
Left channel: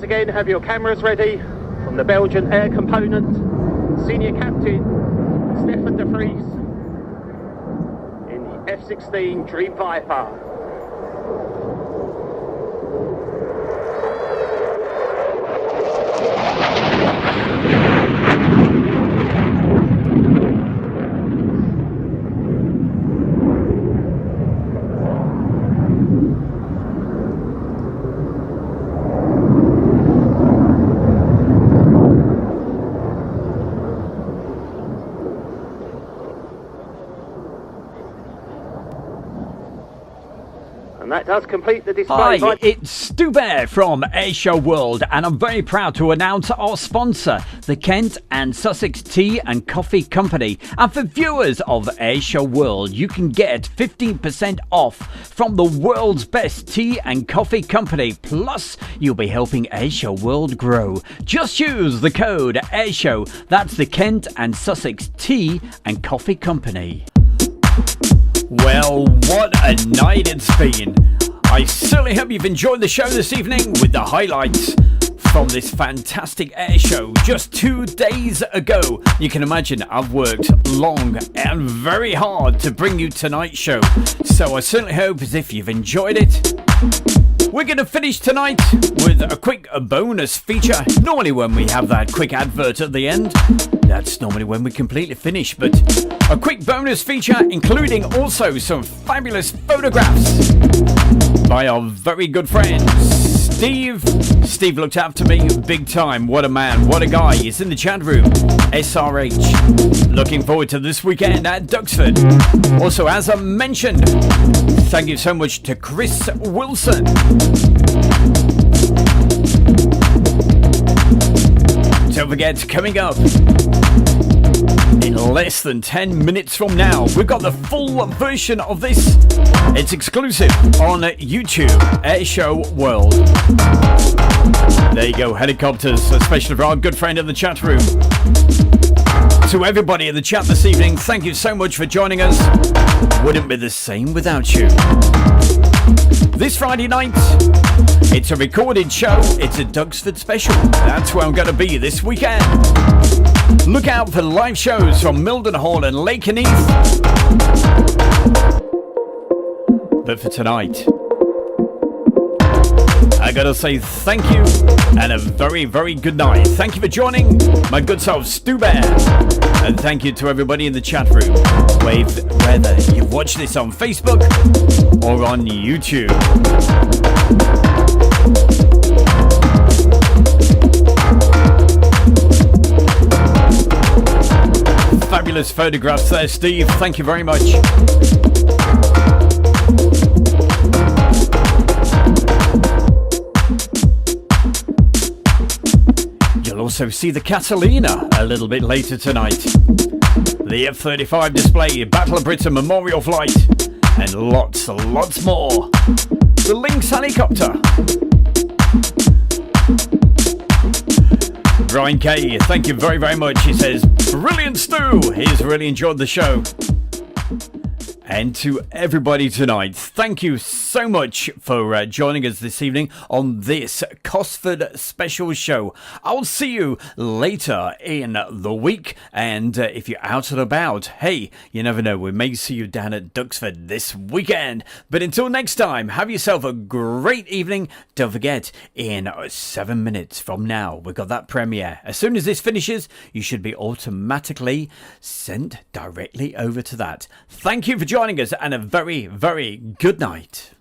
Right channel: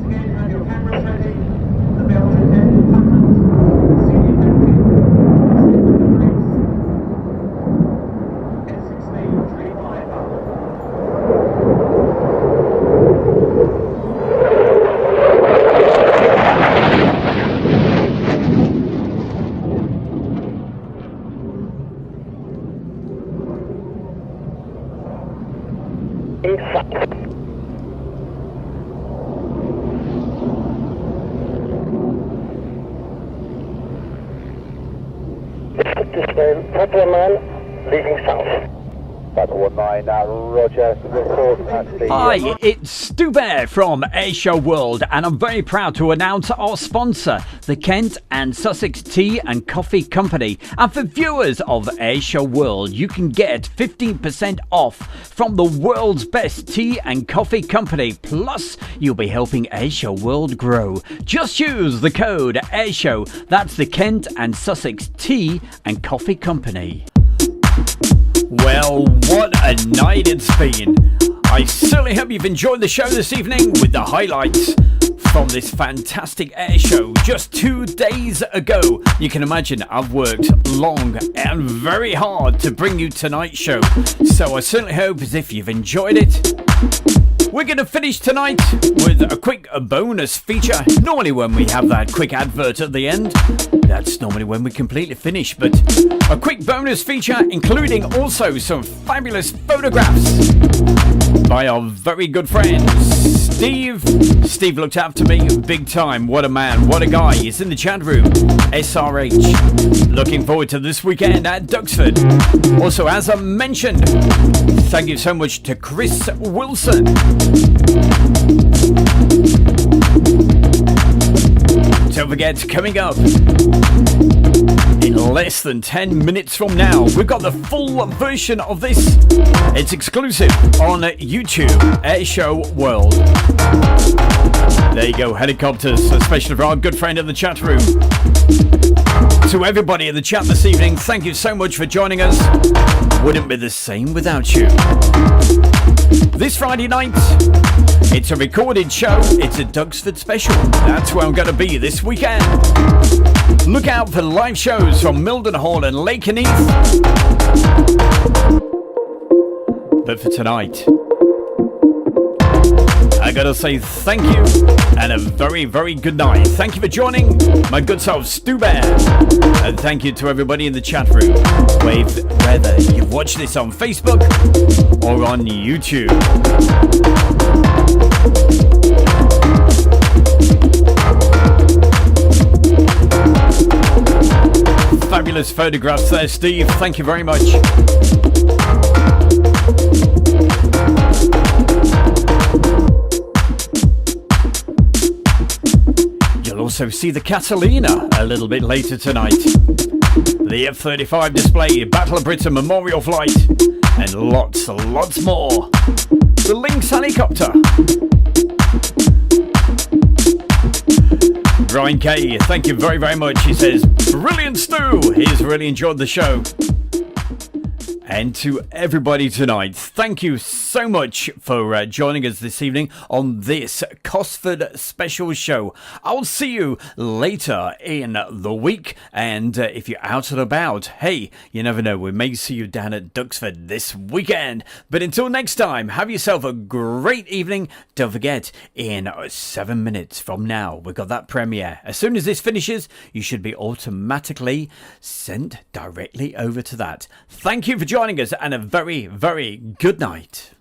Again, have your cameras ready from the Belgian Air Component, Senior Captain Stefan de Vries in the F-16 Dream Viper. Hi, it's Stu Bear from Airshow World, and I'm very proud to announce our sponsor, the Kent and Sussex Tea and Coffee Company. And for viewers of Airshow World, you can get 15% off from the world's best tea and coffee company. Plus, you'll be helping Airshow World grow. Just use the code Airshow. That's the Kent and Sussex Tea and Coffee Company. Well, what a night it's been. I certainly hope you've enjoyed the show this evening with the highlights. from this fantastic air show just 2 days ago. You can imagine I've worked long and very hard to bring you tonight's show, so I certainly hope as if you've enjoyed it. We're going to finish tonight with a quick bonus feature. Normally when we have that quick advert at the end, that's normally when we completely finish, but a quick bonus feature including also some fabulous photographs by our very good friend Steve. Steve looked after me big time. What a man, what a guy. He's in the chat room. SRH. Looking forward to this weekend at Duxford. Also, as I mentioned, thank you so much to Chris Wilson. Don't forget, coming up in less than 10 minutes from now, we've got the full version of this. It's exclusive on YouTube, Airshow World. There you go, helicopters, especially for our good friend in the chat room. To everybody in the chat this evening, thank you so much for joining us. Wouldn't be the same without you. This Friday night, it's a recorded show. It's a Duxford special. That's where I'm going to be this weekend. Look out for live shows from Mildenhall and Lakenheath. But for tonight, I gotta say thank you and a very, very good night. Thank you for joining my good self, Stu Bear. And thank you to everybody in the chat room, whether you've watched this on Facebook or on YouTube. Fabulous photographs there, Steve. Thank you very much. You'll also see the Catalina a little bit later tonight. The F-35 display, Battle of Britain Memorial Flight, and lots more. The Lynx helicopter. Brian K, thank you very, very much. He says, brilliant Stu. He's really enjoyed the show. And to everybody tonight, thank you so much for joining us this evening on this Cosford special show. I'll see you later in the week, and if you're out and about, hey, you never know, we may see you down at Duxford this weekend. But until next time, have yourself a great evening. Don't forget, in 7 minutes from now, we've got that premiere. As soon as this finishes, you should be automatically sent directly over to that. Thank you for joining us, and a very, very good night.